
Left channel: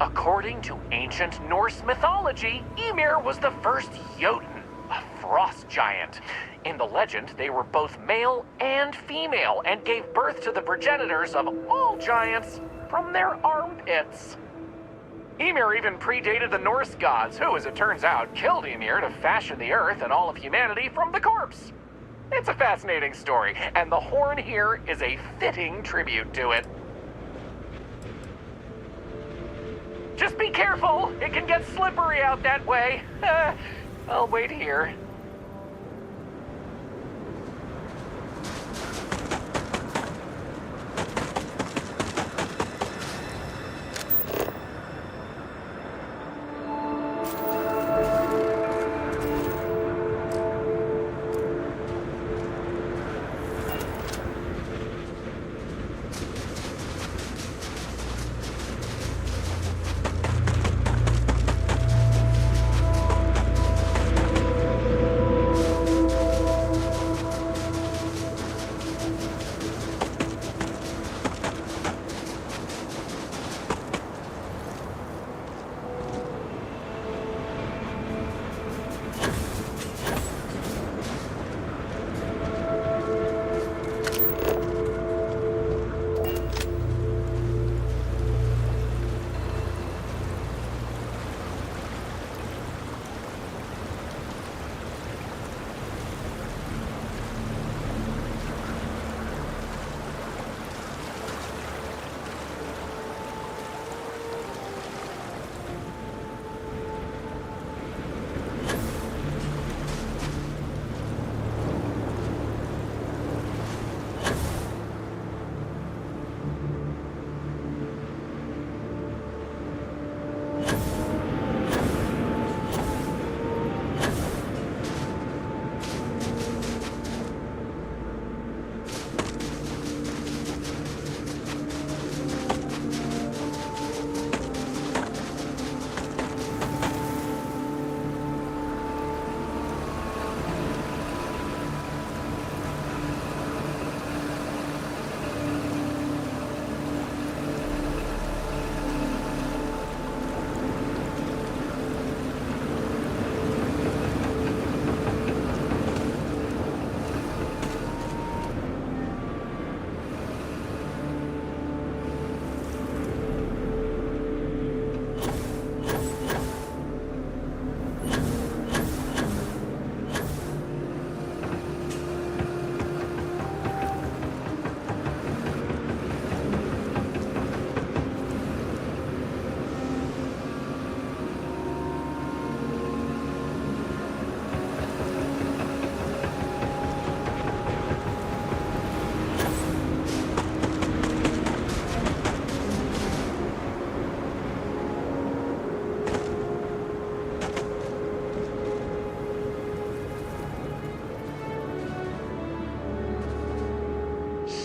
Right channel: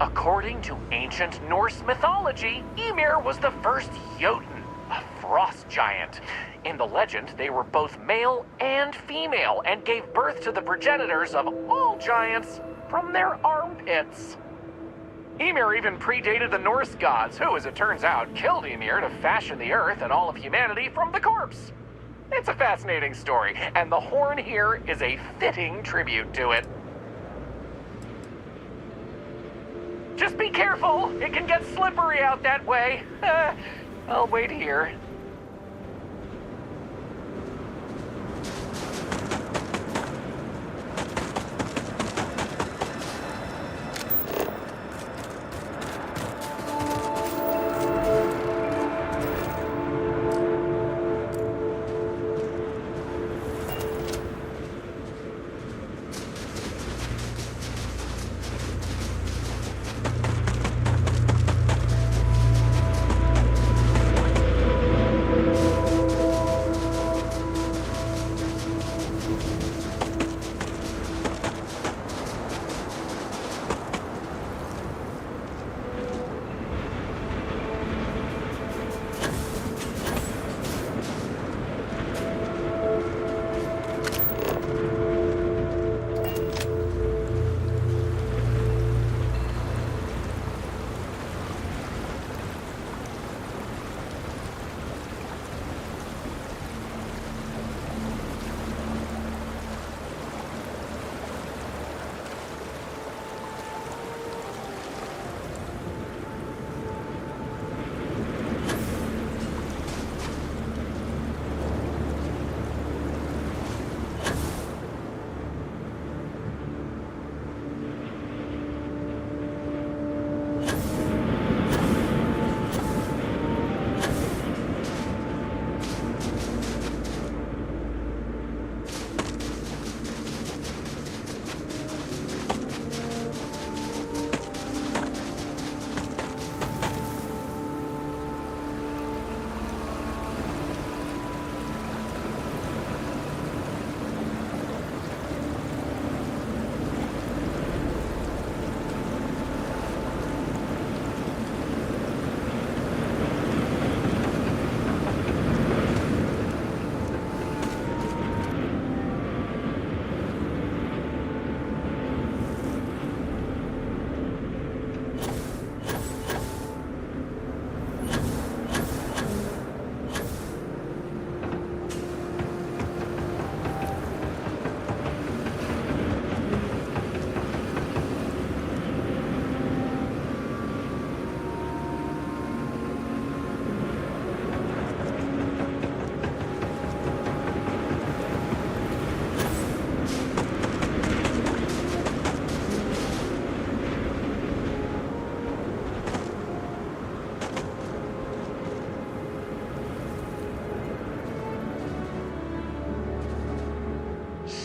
According to ancient Norse mythology, Ymir was the first Jotun, a frost giant. In the legend, they were both male and female and gave birth to the progenitors of all giants from their armpits. Ymir even predated the Norse gods, who, as it turns out, killed Ymir to fashion the earth and all of humanity from the corpse. It's a fascinating story, and the horn here is a fitting tribute to it. Just be careful, it can get slippery out that way. I'll wait here.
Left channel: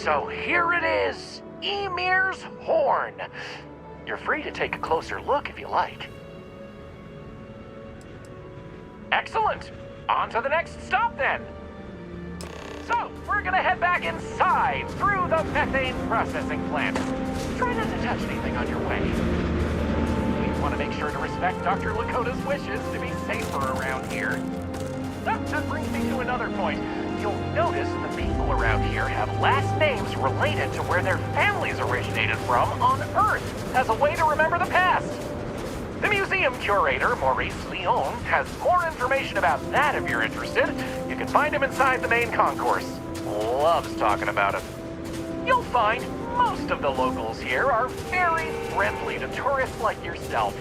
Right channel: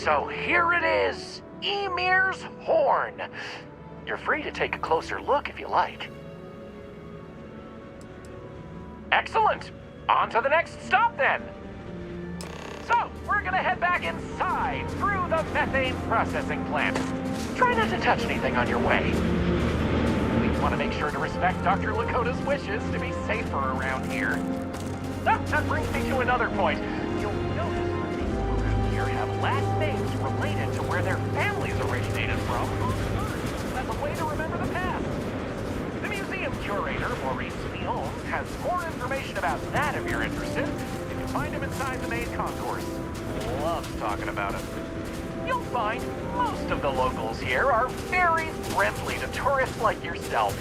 So here it is, Emir's Horn. You're free to take a closer look if you like. Excellent. On to the next stop then. So, we're gonna head back inside through the methane processing plant. Try not to touch anything on your way. We want to make sure to respect Dr. Lakota's wishes to be safer around here. That brings me to another point. You'll notice the people around here have last names related to where their families originated from on Earth, as a way to remember the past. The museum curator, Maurice Leon, has more information about that if you're interested. You can find him inside the main concourse. Loves talking about it. You'll find most of the locals here are very friendly to tourists like yourself.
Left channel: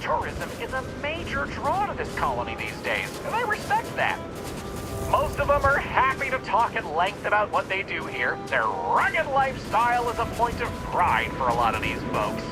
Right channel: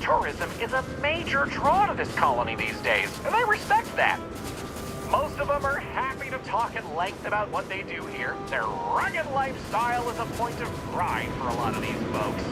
Tourism is a major draw to this colony these days, and they respect that. Most of them are happy to talk at length about what they do here. Their rugged lifestyle is a point of pride for a lot of these folks.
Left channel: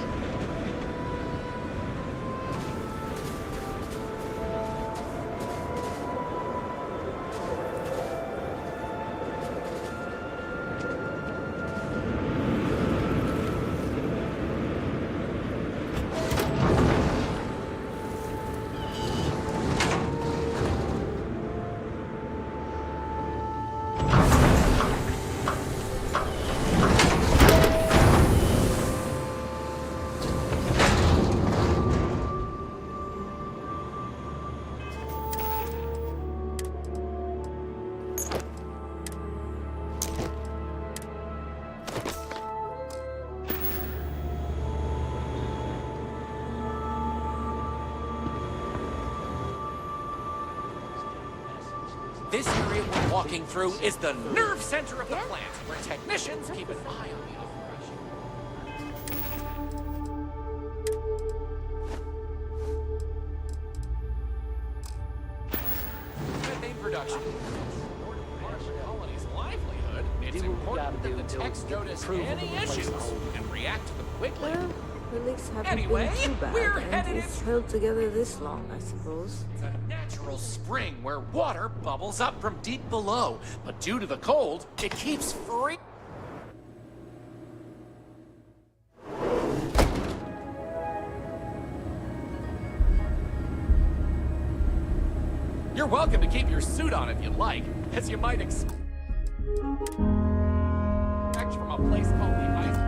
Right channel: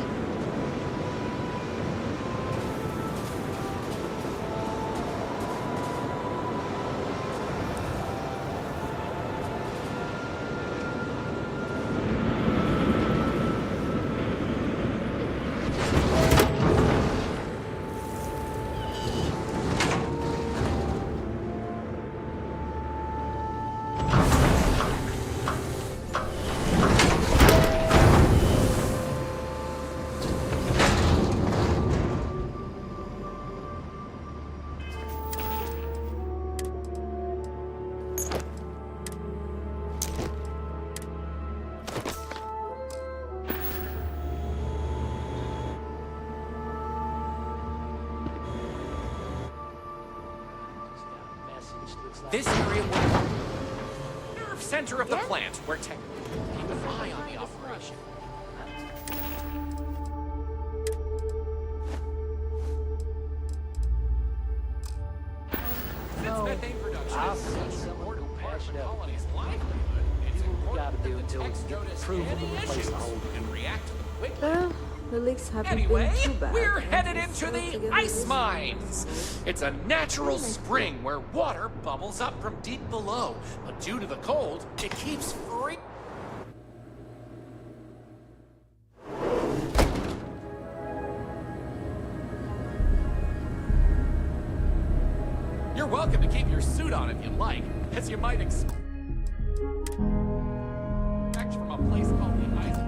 This area we're walking through is the nerve center of the plant, where technicians keep an eye on the operation. Since methane production is such an important part of the colony's livelihood, it's important that the techs notice any issues and react to them quickly. Well, the leaks haven't Anyway, been too bad. we're and headed it's into held the together ice this long, I mines. suppose. It's a natural spring where water bubbles up from deep below, but due to the cold, it keeps free. You're welcome to keep your suit on if you like, as you might expect from a place called the Ice.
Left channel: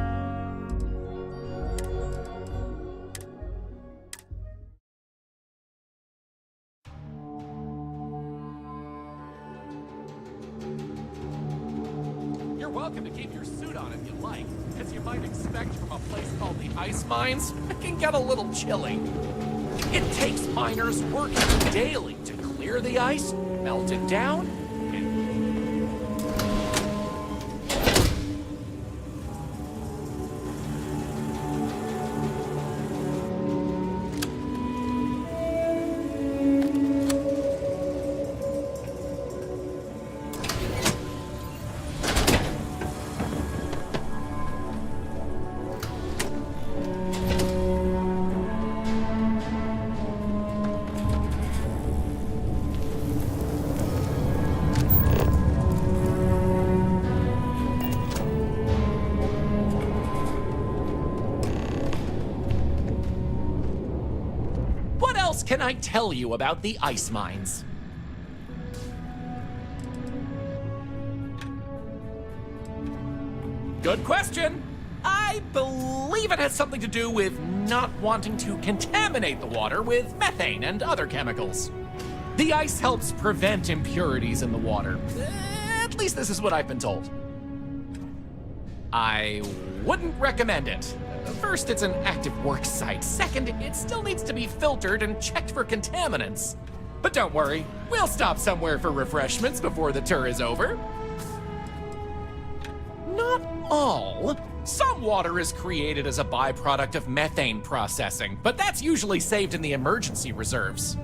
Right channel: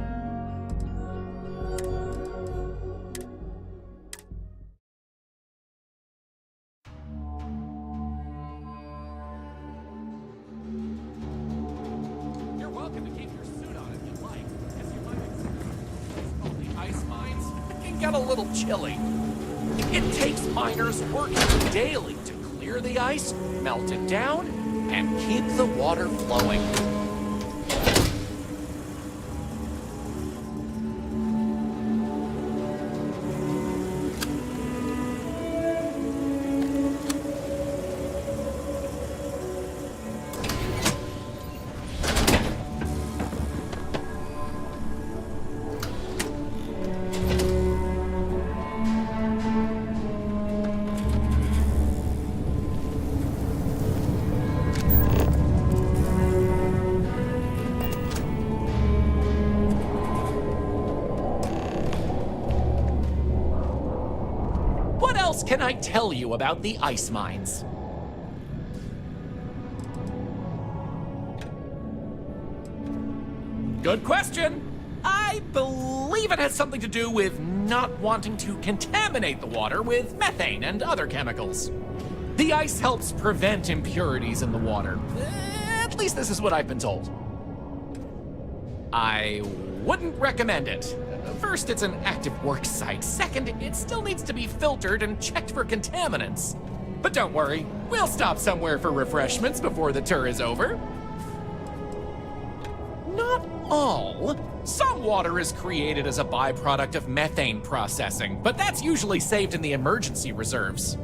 You're welcome to keep your suit on if you like, as you might expect from a place called the ice mines. It can get a little chilly. It takes miners working daily to clear the ice, melt it down, and keep the water flowing. What else can I tell you about the ice mines? Good question. I believe it has something to do with not wanting to contaminate the water with methane and other chemicals. The ice helps prevent impurities in the water. At least this is what I've been told. I wouldn't recommend it. First, it's an active work site. Second, it still needs to be filtered and checked for contaminants. But don't worry, we'll stop somewhere for refreshments before the tour is over. Not all. Some water is created as a byproduct of methane processing, but that's usually saved in the emergency reserves.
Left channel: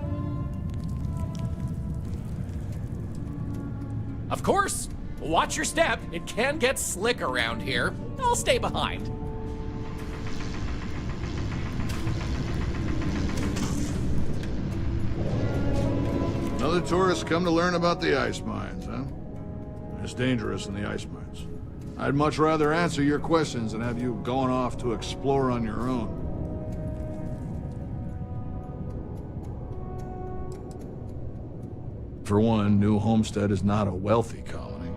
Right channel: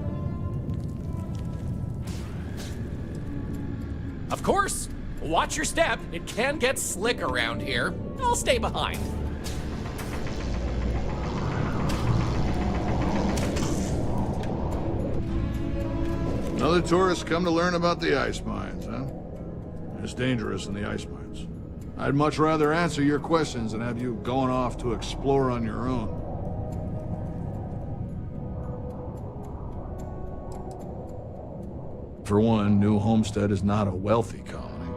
Of course, watch your step. It can get slick around here. I'll stay behind. Another tourist come to learn about the ice mines, huh? It's dangerous in the ice mines. I'd much rather answer your questions than have you going off to explore on your own. For one, New Homestead is not a wealthy colony.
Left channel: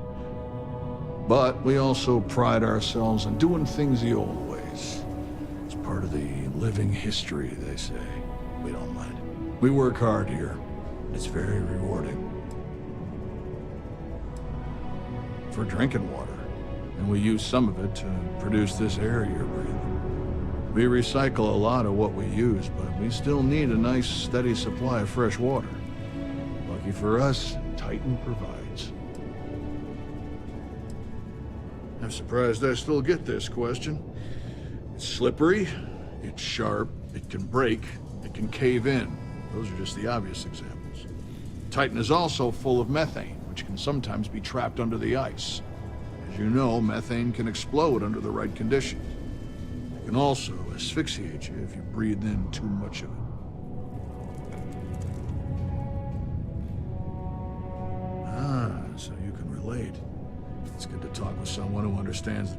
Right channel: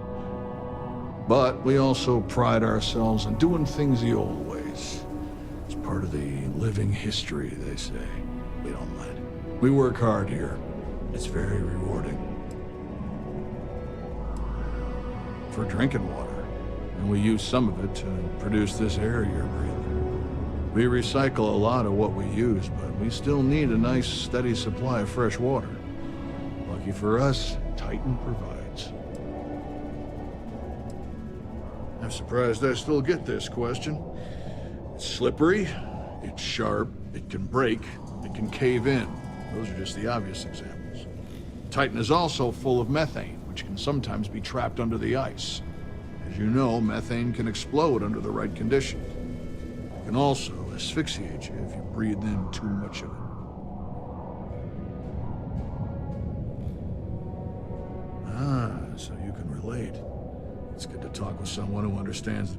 But we also pride ourselves on doing things the old ways. It's part of the living history, they say. We don't mind. We work hard here. It's very rewarding. For drinking water. And we use some of it to produce this air you're breathing. We recycle a lot of what we use, but we still need a nice, steady supply of fresh water. Lucky for us, Titan provides. I'm surprised I still get this question. It's slippery, it's sharp, it can break, it can cave in. Those are just the obvious examples. Titan is also full of methane, which can sometimes be trapped under the ice. As you know, methane can explode under the right conditions. It can also asphyxiate you if you breathe in too much of it. Ah, so you can relate. It's good to talk with someone who understands